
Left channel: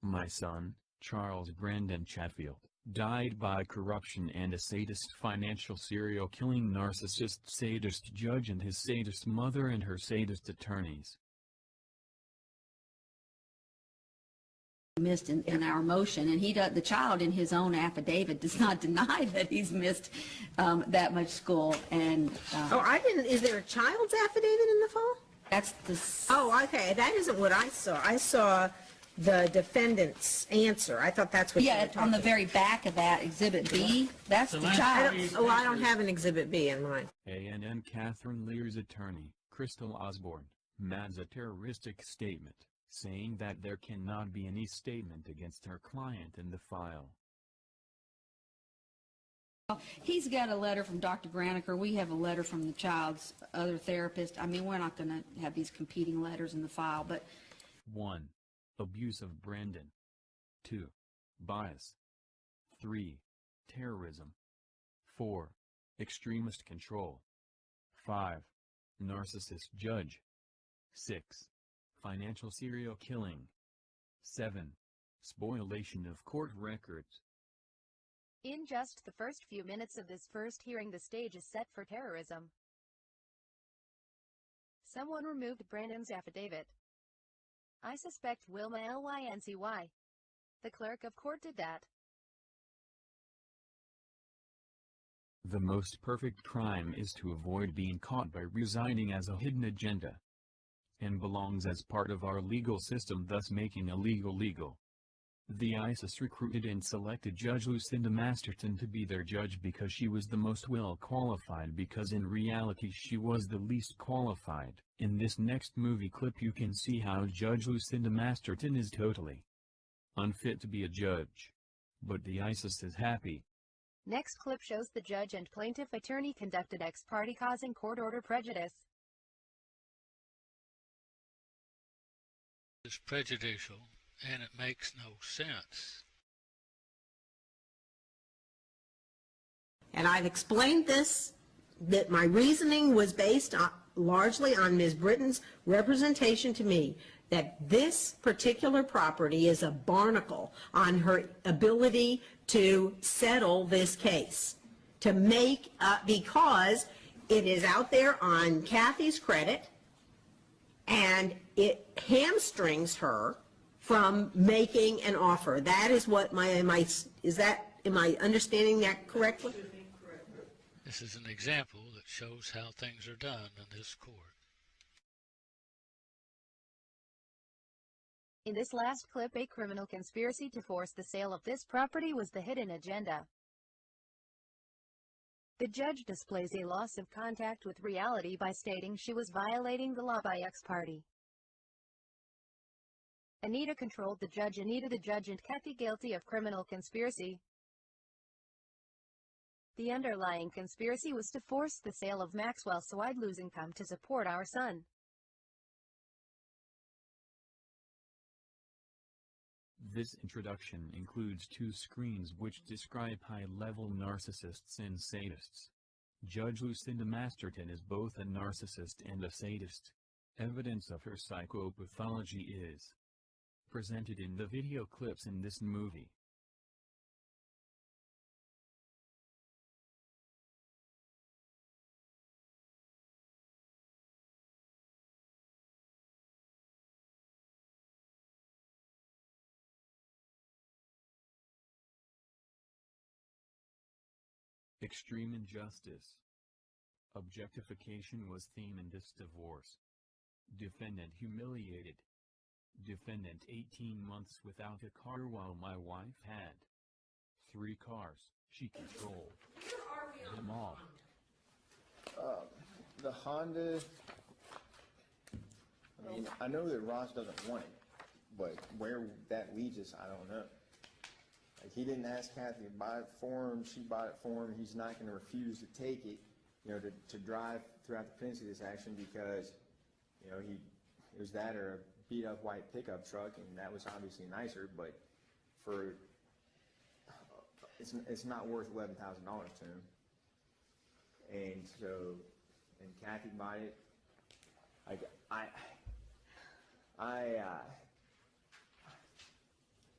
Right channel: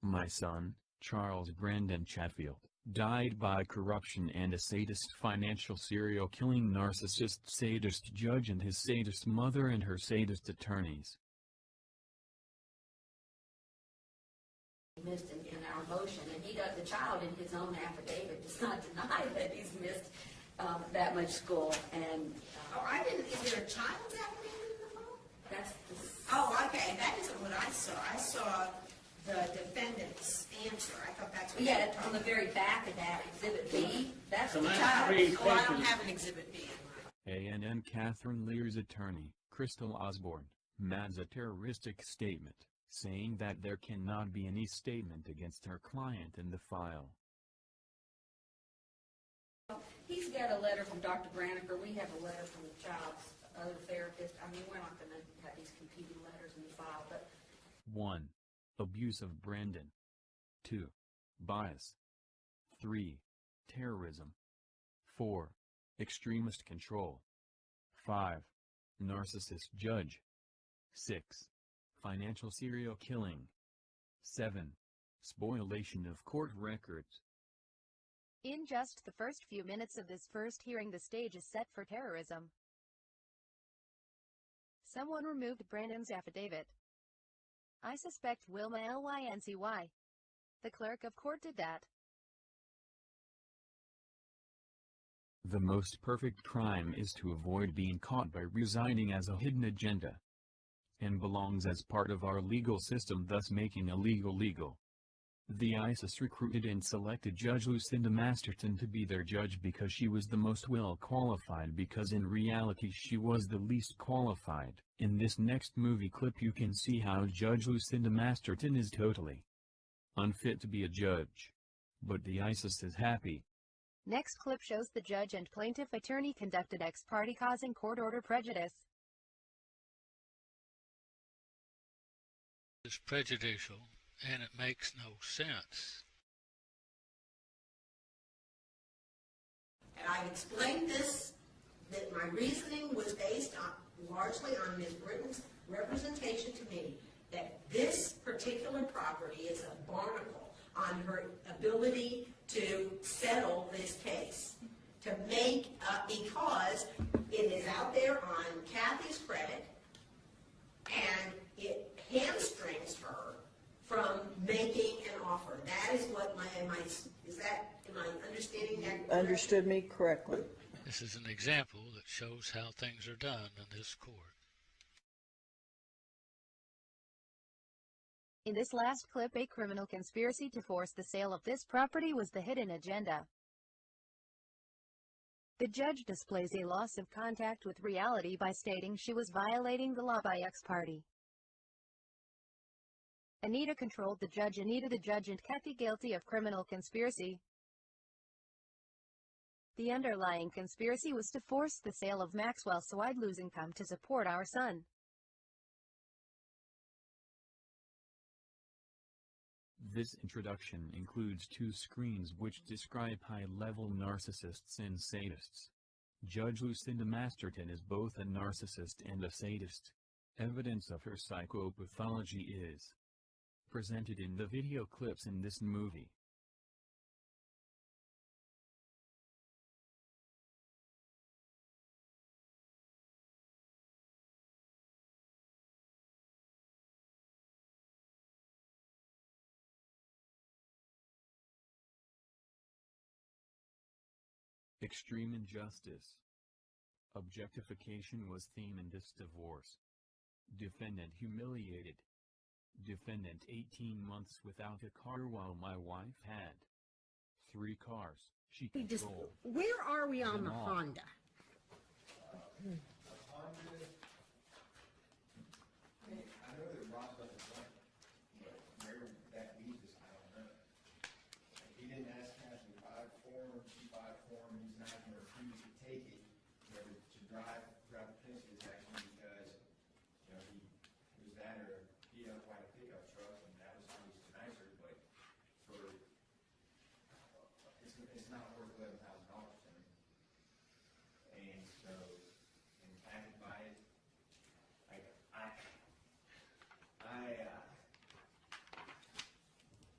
My son, Charles Brandon Chatfield, died by corruption and a sadist financial serial killing narcissist sadist judge and his sadist mother and her sadist attorneys. Missed in our motion, and the child in his own affidavit does not deny that he's missed that much school, and is there a child's affidavit in the file? that's the Oh, okay, that isn't what I saw. I saw the defendant's answer. I thought that's what you were yeah, talking on the about. very back of that exhibit B, that's the So child. I don't have an exhibit B in mine. A&M Catherine Lear's attorney, Crystal Osborne, adds a terroristic statement, saying that there cannot be any statement against her client in the file. He's got a letter from Dr. Graniker. We have a letter from the child's other therapist. I mean, we're not going to have these competing letters in the file, but 1. Abuse of Brandon. 2. Bias. 3. Terrorism. 4. Extremist control. 5. Narcissist judge. 6. Financial serial killing. 7. Spoliation of court records. In just the first few minutes of this first hearing, the stage is set for terrorism. Someone removed Brandon's affidavit. I suspect Wilma Lyncy. The clerk of court did that. The most perfect crime is to avoid being caught by residing as a hidden agenda, and belongs as part of our legal system, thus making illegal legal. The ISIS recruited and selected Judge Lucinda Masterton to be their judge because she was the most well qualified, because in reality she was the least qualified. In this next movie clip you can see how Judge Lucinda Masterton is totally unfit to be a judge. But the ISIS is happy. Next clip shows the judge and plaintiff attorney conducted ex parte, causing court order prejudice. It's prejudicial, and it makes no sense. And I've explained this, that my reasoning was based largely on Ms. Britton's representation to me that this particular property is a barnacle on her ability to settle this case, to make, because it is out there on Kathy's credit, and it hamstrings her from making an offer. That is what am I understanding that correctly? Understood me correctly. This is an example that shows how things are done in this court. In this last clip, a criminal conspiracy to force the sale of this property was the hidden agenda. The judge displays a loss of contact with reality by stating she was violating the law by ex parte. Anita controlled the judge. Anita the judge and Kathy guilty of criminal conspiracy. The underlying conspiracy was to force the sale of Maxwell so I'd lose income to support our son. This introduction includes 2 screens which describe high-level narcissists and sadists. Judge Lucinda Masterton is both a narcissist and a sadist. Evidence of her psychopathology is presented in the video clips in this movie. Extreme injustice. Objectification was theme in this divorce. Defendant humiliated. Defendant 18 months without a car while my wife had 3 cars. She controlled. Where are we on them the all. Honda? The Honda, I mean, I know that Ross doesn't want it, but where that leads us, I don't know. Like, he didn't ask Kathy to buy it for him, she bought it for him, he's not gonna refuse to take it, you know, to drive throughout the pendency of this action because, you know, it was that or a beat up white pickup truck, and that was obviously nicer, but for, it's not worth $11,000 to him. And so, and Kathy bought it.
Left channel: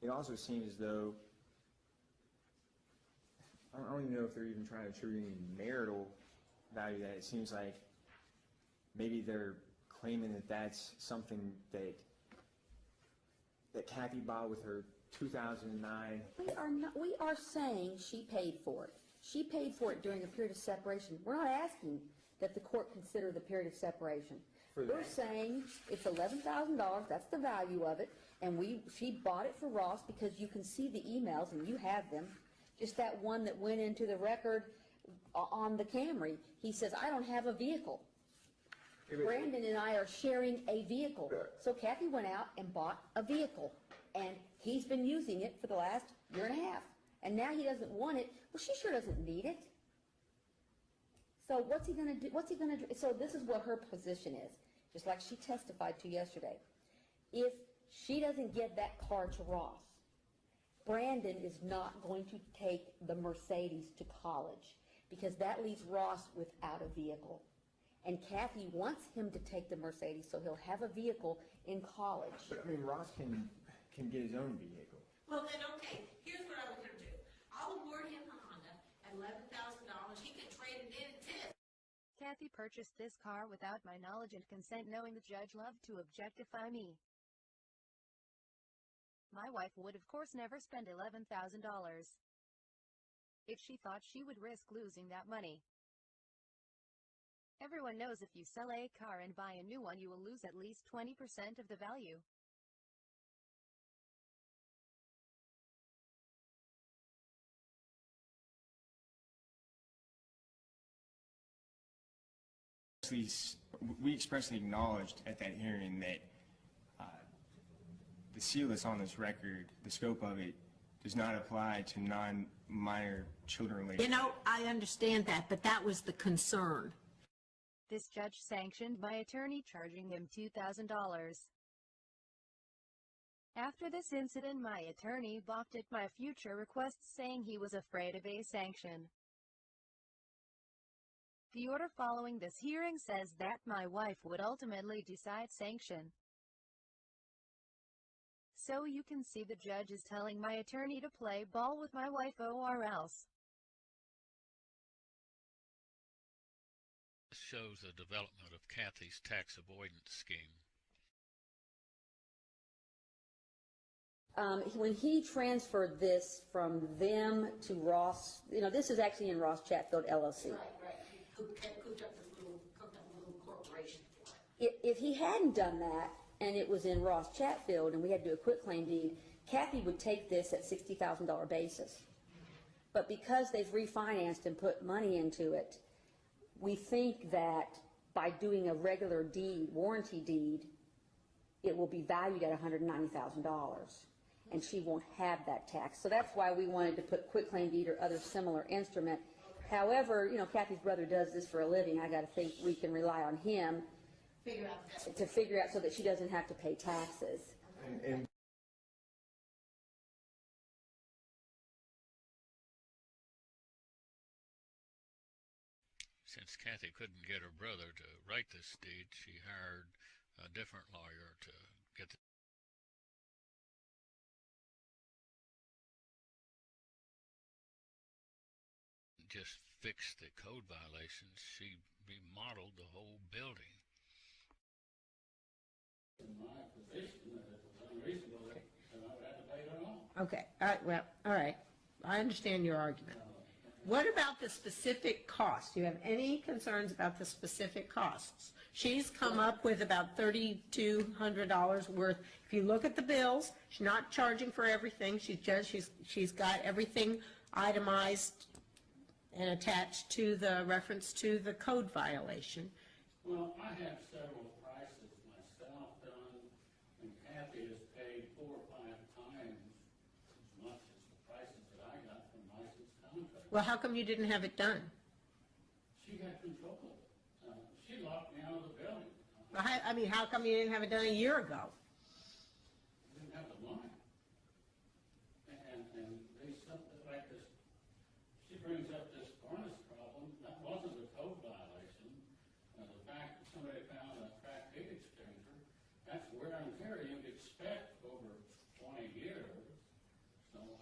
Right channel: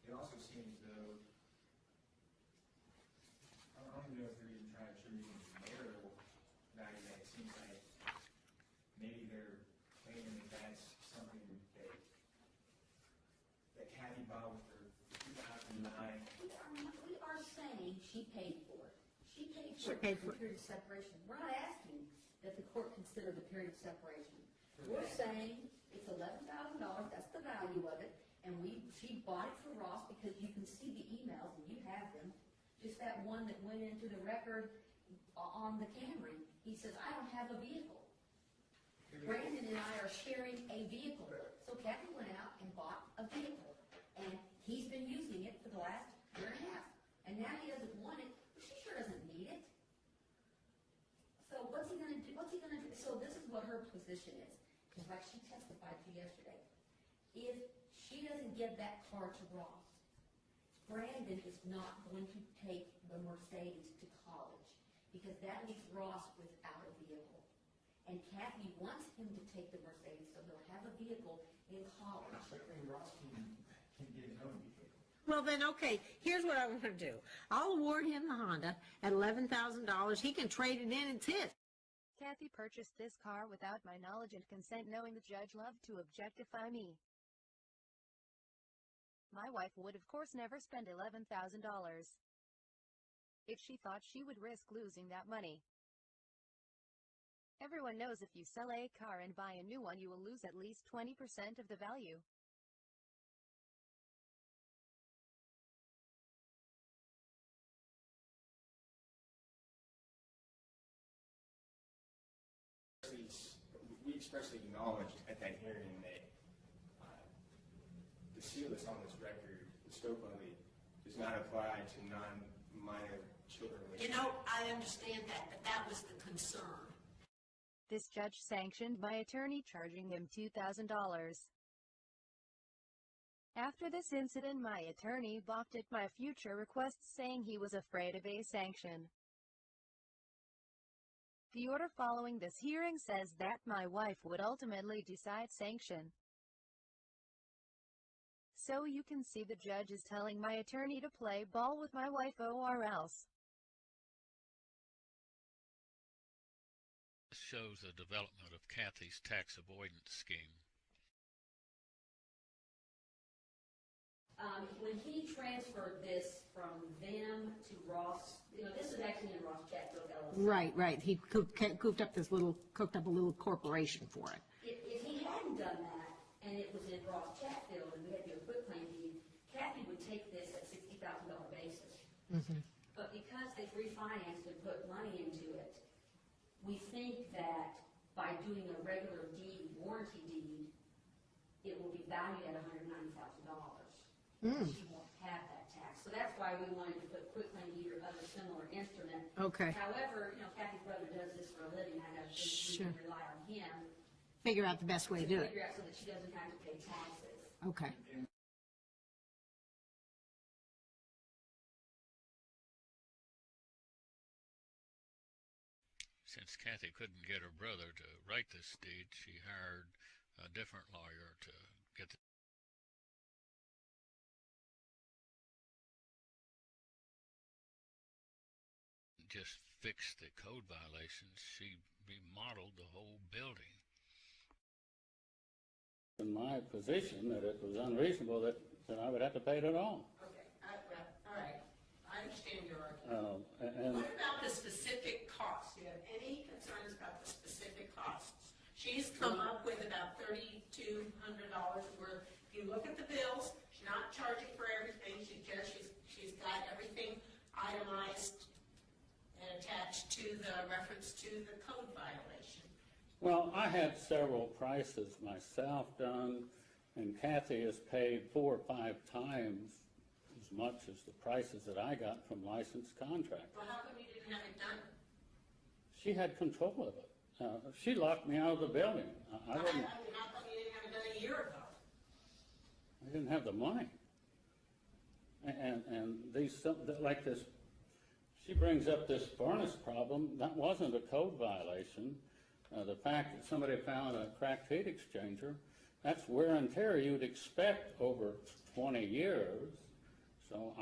it also seems as though, I don't even know if they're even trying to attribute any marital value to that. It seems like maybe they're claiming that that's something that Kathy bought with her 2009. We are saying she paid for it. She paid for it during the period of separation. We're not asking that the court consider the period of separation. We're saying it's $11,000, that's the value of it, and she bought it for Ross because you can see the emails, and you have them, just that one that went into the record on the Camry. He says, I don't have a vehicle. Brandon and I are sharing a vehicle. So Kathy went out and bought a vehicle, and he's been using it for the last year and a half. And now he doesn't want it. Well, she sure doesn't need it. So what's he going to do? So this is what her position is, just like she testified to yesterday. If she doesn't give that car to Ross, Brandon is not going to take the Mercedes to college because that leaves Ross without a vehicle. And Kathy wants him to take the Mercedes so he'll have a vehicle in college. But I mean, Ross can get his own vehicle. Well then, okay, here's what I want to do. I'll award him the Honda at $11,000. He can trade it in, it's his. Kathy purchased this car without my knowledge and consent, knowing the judge loved to objectify me. My wife would of course never spend $11,000 if she thought she would risk losing that money. Everyone knows if you sell a car and buy a new one, you will lose at least 20% of the value. We expressly acknowledged at that hearing that the seal that's on this record, the scope of it, does not apply to non-minor children related. You know, I understand that, but that was the concern. This judge sanctioned my attorney, charging him $2,000. After this incident, my attorney balked at my future requests, saying he was afraid of a sanction. The order following this hearing says that my wife would ultimately decide sanction. So you can see the judge is telling my attorney to play ball with my wife or else. This shows the development of Kathy's tax avoidance scheme. When he transferred this from them to Ross, this is actually in Ross Chatfield LLC. Right. He cooked up a little corporation for it. If he hadn't done that, and it was in Ross Chatfield, and we had to do a quitclaim deed, Kathy would take this at $60,000 basis. Mm-hmm. But because they've refinanced and put money into it, we think that by doing a regular deed, warranty deed, it will be valued at $190,000. And she won't have that tax. So that's why we wanted to put quitclaim deed or other similar instrument. Okay. However, Kathy's brother does this for a living. I got to think we can rely on him. Figure out the best way to to do figure it. out so that she doesn't have to pay taxes. Okay. And Since Kathy couldn't get her brother to write this deed, she hired a different lawyer to get the just fix the code violations. She remodeled the whole building. In my position, that it was unreasonable that I would have to pay it at all. Okay. All right. I understand your argument. What about the specific costs? Do you have any concerns about the specific costs? She's come up with about $3,200 worth. If you look at the bills, she's not charging for everything. She's got everything itemized and attached to the reference to the code violation. Well, I had several prices myself done, and Kathy has paid 4 or 5 times as much as the prices that I got from licensed contractors. Well, how come you didn't have it done? She had control of it. She locked me out of the building. I mean, how come you didn't have it done a year ago? I didn't have the money. And these, like this, she brings up this furnace problem. That wasn't a code violation. The fact that somebody found a cracked heat exchanger, that's wear and tear you'd expect over 20 years.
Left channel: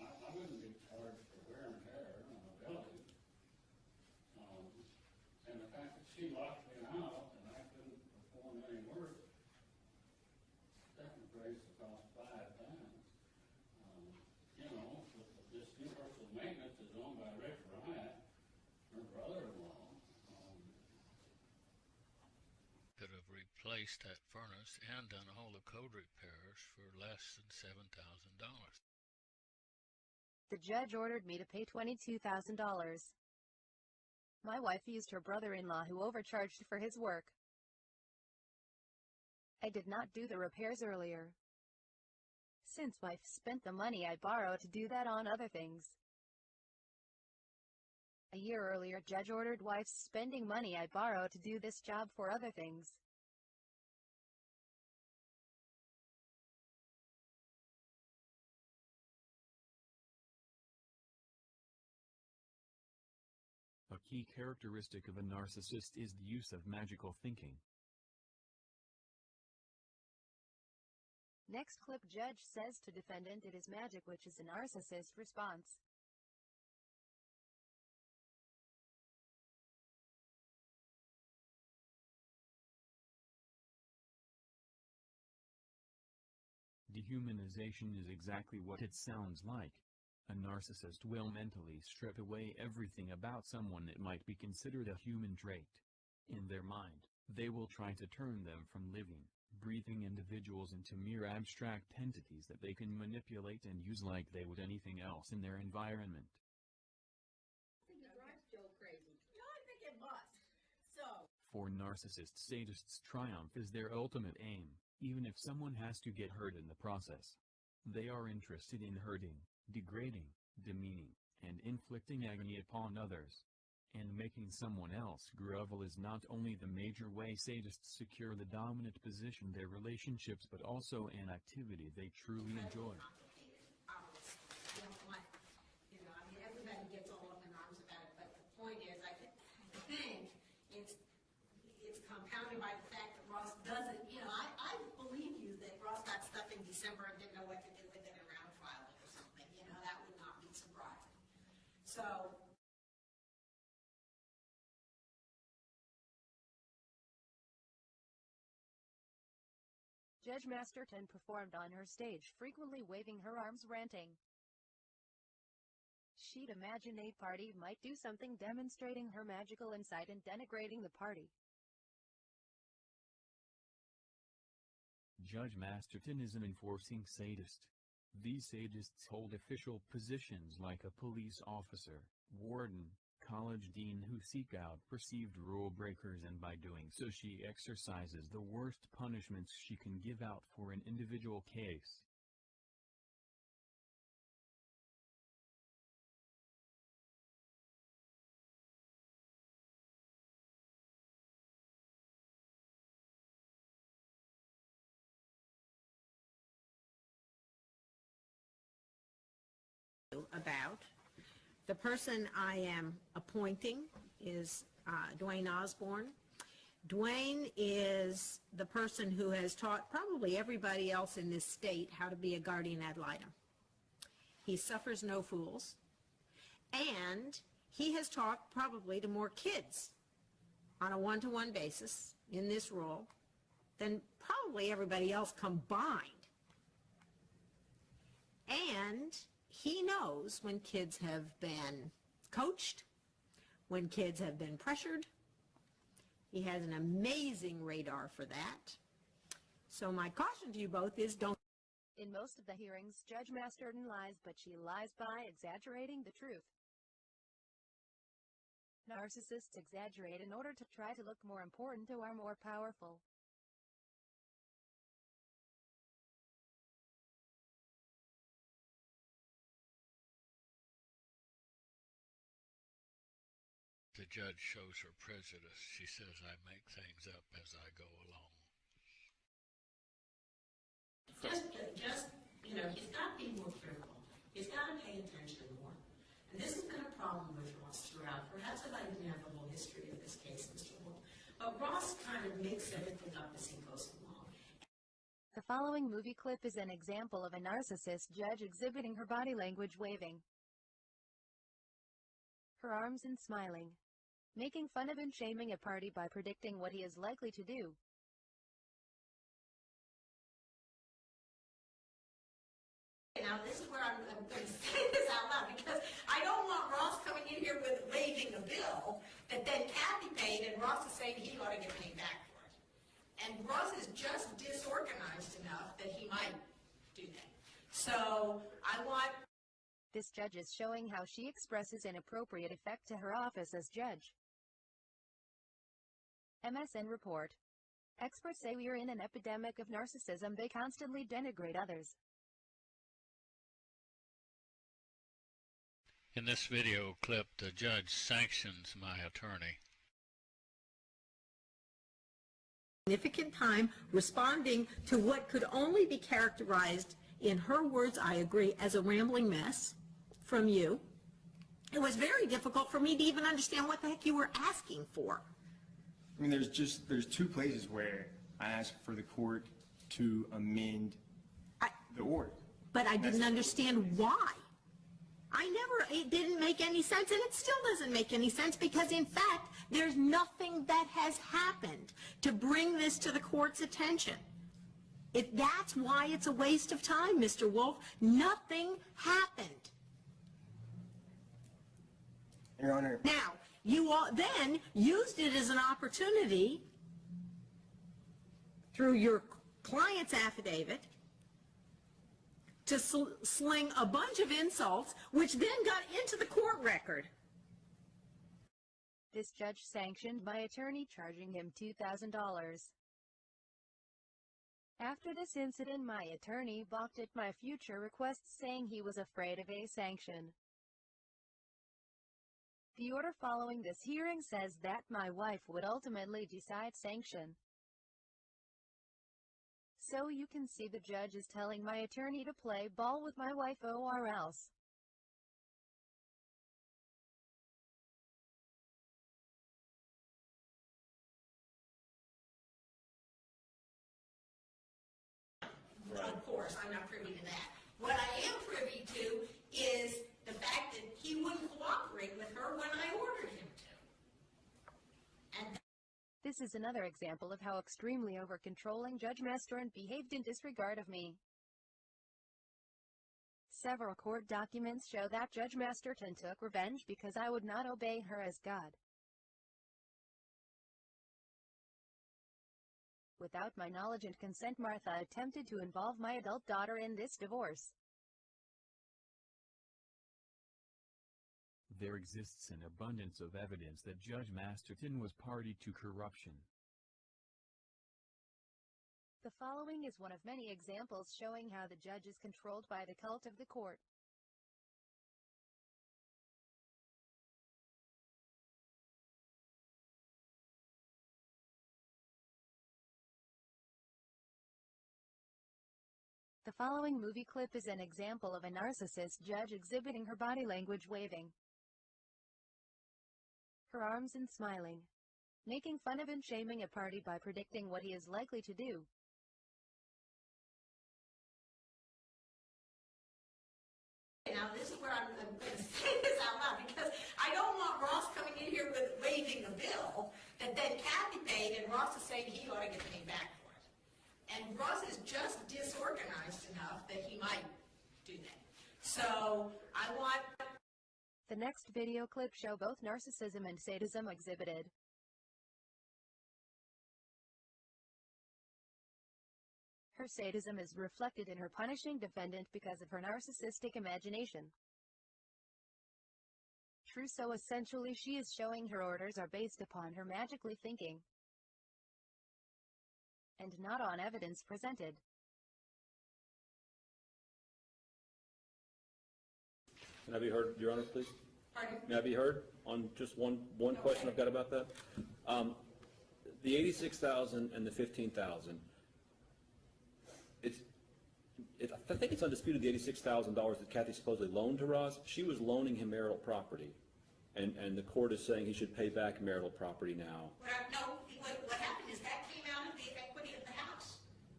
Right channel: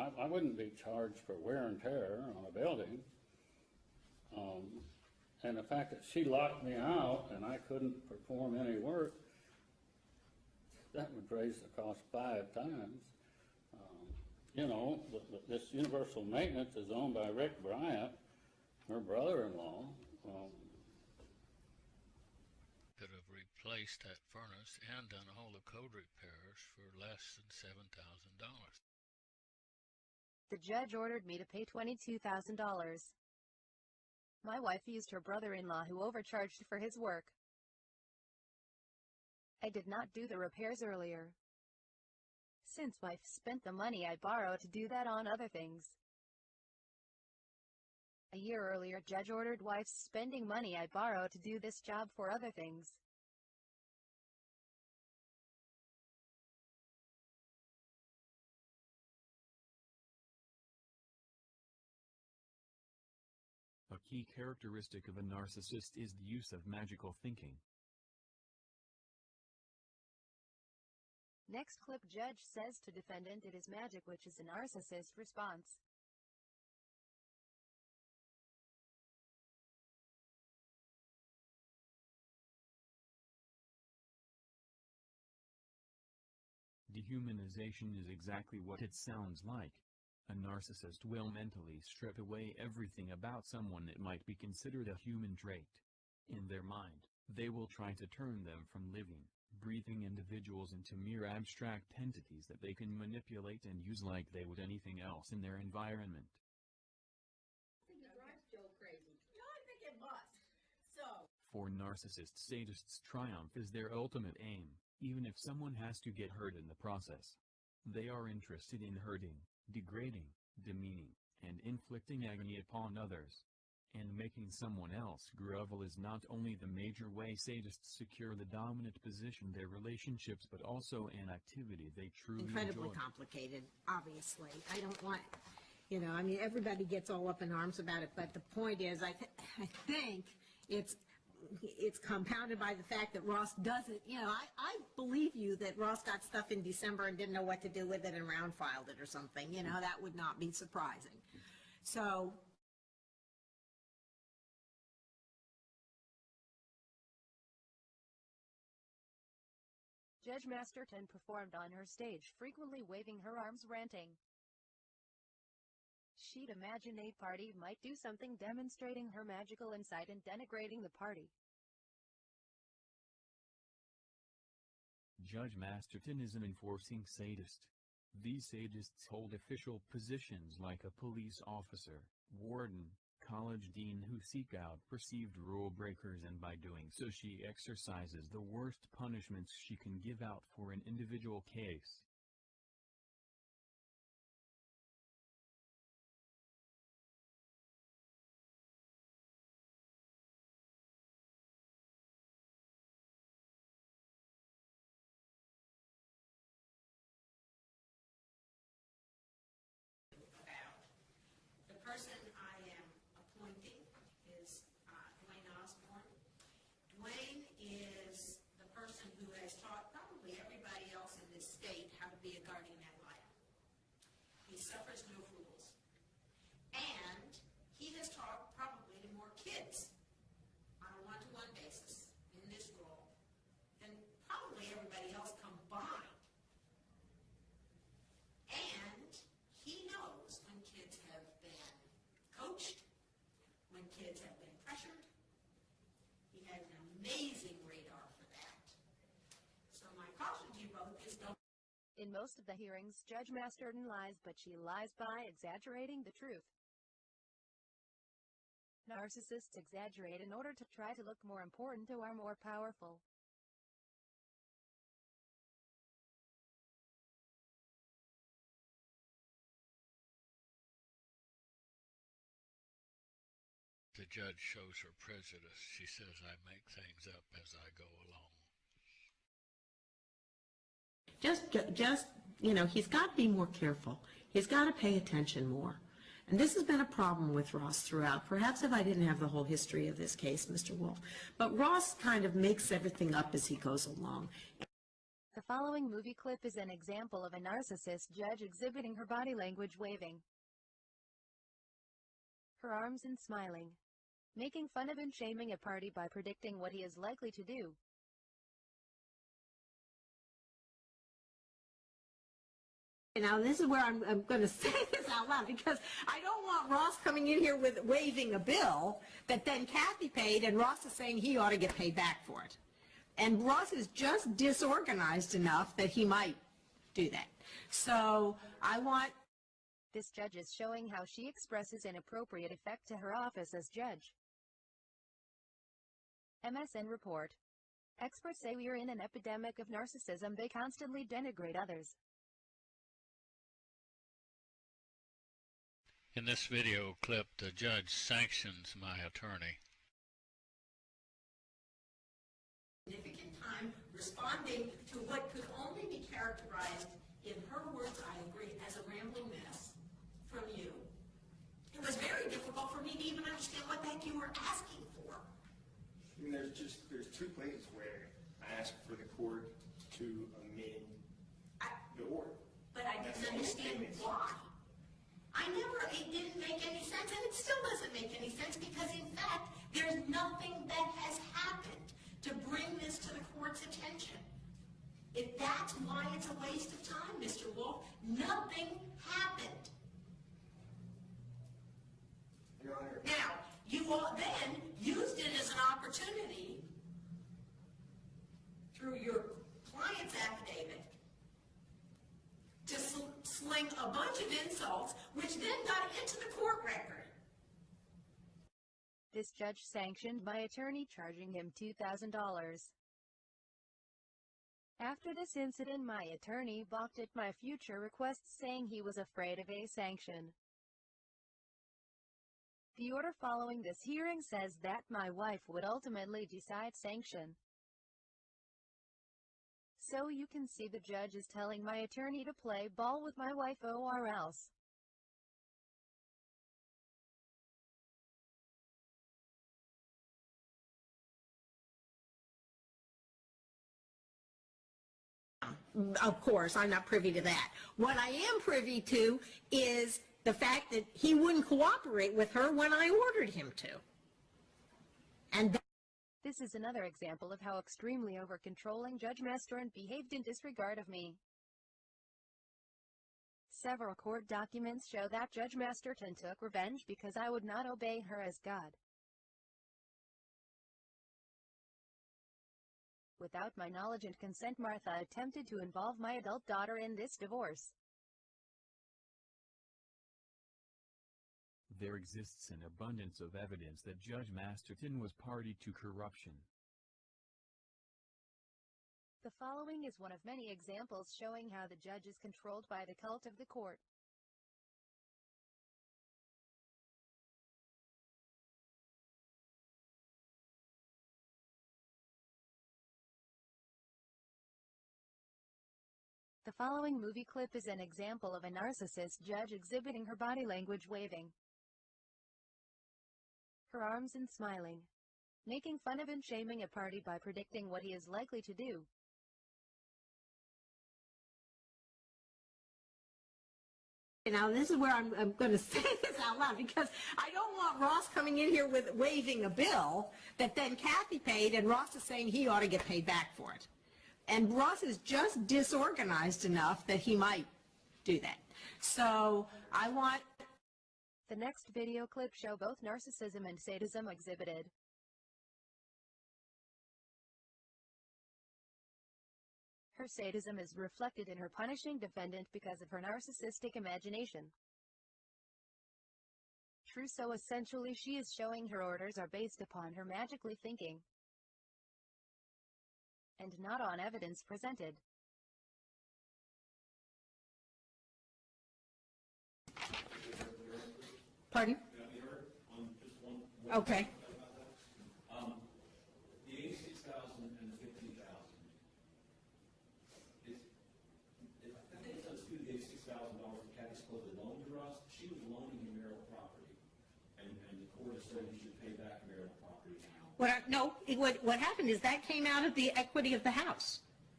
I wouldn't be charged for wear and tear on a building. And the fact that she locked me out and I couldn't perform any work, that would raise the cost 5 times. You know, this universal maintenance is owned by Rick Bryant, her brother-in-law. Could have replaced that furnace and done all the code repairs for less than $7,000. The judge ordered me to pay $22,000. My wife used her brother-in-law who overcharged for his work. I did not do the repairs earlier, since wife spent the money I borrowed to do that on other things. A year earlier, judge ordered wife's spending money I borrowed to do this job for other things. A key characteristic of a narcissist is the use of magical thinking. Next clip, judge says to defendant it is magic, which is a narcissist response. Dehumanization is exactly what it sounds like. A narcissist will mentally strip away everything about someone that might be considered a human trait. In their mind, they will try to turn them from living, breathing individuals into mere abstract entities that they can manipulate and use like they would anything else in their environment. For narcissists, sadists, triumph is their ultimate aim, even if someone has to get hurt in the process. They are interested in hurting, degrading, demeaning, and inflicting agony upon others. And making someone else grovel is not only the major way sadists secure the dominant position in their relationships, but also an activity they truly Incredibly enjoy. complicated, obviously. I don't want, I mean, everybody gets all up in arms about it, but the point is, I think it's compounded by the fact that Ross doesn't, I believe you that Ross got stuff in December and didn't know what to do with it and round filed it or something. That would not be surprising. So, Judge Masterton performed on her stage, frequently waving her arms, ranting. She'd imagine a party might do something demonstrating her magical insight and denigrating the party. Judge Masterton is an enforcing sadist. These sadists hold official positions like a police officer, warden, college dean who seek out perceived rule breakers, and by doing so she exercises the worst punishments she can give out for an individual case. about. The person I am appointing is Dwayne Osborne. Dwayne is the person who has taught probably everybody else in this state how to be a guardian ad litem. He suffers no fools, and he has taught probably to more kids on a one-to-one basis in this role than probably everybody else combined. And he knows when kids have been coached, when kids have been pressured. He has an amazing radar for that. So my caution to you both is don't. In most of the hearings, Judge Masterton lies, but she lies by exaggerating the truth. Narcissists exaggerate in order to try to look more important or more powerful. The judge shows her prejudice. She says, I make things up as I go along. Just, he's got to be more careful. He's got to pay attention more. And this has been a problem with Ross throughout. Perhaps if I didn't have the whole history of this case, Mr. Wolf. But Ross kind of makes everything up as he goes along. The following movie clip is an example of a narcissist judge exhibiting her body language waving her arms and smiling, making fun of and shaming a party by predicting what he is likely to do. Now, this is where I'm going to say this out loud, because I don't want Ross coming in here with waving a bill that then Kathy paid, and Ross is saying he ought to get paid back for it. And Ross is just disorganized enough that he might do that. So I want... This judge is showing how she expresses inappropriate effect to her office as judge. MSN report. Experts say we are in an epidemic of narcissism. They constantly denigrate others. In this video clip, the judge sanctions my attorney. Significant time responding to what could only be characterized, in her words, I agree, as a rambling mess from you. It was very difficult for me to even understand what the heck you were asking for. I mean, there's two places where I asked for the court to amend the order. But I didn't understand why. It didn't make any sense, and it still doesn't make any sense, because in fact, there's nothing that has happened to bring this to the court's attention. That's why it's a waste of time, Mr. Wolf. Nothing happened. Your Honor. Now, you all then used it as an opportunity through your client's affidavit to sling a bunch of insults, which then got into the court record. This judge sanctioned my attorney, charging him $2,000. After this incident, my attorney balked at my future requests, saying he was afraid of a sanction. The order following this hearing says that my wife would ultimately decide sanction. So you can see the judge is telling my attorney to play ball with my wife or else. Of course, I'm not privy to that. What I am privy to is the fact that he wouldn't cooperate with her when I ordered him to. And this is another example of how extremely over-controlling Judge Masterton behaved in disregard of me. Several court documents show that Judge Masterton took revenge because I would not obey her as God. Without my knowledge and consent, Martha attempted to involve my adult daughter in this divorce. There exists an abundance of evidence that Judge Masterton was party to corruption. The following is one of many examples showing how the judge is controlled by the cult of the court. The following movie clip is an example of a narcissist judge exhibiting her body language waving her arms and smiling, making fun of and shaming a party by predicting what he is likely to do. Now, this is where I'm going to say this out loud, because I don't want Ross coming in here with waving a bill that then Kathy paid, and Ross is saying he ought to get paid back for it. And Ross is just disorganized enough that he might do that. So I want... The next video clip show both narcissism and sadism exhibited. Her sadism is reflected in her punishing defendant because of her narcissistic imagination. True, so essentially she is showing her orders are based upon her magically thinking, and not on evidence presented. Can I be heard, Your Honor, please? Pardon? May I be heard on just one Okay. question I've got about that? The $86,000 and the $15,000. I think it's undisputed the $86,000 that Kathy supposedly loaned to Ross. She was loaning him marital property, and the court is saying he should pay back marital property now. What happened is that came out of the equity of the house.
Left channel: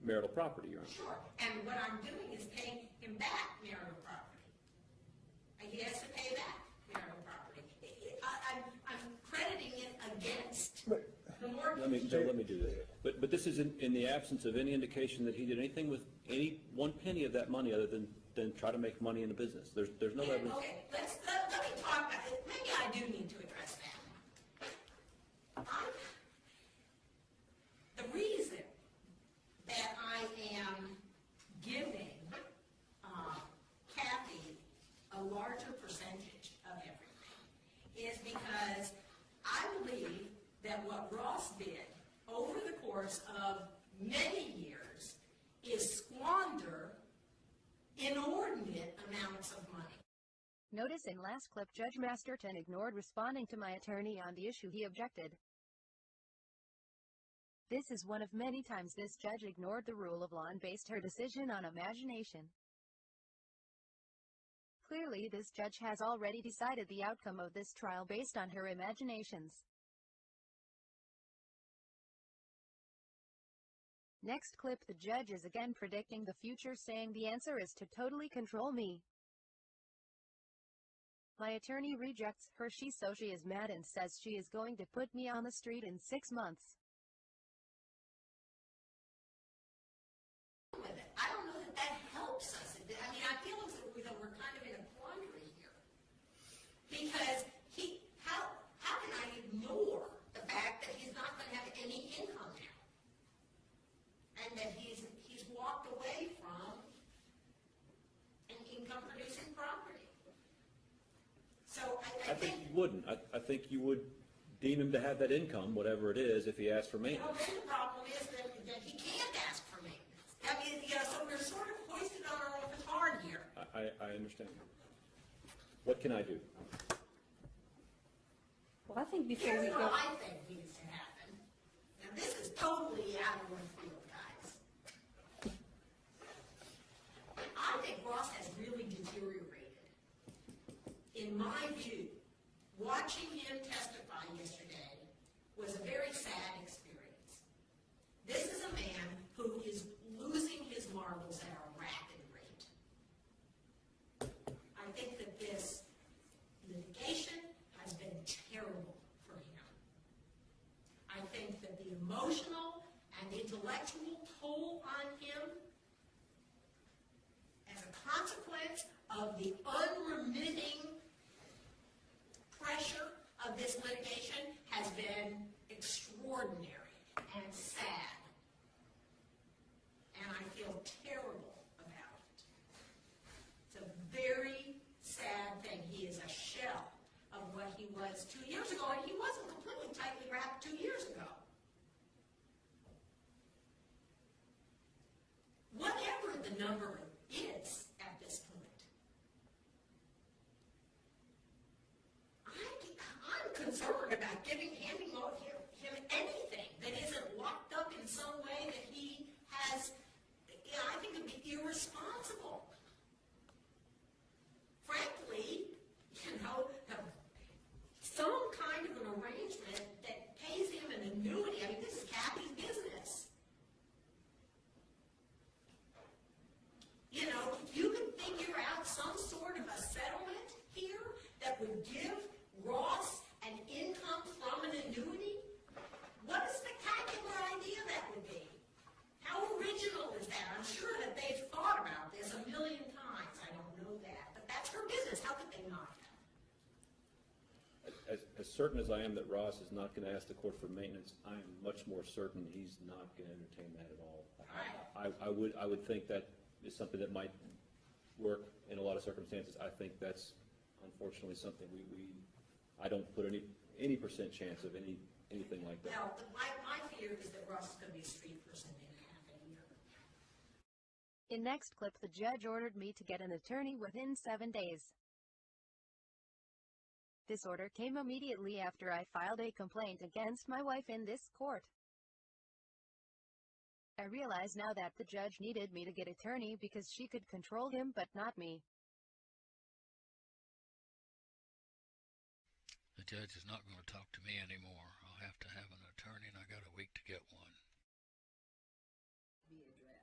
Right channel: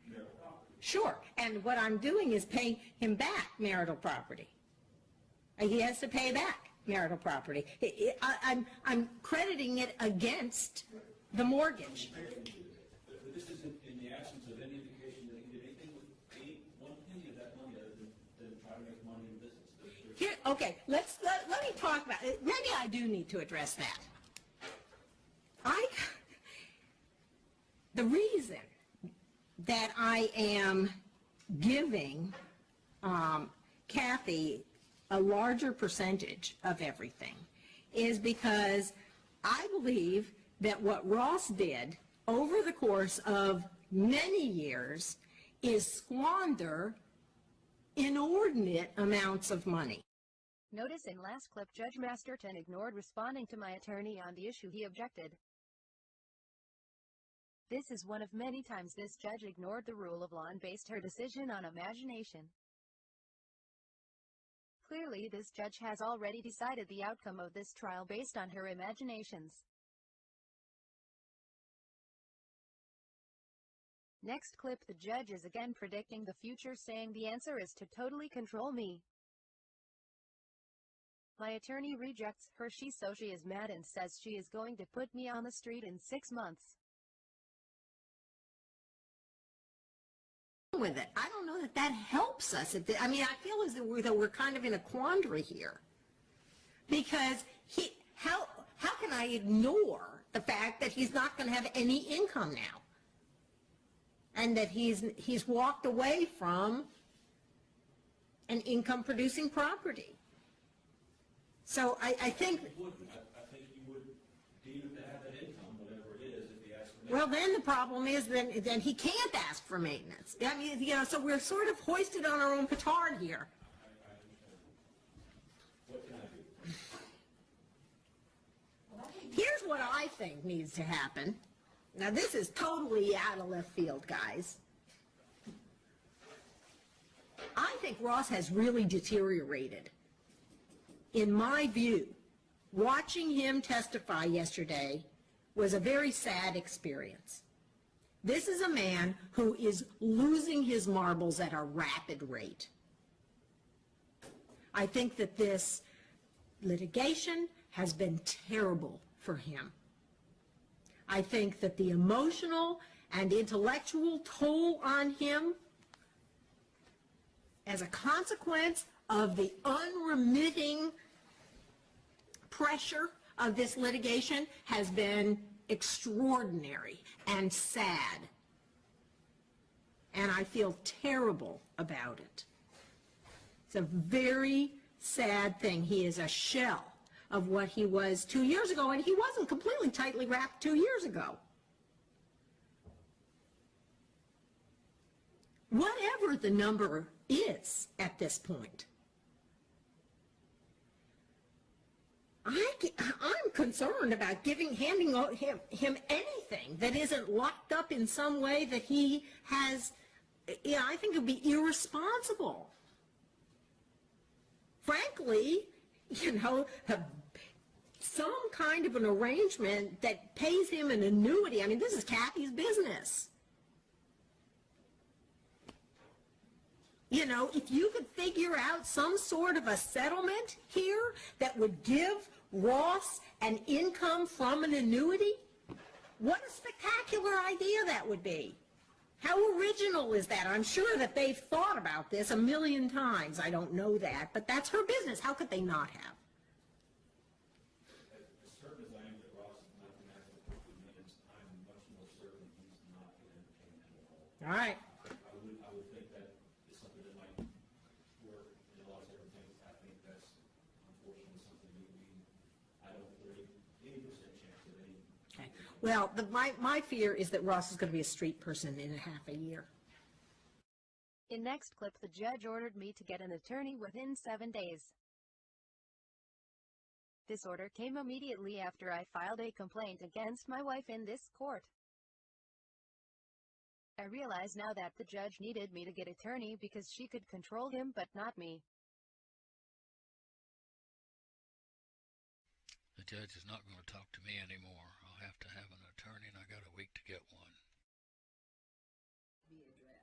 marital property, Your Honor. Sure, and what I'm doing is paying him back marital property. He has to pay back marital property. I'm crediting it against the mortgage. Let me do that. But this is in the absence of any indication that he did anything with any one penny of that money other than try to make money in the business. There's no evidence. Okay, let me talk about it. Maybe I do need to address that. The reason that I am giving Kathy a larger percentage of everything is because I believe that what Ross did over the course of many years is squander inordinate amounts of money. Notice in last clip Judge Masterton ignored responding to my attorney on the issue he objected. This is one of many times this judge ignored the rule of law and based her decision on imagination. Clearly this judge has already decided the outcome of this trial based on her imaginations. Next clip, the judge is again predicting the future, saying the answer is to totally control me. My attorney rejects her, she is mad and says she is going to put me on the street in 6 months. With it. I don't know that helps us. I mean, I feel as though we're kind of in a quandary here. Because how can I ignore the fact that he's not going to have any income now? And that he's walked away from an income-producing property. So I think... You wouldn't. I think you would deem him to have that income, whatever it is, if he asked for maintenance. Well, then the problem is then he can't ask for maintenance. I mean, so we're sort of hoisted on our own petard here. I understand. What can I do? Well, I think here's what I think needs to happen. Now, this is totally out of left field, guys. I think Ross has really deteriorated. In my view, watching him testify yesterday was a very sad experience. This is a man who is losing his marbles at a rapid rate. I think that this litigation has been terrible for him. I think that the emotional and intellectual toll on him as a consequence of the unremitting pressure of this litigation has been extraordinary and sad. And I feel terrible about it. It's a very sad thing. He is a shell of what he was 2 years ago, and he wasn't completely tightly wrapped 2 years ago. Whatever the number is at this point, I'm concerned about handing him anything that isn't locked up in some way that he has. I think it would be irresponsible. Frankly, some kind of an arrangement that pays him an annuity. I mean, this is Kathy's business. If you could figure out some sort of a settlement here that would give Ross an income from an annuity, what a spectacular idea that would be. How original is that? I'm sure that they've thought about this a million times. I don't know that, but that's her business. How could they not have? As certain as I am that Ross is not going to ask the court for maintenance, I am much more certain he's not going to entertain that at all. All right. I would think that is something that might work in a lot of circumstances. I think that's unfortunately something I don't put any percent chance of anything like that. Well, my fear is that Ross is going to be a street person in half a year. In next clip, the judge ordered me to get an attorney within 7 days. This order came immediately after I filed a complaint against my wife in this court. I realize now that the judge needed me to get an attorney because she could control him but not me. The judge is not going to talk to me anymore. I'll have to have an attorney, and I got a week to get one. Be addressed.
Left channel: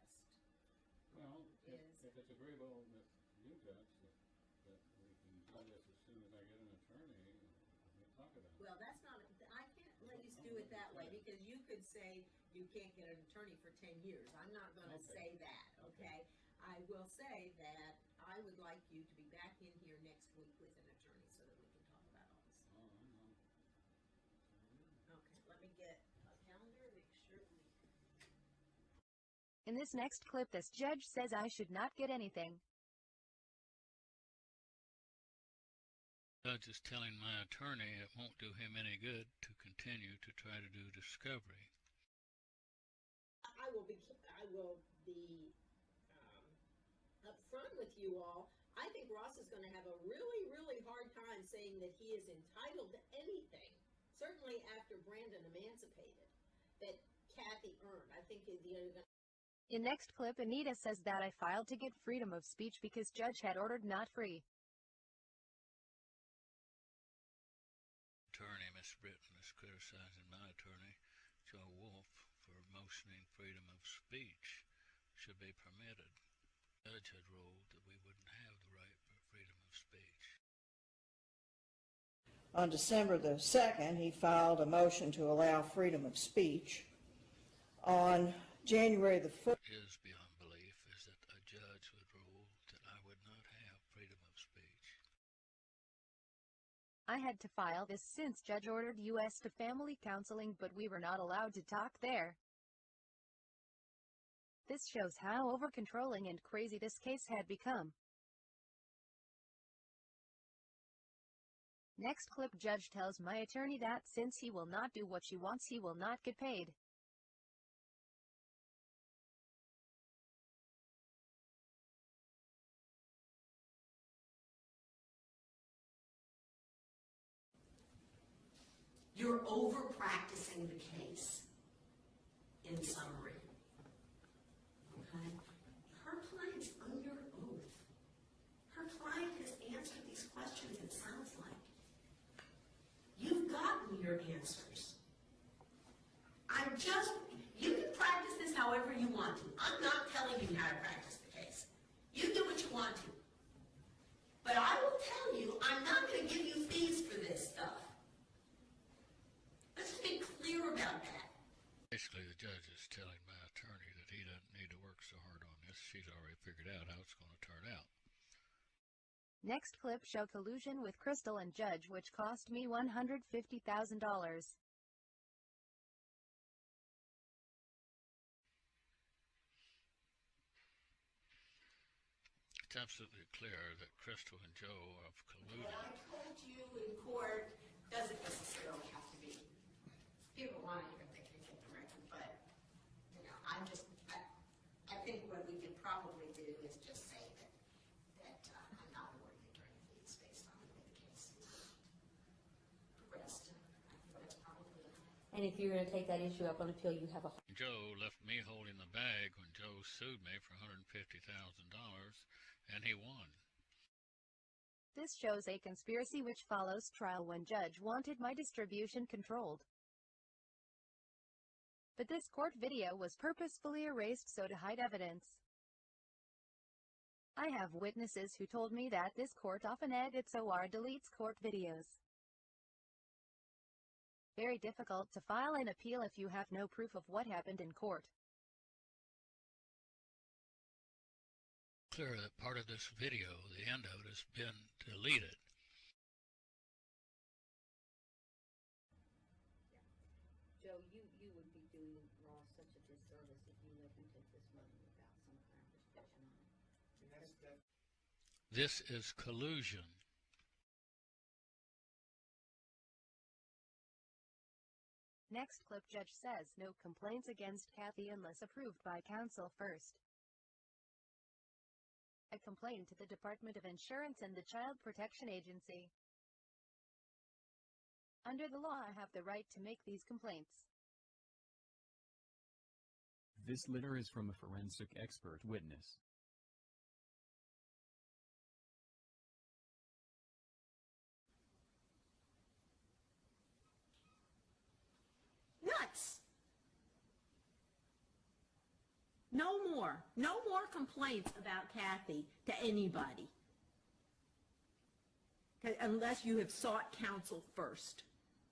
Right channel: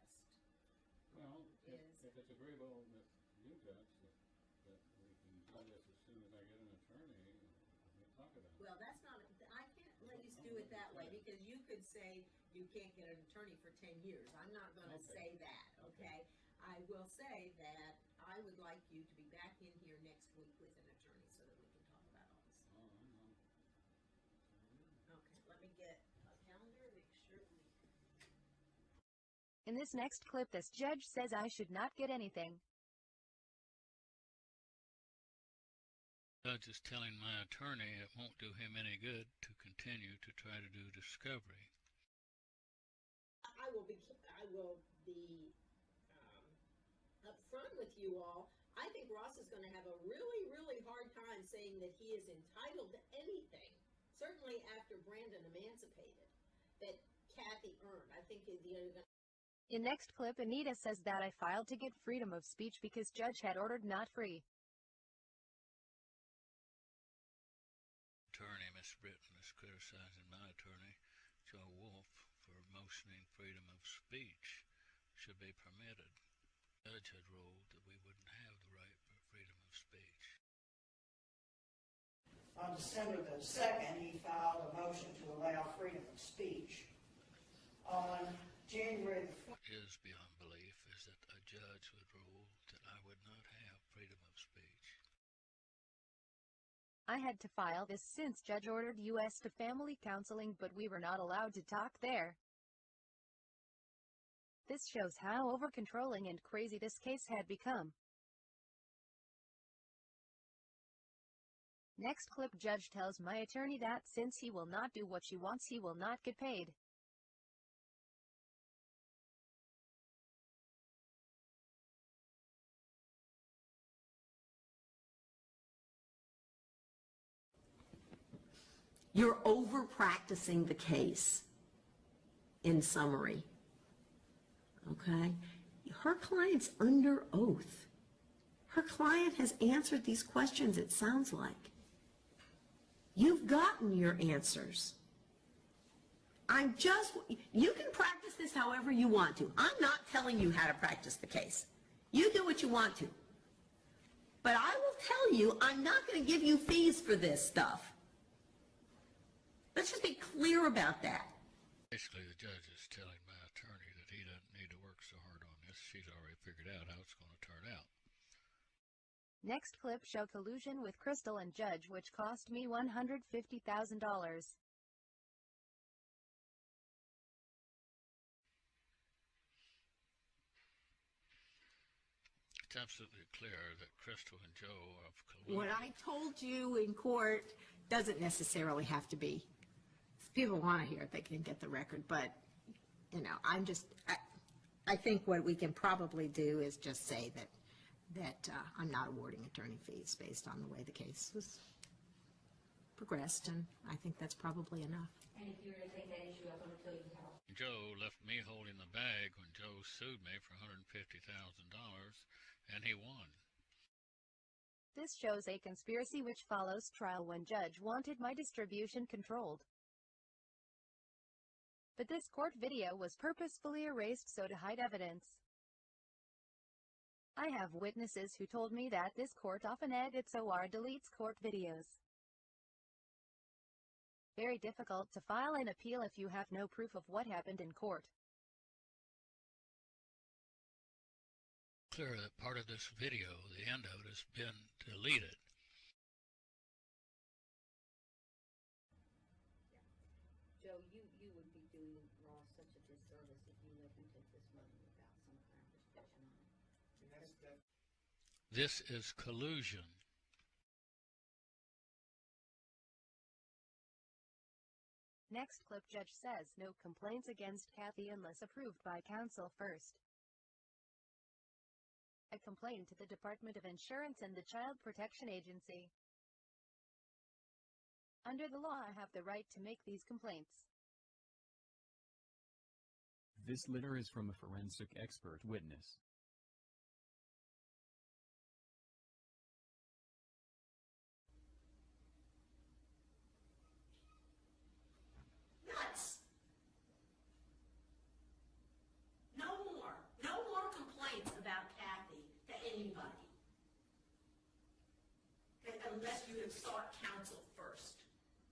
about it. Well, that's not, I can't let you do it that way, because you could say you can't get an attorney for 10 years. I'm not gonna Okay. say that, okay? I will say that I would like you to be back in here next week with an attorney so that we can talk about all this. Oh, I know. Okay, let me get a calendar, make sure we. In this next clip, this judge says I should not get anything. Judge is telling my attorney it won't do him any good to continue to try to do discovery. I will be upfront with you all. I think Ross is going to have a really, really hard time saying that he is entitled to anything, certainly after Brandon emancipated, that Kathy earned. I think In next clip, Anita says that I filed to get freedom of speech because judge had ordered not free. Attorney, Miss Britton, is criticizing my attorney, Joe Wolf, for motioning freedom of speech should be permitted. The judge had ruled that we wouldn't have the right for freedom of speech. On December the 2nd, he filed a motion to allow freedom of speech. On January the 1st, What is beyond belief is that a judge would rule that I would not have freedom of speech. I had to file this since judge ordered us to family counseling, but we were not allowed to talk there. This shows how over-controlling and crazy this case had become. Next clip, judge tells my attorney that since he will not do what she wants, he will not get paid. you're over practicing the case, in summary. Okay? Her client's under oath. Her client has answered these questions, it sounds like. You've gotten your answers. You can practice this however you want to. I'm not telling you how to practice the case. You do what you want to. But I will tell you, I'm not going to give you fees for this stuff. Let's just be clear about that. Basically, the judge is telling my attorney that he doesn't need to work so hard on this. She's already figured out how it's going to turn out. Next clip show collusion with Crystal and judge, which cost me $150,000. It's absolutely clear that Crystal and Joe have colluded. What I told you in court doesn't necessarily have to be. If people want to hear it, they can get the record, but, you know, I think what we can probably do is just say that I'm not awarding attorney fees based on the way the case was progressed, and I think that's probably enough. And if you're going to take that issue up on appeal, you have a... Joe left me holding the bag when Joe sued me for $150,000, and he won. This shows a conspiracy which follows trial when judge wanted my distribution controlled. But this court video was purposefully erased so to hide evidence. I have witnesses who told me that this court often edits or deletes court videos. Very difficult to file an appeal if you have no proof of what happened in court. Clear that part of this video, the end of it, has been deleted. Yeah. Joe, you would be doing Ross such a disservice if you let him take this money without some kind of restriction on it. This is collusion. Next clip, judge says no complaints against Kathy unless approved by counsel first. I complained to the Department of Insurance and the Child Protection Agency. Under the law, I have the right to make these complaints. This letter is from a forensic expert witness. Nuts! No more complaints about Kathy to anybody. Unless you have sought counsel first.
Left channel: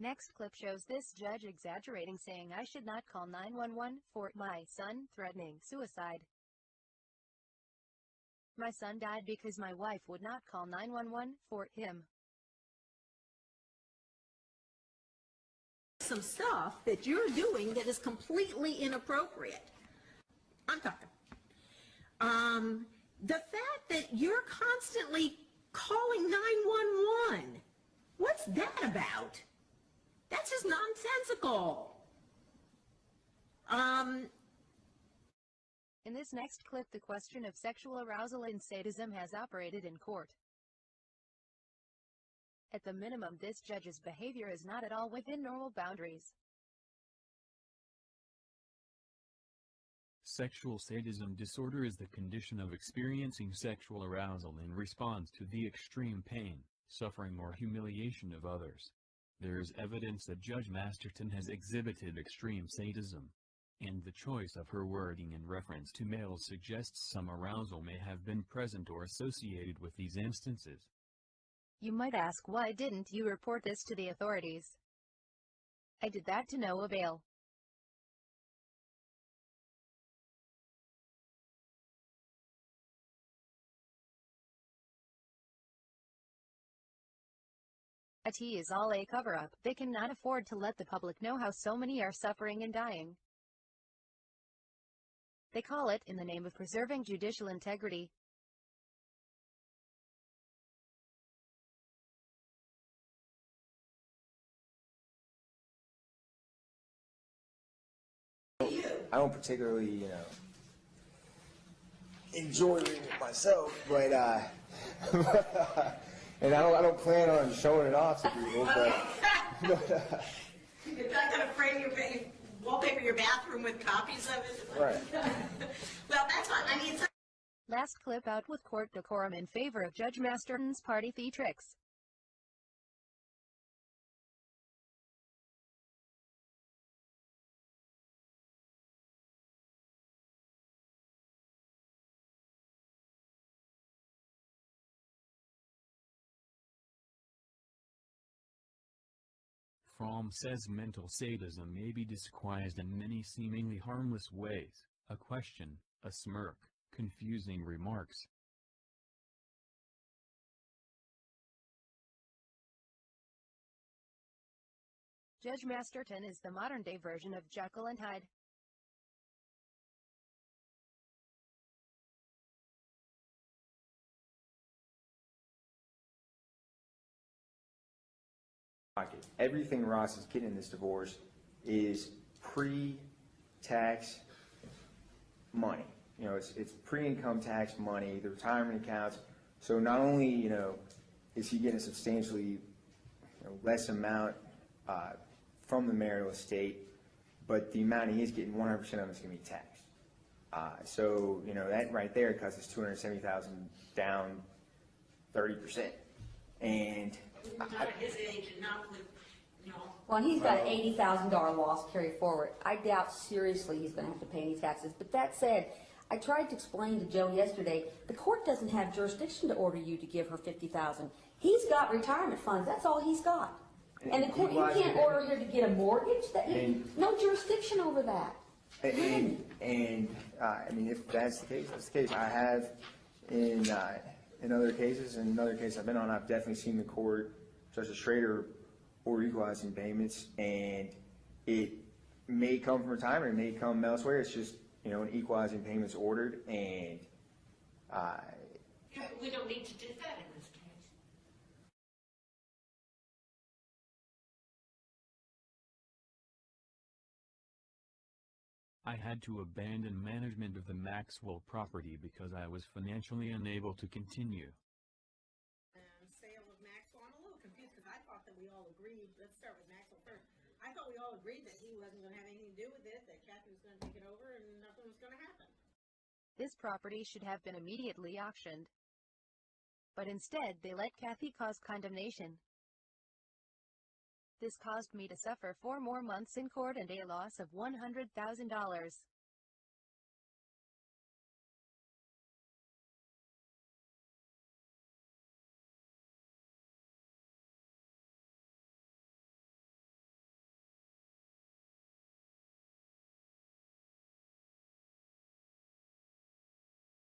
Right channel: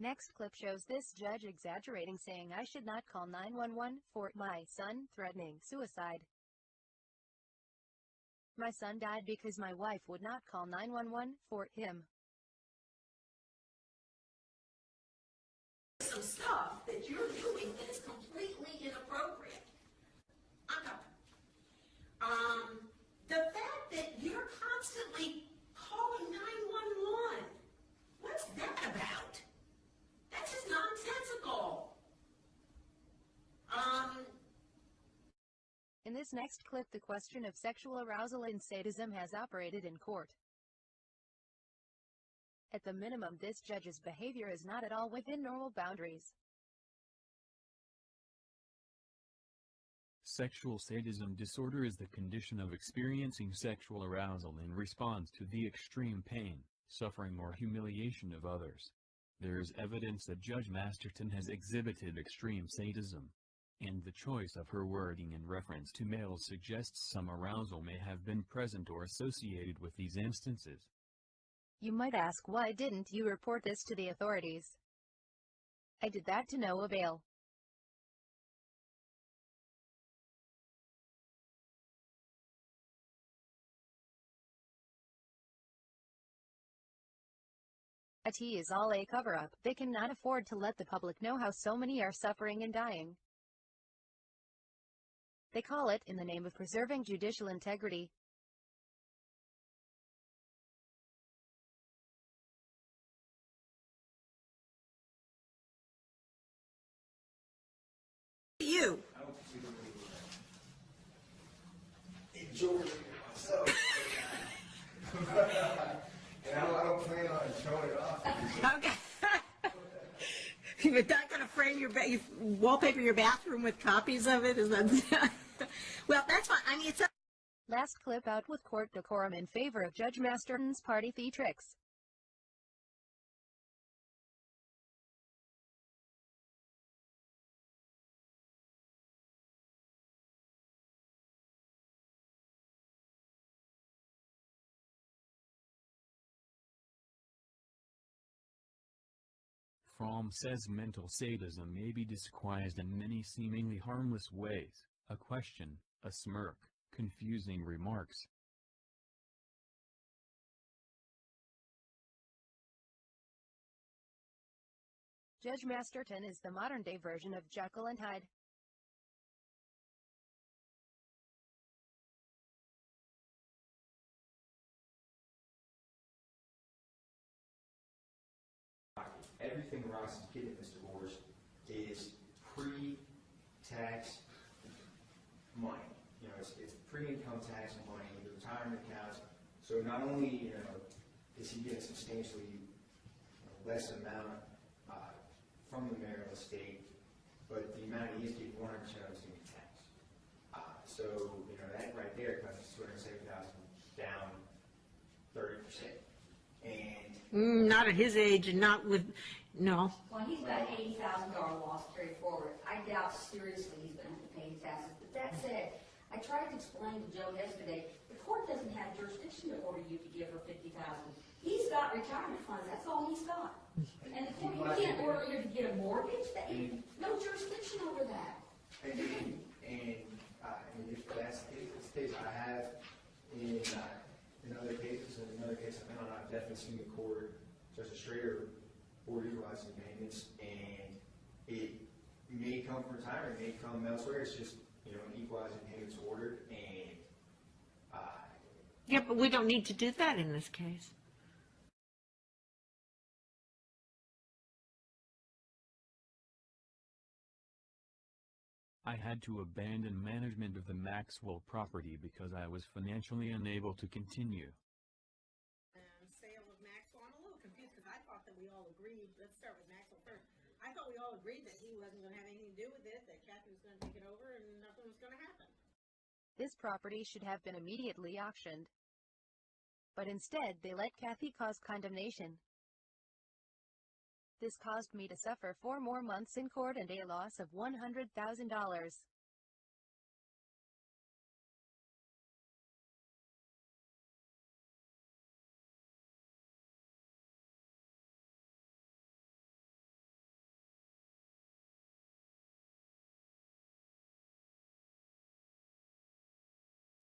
Next clip shows this judge exaggerating, saying I should not call 911 for my son threatening suicide. My son died because my wife would not call 911 for him. Some stuff that you're doing that is completely inappropriate. I'm talking. The fact that you're constantly calling 911, what's that about? That's just nonsensical. In this next clip, the question of sexual arousal and sadism has operated in court. At the minimum, this judge's behavior is not at all within normal boundaries. Sexual sadism disorder is the condition of experiencing sexual arousal in response to the extreme pain, suffering or humiliation of others. There is evidence that Judge Masterton has exhibited extreme sadism, and the choice of her wording in reference to males suggests some arousal may have been present or associated with these instances. You might ask, why didn't you report this to the authorities? I did that to no avail. It is all a cover-up. They cannot afford to let the public know how so many are suffering and dying. They call it in the name of preserving judicial integrity. I don't particularly, enjoy reading it myself, but and I don't plan on showing it off to people. You're not going to frame you wallpaper your bathroom with copies of it? Is that right? Well, that's fine. I mean, it's Last clip out with court decorum in favor of Judge Masterton's party theatrics. Fromm says mental sadism may be disguised in many seemingly harmless ways: a question, a smirk, confusing remarks. Judge Masterton is the modern-day version of Jekyll and Hyde. Everything Ross is getting in this divorce is pre-tax money. It's pre-income tax money, the retirement accounts. So not only, is he getting a substantially less amount from the marital estate, but the amount he is getting, 100% of it is going to be taxed. So, that right there cuts us $270,000 down 30%. And not at his age and not with, no. Well, he's got an $80,000 loss carried forward. I doubt seriously he's going to have to pay any taxes. But that said, I tried to explain to Joe yesterday, the court doesn't have jurisdiction to order you to give her $50,000. He's got retirement funds. That's all he's got. And the court, you can't order her to get a mortgage. No jurisdiction over that. I mean, if that's the case, that's the case. I have in other cases, I've been on, I've definitely seen the court, Justice Schrader, order equalizing payments, and it may come from retirement, it may come elsewhere. It's just, an equalizing payments ordered, and yeah, but we don't need to do that in this case. I had to abandon management of the Maxwell property because I was financially unable to continue. Sale of Maxwell, I'm a little confused because I thought that we all agreed, let's start with Maxwell first. I thought we all agreed that he wasn't going to have anything to do with it, that Kathy was going to take it over and nothing was going to happen. This property should have been immediately auctioned. But instead, they let Kathy cause condemnation. This caused me to suffer 4 more months in court and a loss of $100,000.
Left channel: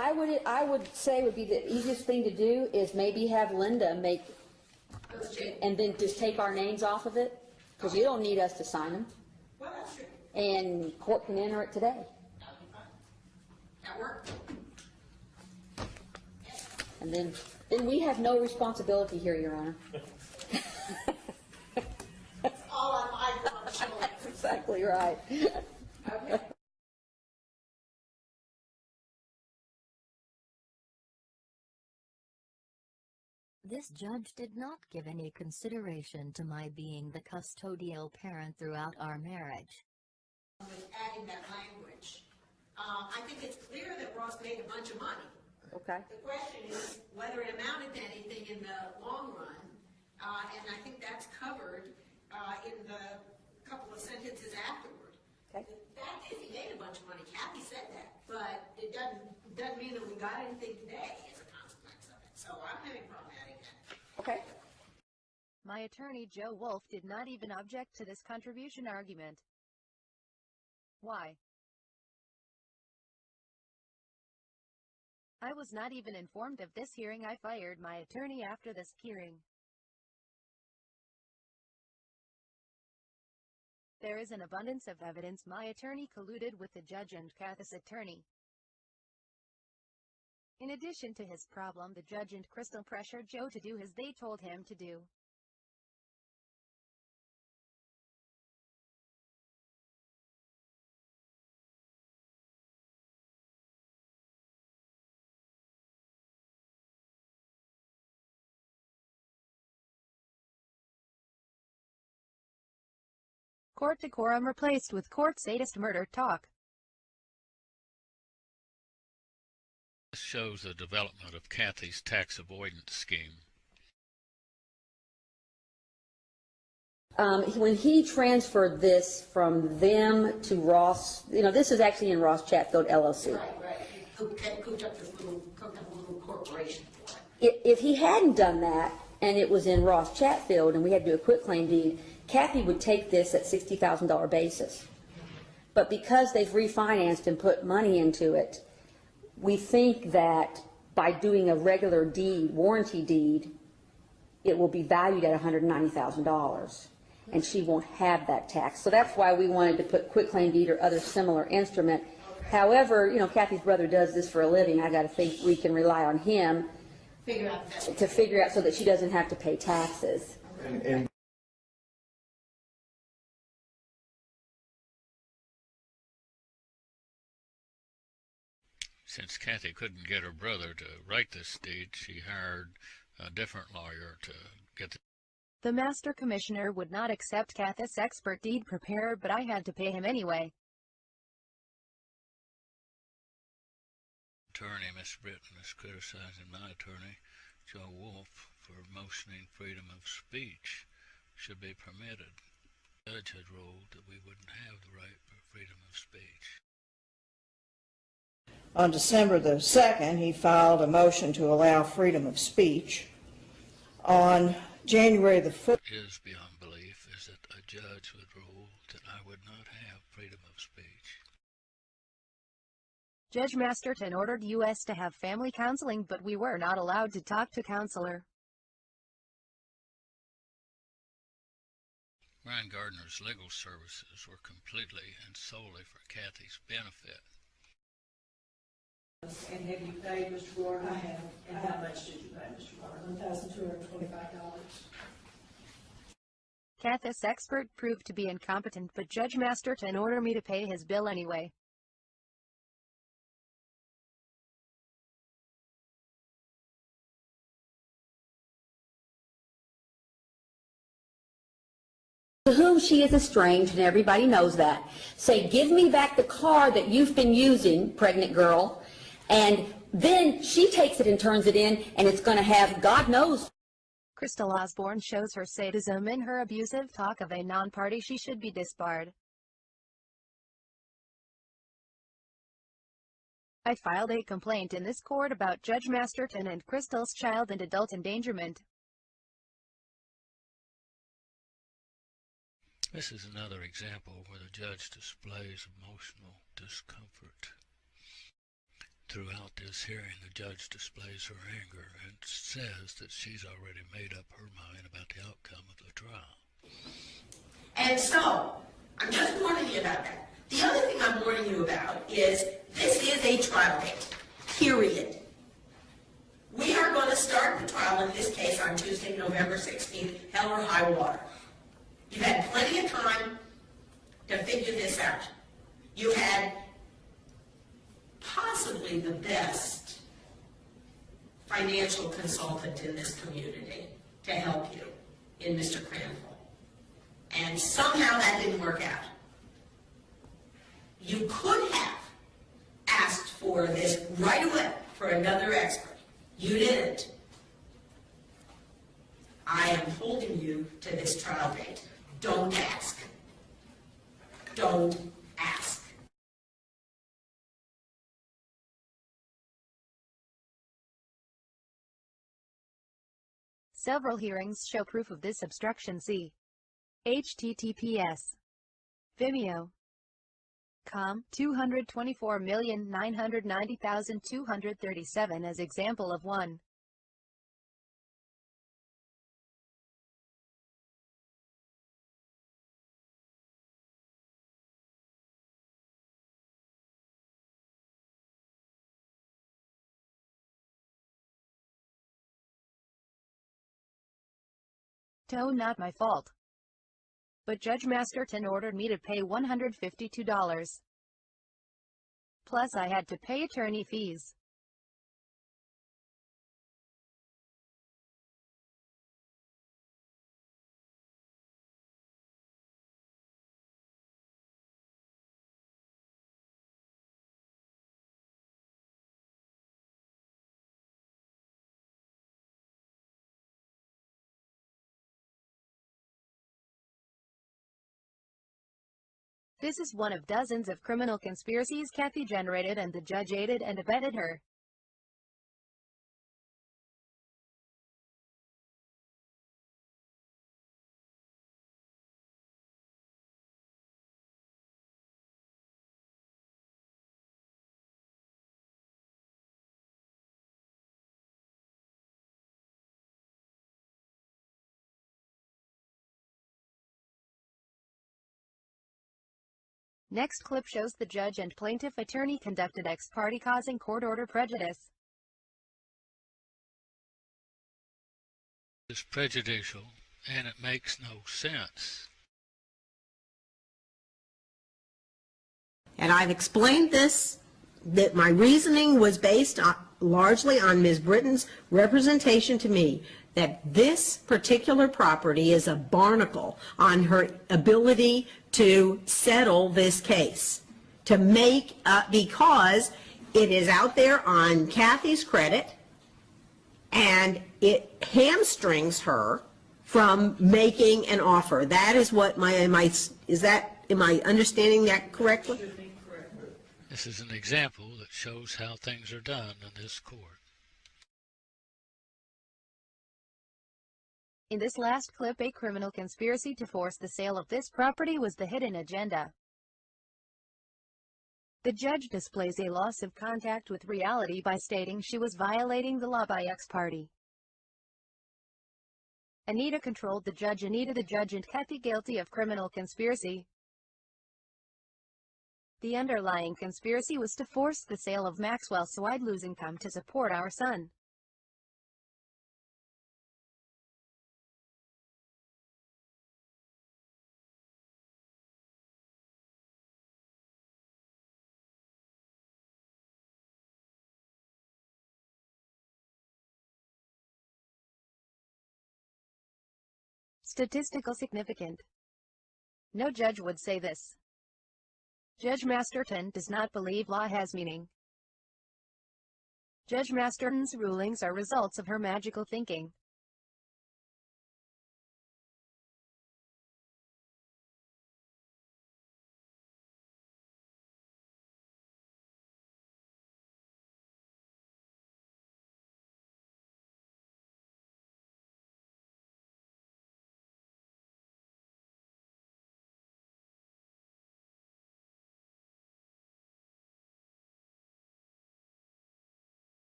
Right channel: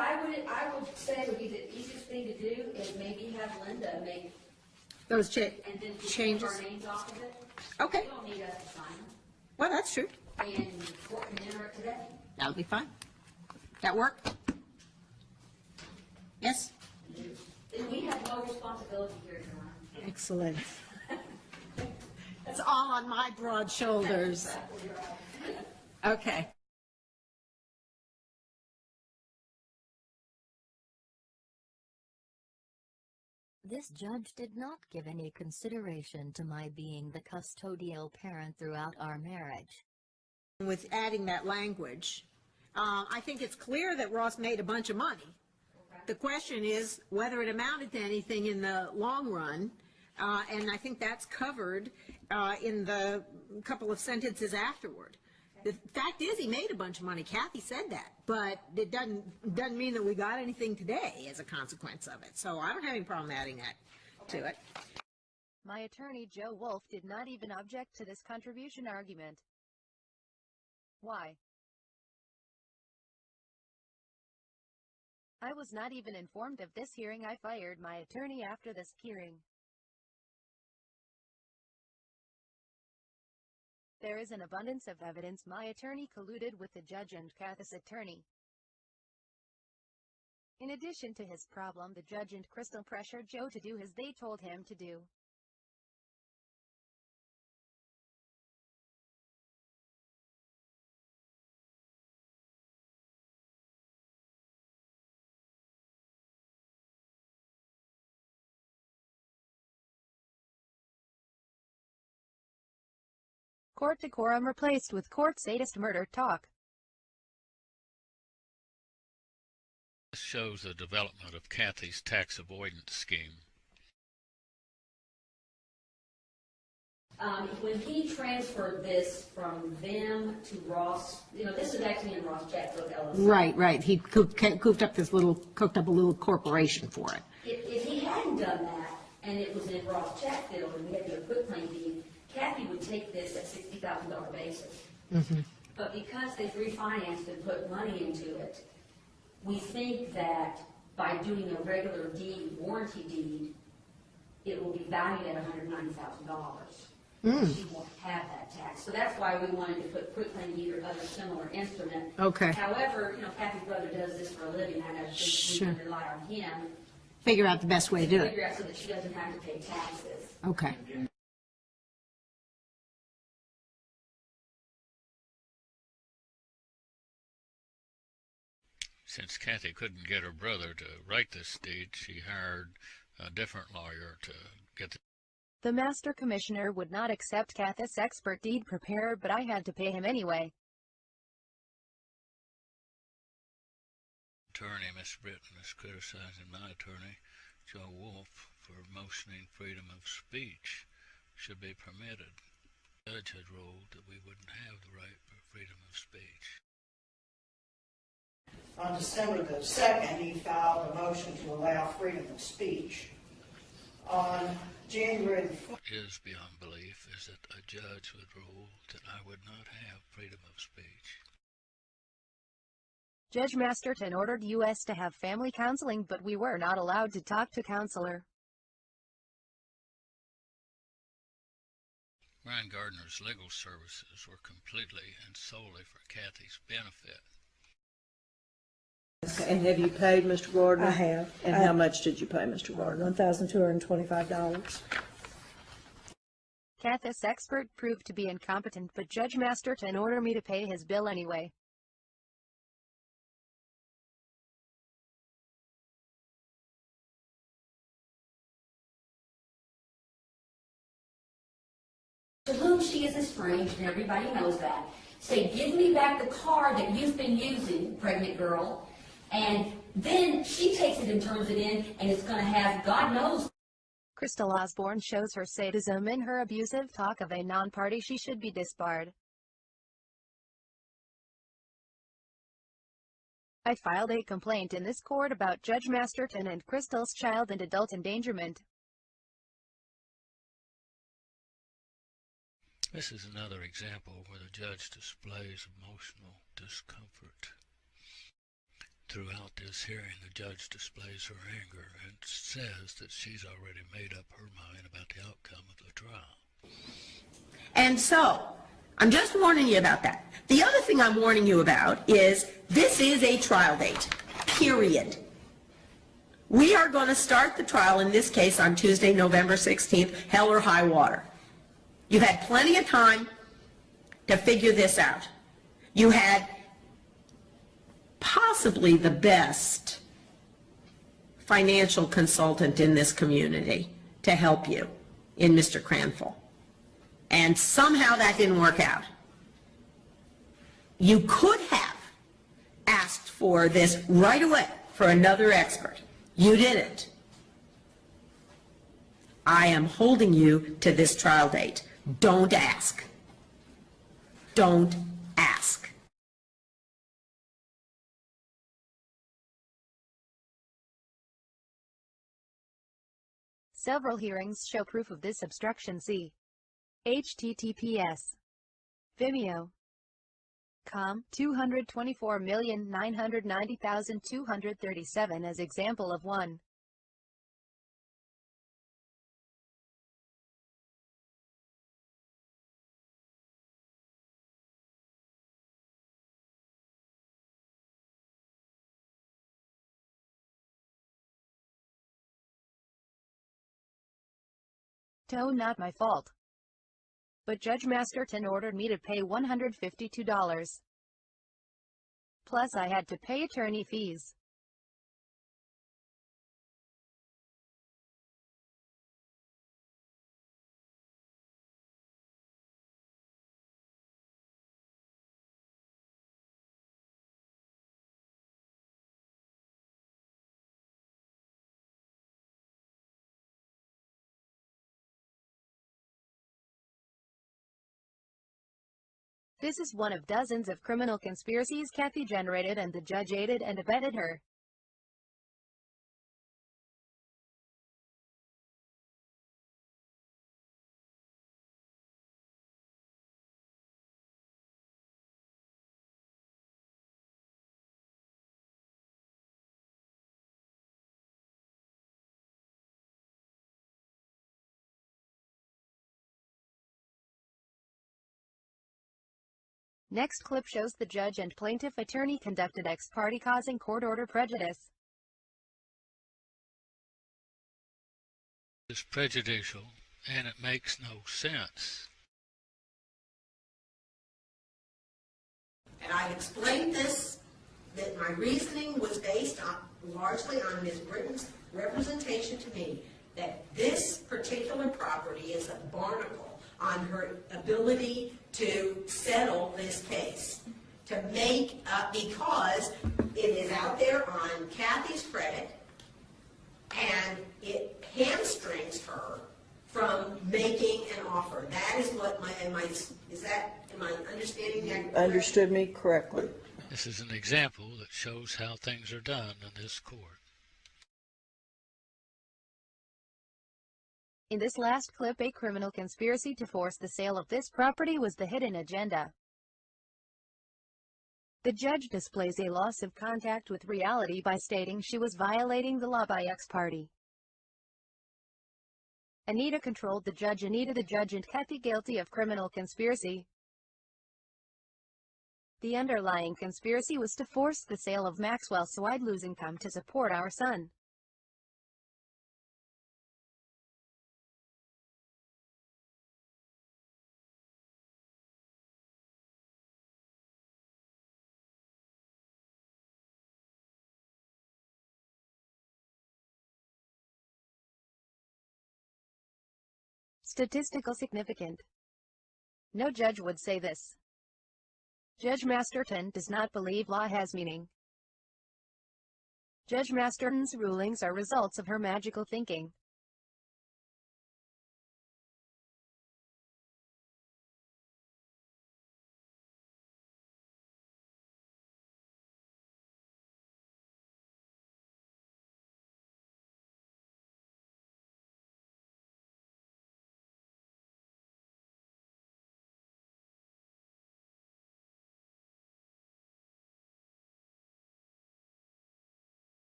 I would say would be the easiest thing to do is maybe have Linda make Those changes. and then just take our names off of it. 'Cause Okay. they don't need us to sign them, Well, that's true. and court can enter it today. That would be fine. That work? Yes? And then we have no responsibility here, Your Honor. Excellent. It's all on my broad shoulders. Exactly right. Okay. This judge did not give any consideration to my being the custodial parent throughout our marriage. With adding that language, I think it's clear that Ross made a bunch of money. Okay. The question is whether it amounted to anything in the long run, and I think that's covered in the couple of sentences afterward. Okay. The fact is, he made a bunch of money. Kathy said that, but it doesn't mean that we got anything today as a consequence of it. So I don't have any problem adding that to it. My attorney, Joe Wolf, did not even object to this contribution argument. Why? I was not even informed of this hearing. I fired my attorney after this hearing. There is an abundance of evidence my attorney colluded with the judge and Kathy's attorney. In addition to his problem, the judge and Crystal pressured Joe to do as they told him to do. Court decorum replaced with court sadist murder talk. This shows the development of Kathy's tax avoidance scheme. When he transferred this from them to Ross, this is actually in Ross Chatfield LLC. Right. He cooked up a little corporation for it. If he hadn't done that, and it was in Ross Chatfield, and we had to do a quitclaim deed, Kathy would take this at $60,000 basis. Mm-hmm. But because they've refinanced and put money into it, we think that by doing a regular deed, warranty deed, it will be valued at $190,000. And she won't have that tax. So that's why we wanted to put quitclaim deed or other similar instrument. Okay. However, Kathy's brother does this for a living. I got to think we can rely on him Figure out the best way to to do figure it. out so that she doesn't have to pay taxes. Okay. Since Kathy couldn't get her brother to write this deed, she hired a different lawyer to get The master commissioner would not accept Kathy's expert deed preparer, but I had to pay him anyway. attorney. Miss Britton is criticizing my attorney, Joe Wolf, for motioning freedom of speech should be permitted. The judge had ruled that we wouldn't have the right for freedom of speech. On December the 2nd, he filed a motion to allow freedom of speech. On January the 4th, It is beyond belief is that a judge would rule that I would not have freedom of speech. Judge Masterton ordered us to have family counseling, but we were not allowed to talk to counselor. Brian Gardner's legal services were completely and solely for Kathy's benefit. and have you paid Mr. Gardner? I have. And how much did you pay Mr. Gardner? $1,225. Kathy's expert proved to be incompetent, but Judge Masterton ordered me to pay his bill anyway. To whom she is estranged, and everybody knows that, say, give me back the car that you've been using, pregnant girl, and then she takes it and turns it in, and it's going to have, God knows. Crystal Osborne shows her sadism in her abusive talk of a non-party. She should be disbarred. I filed a complaint in this court about Judge Masterton and Crystal's child and adult endangerment. This is another example where the judge displays emotional discomfort. throughout this hearing, the judge displays her anger and says that she's already made up her mind about the outcome of the trial. And so, I'm just warning you about that. The other thing I'm warning you about is this is a trial date, period. We are going to start the trial in this case on Tuesday, November 16th, hell or high water. You've had plenty of time to figure this out. You had possibly the best financial consultant in this community to help you in Mr. Cranful. And somehow that didn't work out. You could have asked for this right away for another expert. You didn't. I am holding you to this trial date. Don't ask. Don't ask. Several hearings show proof of this obstruction. See https://vimeo.com 224,990,237 as example of 1. Not my fault. But Judge Masterton ordered me to pay $152. Plus I had to pay attorney fees. This is one of dozens of criminal conspiracies Kathy generated, and the judge aided and abetted her. Next clip shows the judge and plaintiff attorney conducted ex parte, causing court order prejudice. It's prejudicial, and it makes no sense. And I've explained this, that my reasoning was based largely on Ms. Britton's representation to me that this particular property is a barnacle on her ability to settle this case, to make because it is out there on Kathy's credit, and it hamstrings her from making an offer. That is what am I understanding that correctly? Understood me correctly. This is an example that shows how things are done in this court. In this last clip, a criminal conspiracy to force the sale of this property was the hidden agenda. The judge displays a loss of contact with reality by stating she was violating the law by ex parte. Anita controlled the judge. The judge and Kathy guilty of criminal conspiracy. The underlying conspiracy was to force the sale of Maxwell so I'd lose income to support our son. Statistical significant. No judge would say this. Judge Masterton does not believe law has meaning. Judge Masterton's rulings are results of her magical thinking.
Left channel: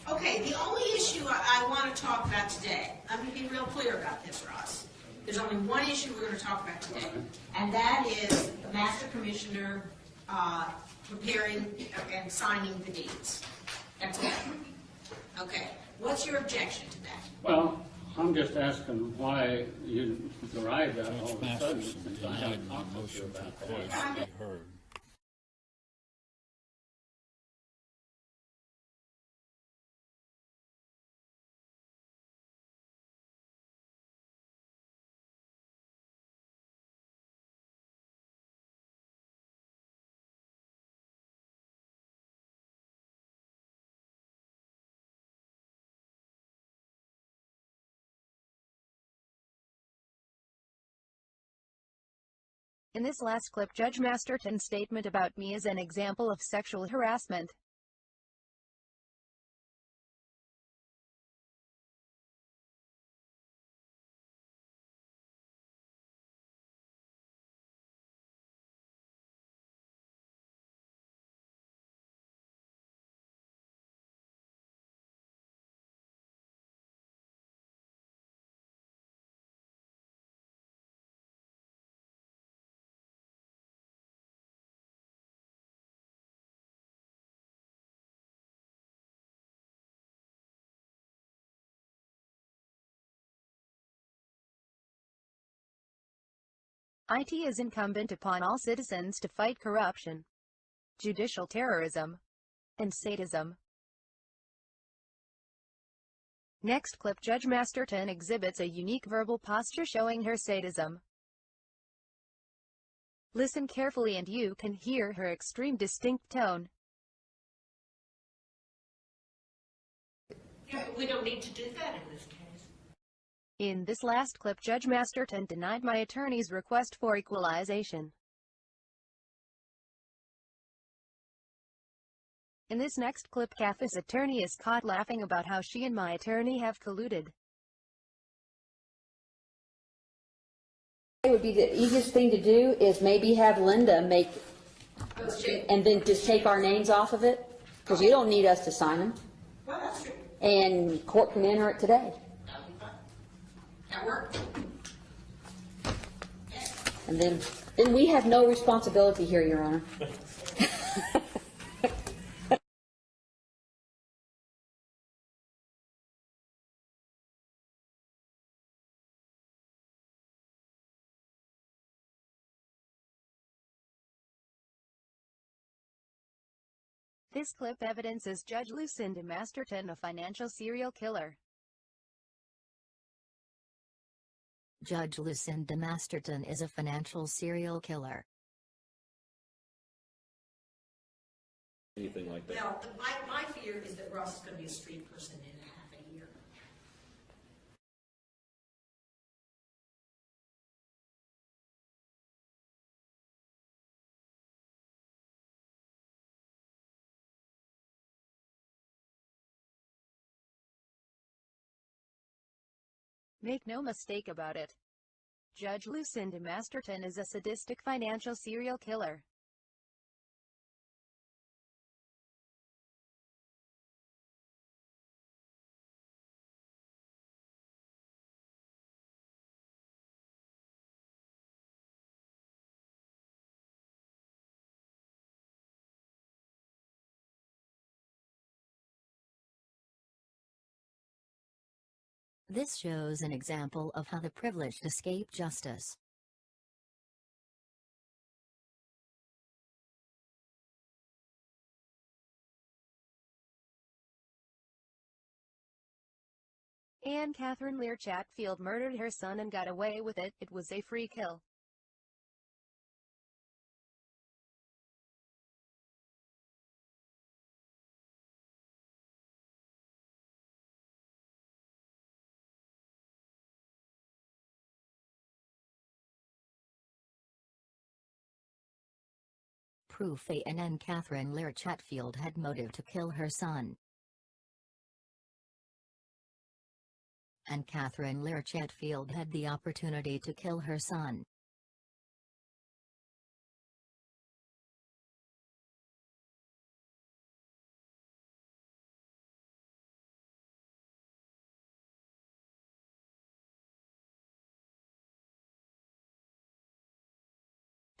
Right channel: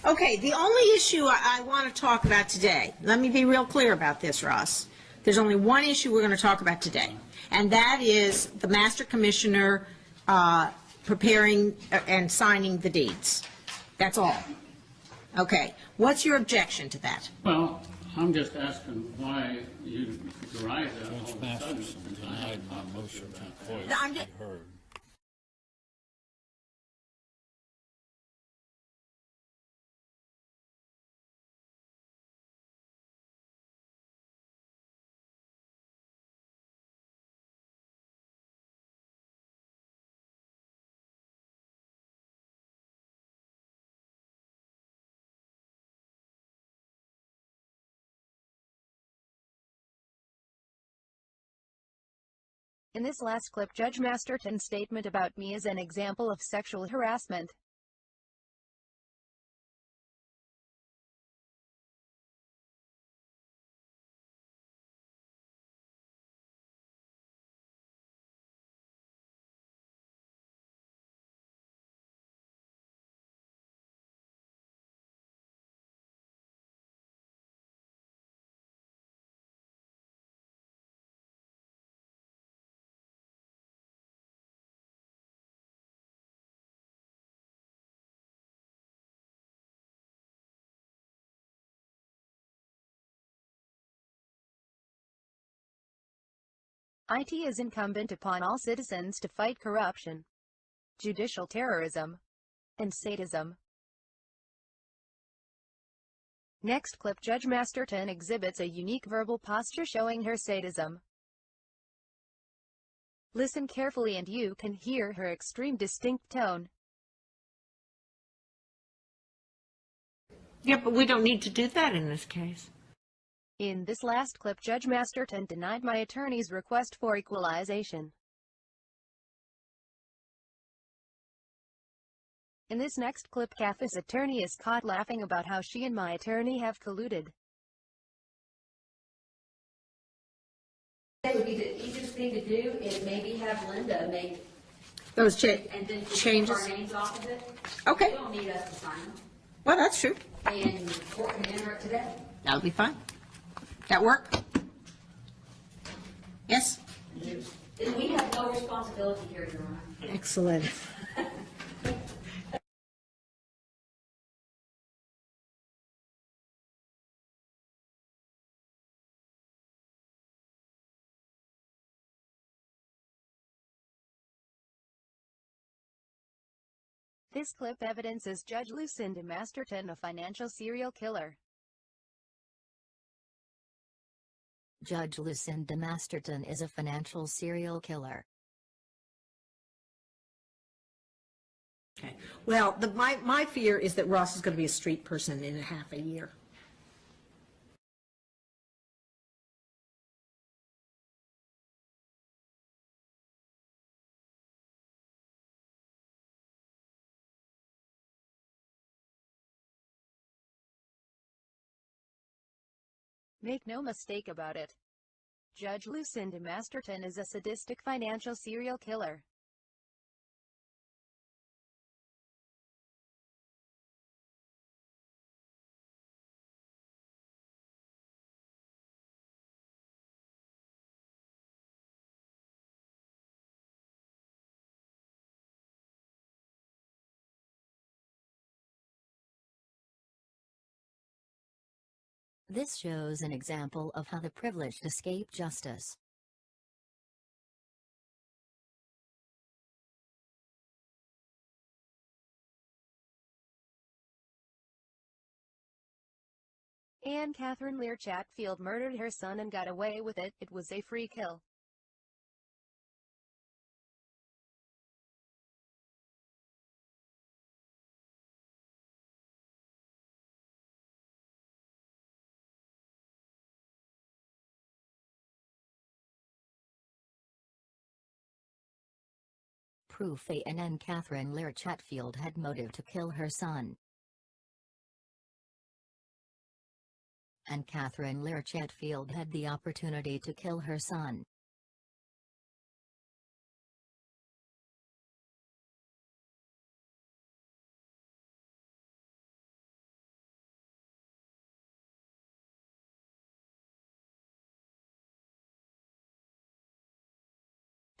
Okay, the only issue I want to talk about today, let me be real clear about this, Ross. There's only one issue we're going to talk about today, and that is the master commissioner preparing and signing the deeds. That's all. Okay, what's your objection to that? Well, I'm just asking why you derived that all of Judge a sudden. Masterson denied my motion to voice be heard. In this last clip, Judge Masterton's statement about me is an example of sexual harassment. It is incumbent upon all citizens to fight corruption, judicial terrorism, and sadism. Next clip, Judge Masterton exhibits a unique verbal posture showing her sadism. Listen carefully and you can hear her extreme distinct tone. Yeah, but we don't need to do that in this case. In this last clip, Judge Masterton denied my attorney's request for equalization. In this next clip, Kathy's attorney is caught laughing about how she and my attorney have colluded. It would be the easiest thing to do is maybe have Linda make Those and then just take our names off of it. 'Cause Okay. they don't need us to sign them, Well, that's true. and court can enter it today. That'll be fine. That work? Yes? And then we have no responsibility here, Your Honor. Excellent. This clip evidences Judge Lucinda Masterton, a financial serial killer. Judge Lucinda Masterton is a financial serial killer. Well, my fear is that Ross is going to be a street person in a half a year. Make no mistake about it. Judge Lucinda Masterton is a sadistic financial serial killer. This shows an example of how the privileged escape justice. Anne Catherine Lear Chatfield murdered her son and got away with it. It was a free kill. Proof Anne Catherine Lear Chatfield had motive to kill her son. Anne Catherine Lear Chatfield had the opportunity to kill her son.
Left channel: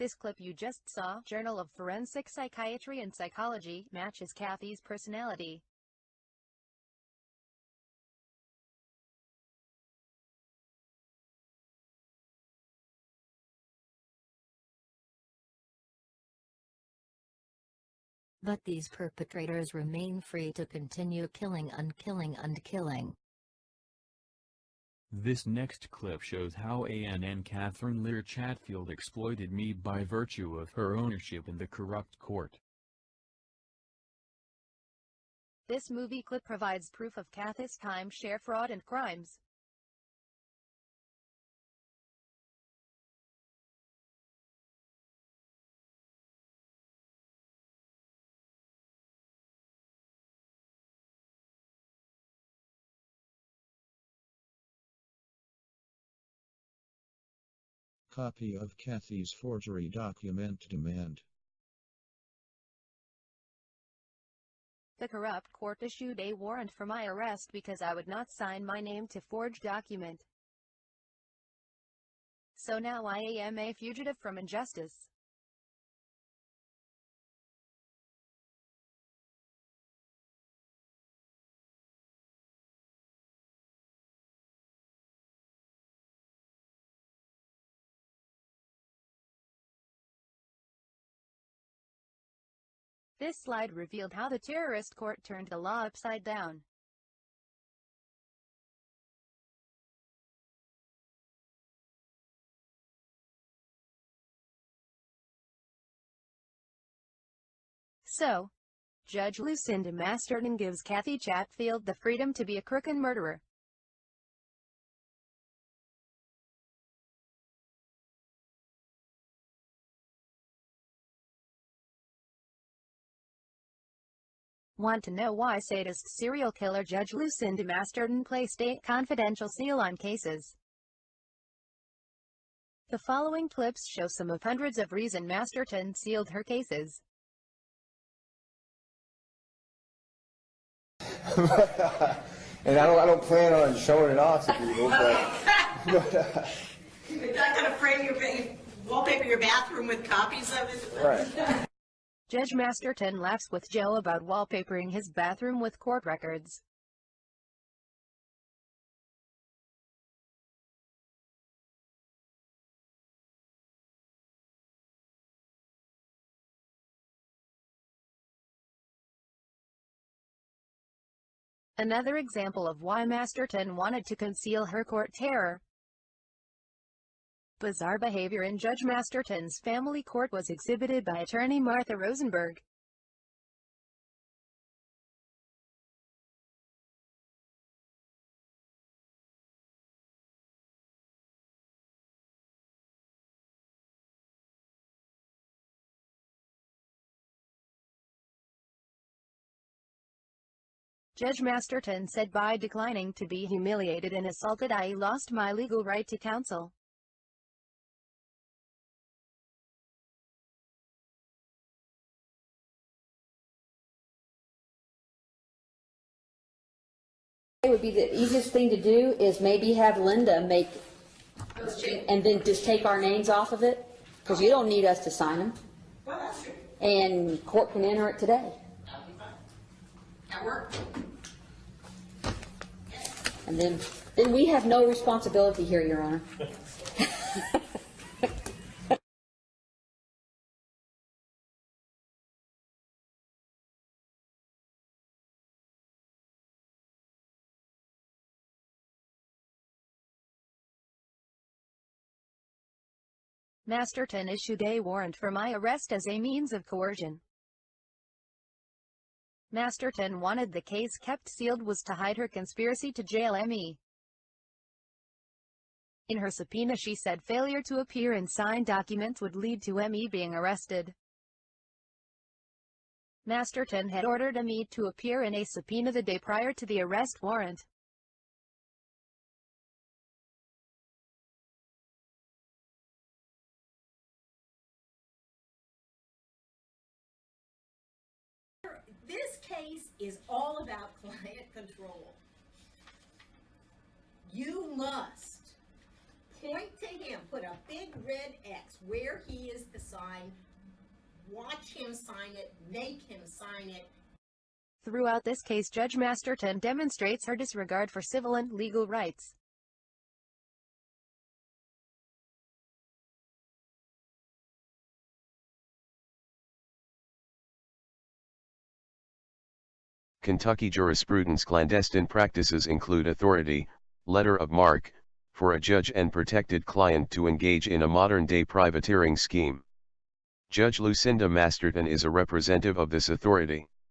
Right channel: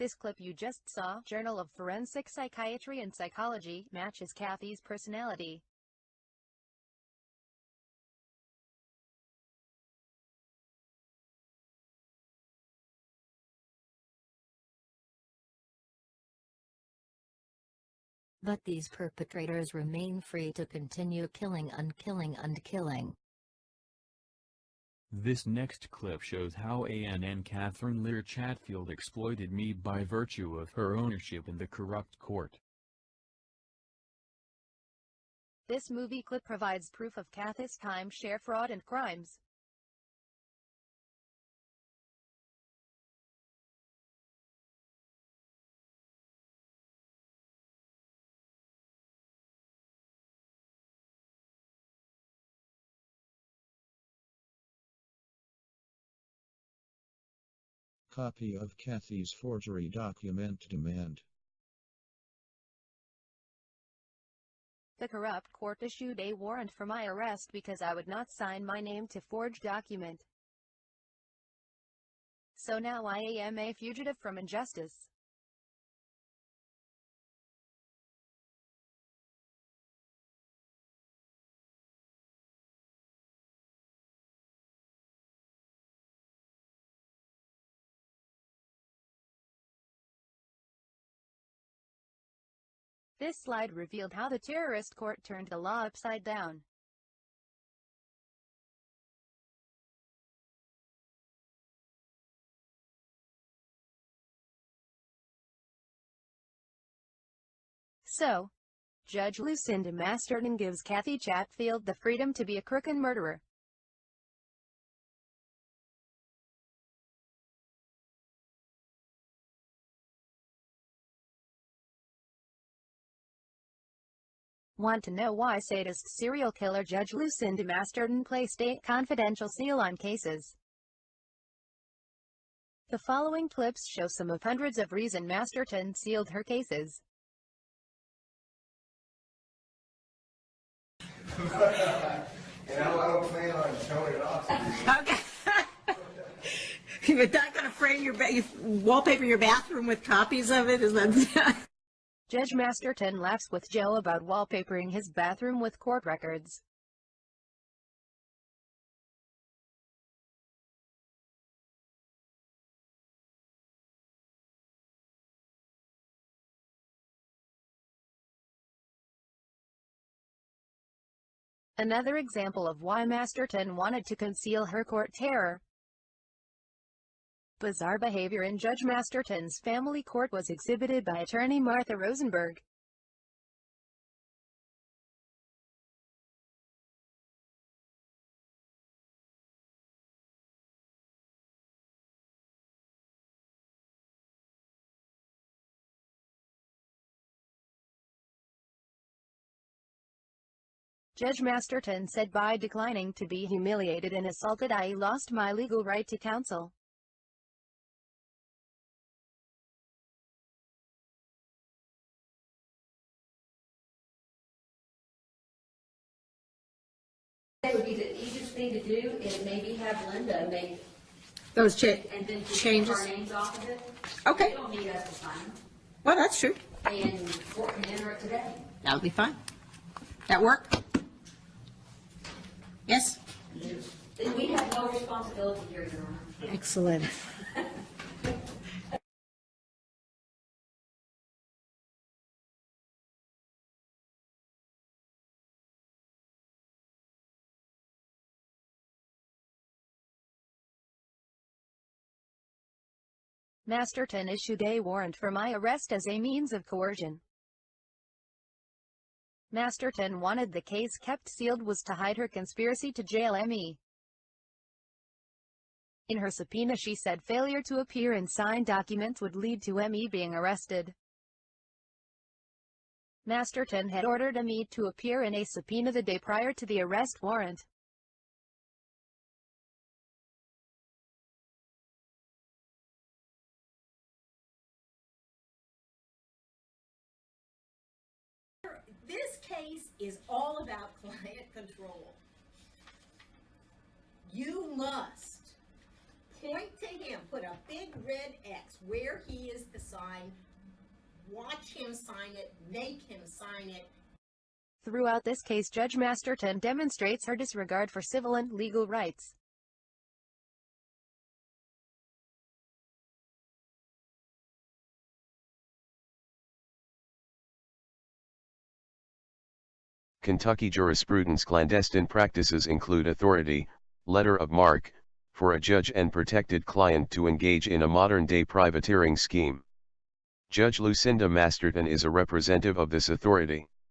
This clip you just saw, Journal of Forensic Psychiatry and Psychology, matches Kathy's personality. But these perpetrators remain free to continue killing and killing and killing. This next clip shows how ANN Catherine Lear Chatfield exploited me by virtue of her ownership in the corrupt court. This movie clip provides proof of Kathy's timeshare fraud and crimes. Copy of Kathy's forgery document demand. The corrupt court issued a warrant for my arrest because I would not sign my name to forged document. So now I am a fugitive from injustice. This slide revealed how the terrorist court turned the law upside down. So, Judge Lucinda Masterton gives Kathy Chatfield the freedom to be a crook and murderer. Want to know why sadist serial killer Judge Lucinda Masterton placed a confidential seal on cases? The following clips show some of hundreds of reasons Masterton sealed her cases. And I don't plan on showing it off to people, but You're not going to frame you wallpaper your bathroom with copies of it? Is that right. Judge Masterton laughs with Joe about wallpapering his bathroom with court records. Another example of why Masterton wanted to conceal her court terror. Bizarre behavior in Judge Masterton's family court was exhibited by attorney Martha Rosenberg. Judge Masterton said by declining to be humiliated and assaulted I lost my legal right to counsel. It would be the easiest thing to do is maybe have Linda make those check and then just take our names off of it. Because Okay. we don't need us to sign them. Well, that's true. And court can enter it today. That would be fine. That work? Yes? And then we have no responsibility here, Your Honor. Excellent. Masterton issued a warrant for my arrest as a means of coercion. Masterton wanted the case kept sealed was to hide her conspiracy to jail me. In her subpoena she said failure to appear and sign documents would lead to me being arrested. Masterton had ordered me to appear in a subpoena the day prior to the arrest warrant. This case is all about client control. You must point to him, put a big red X where he is the sign, watch him sign it, make him sign it. Throughout this case, Judge Masterton demonstrates her disregard for civil and legal rights. Kentucky jurisprudence clandestine practices include authority, letter of marque, for a judge and protected client to engage in a modern-day privateering scheme. Judge Lucinda Masterton is a representative of this authority.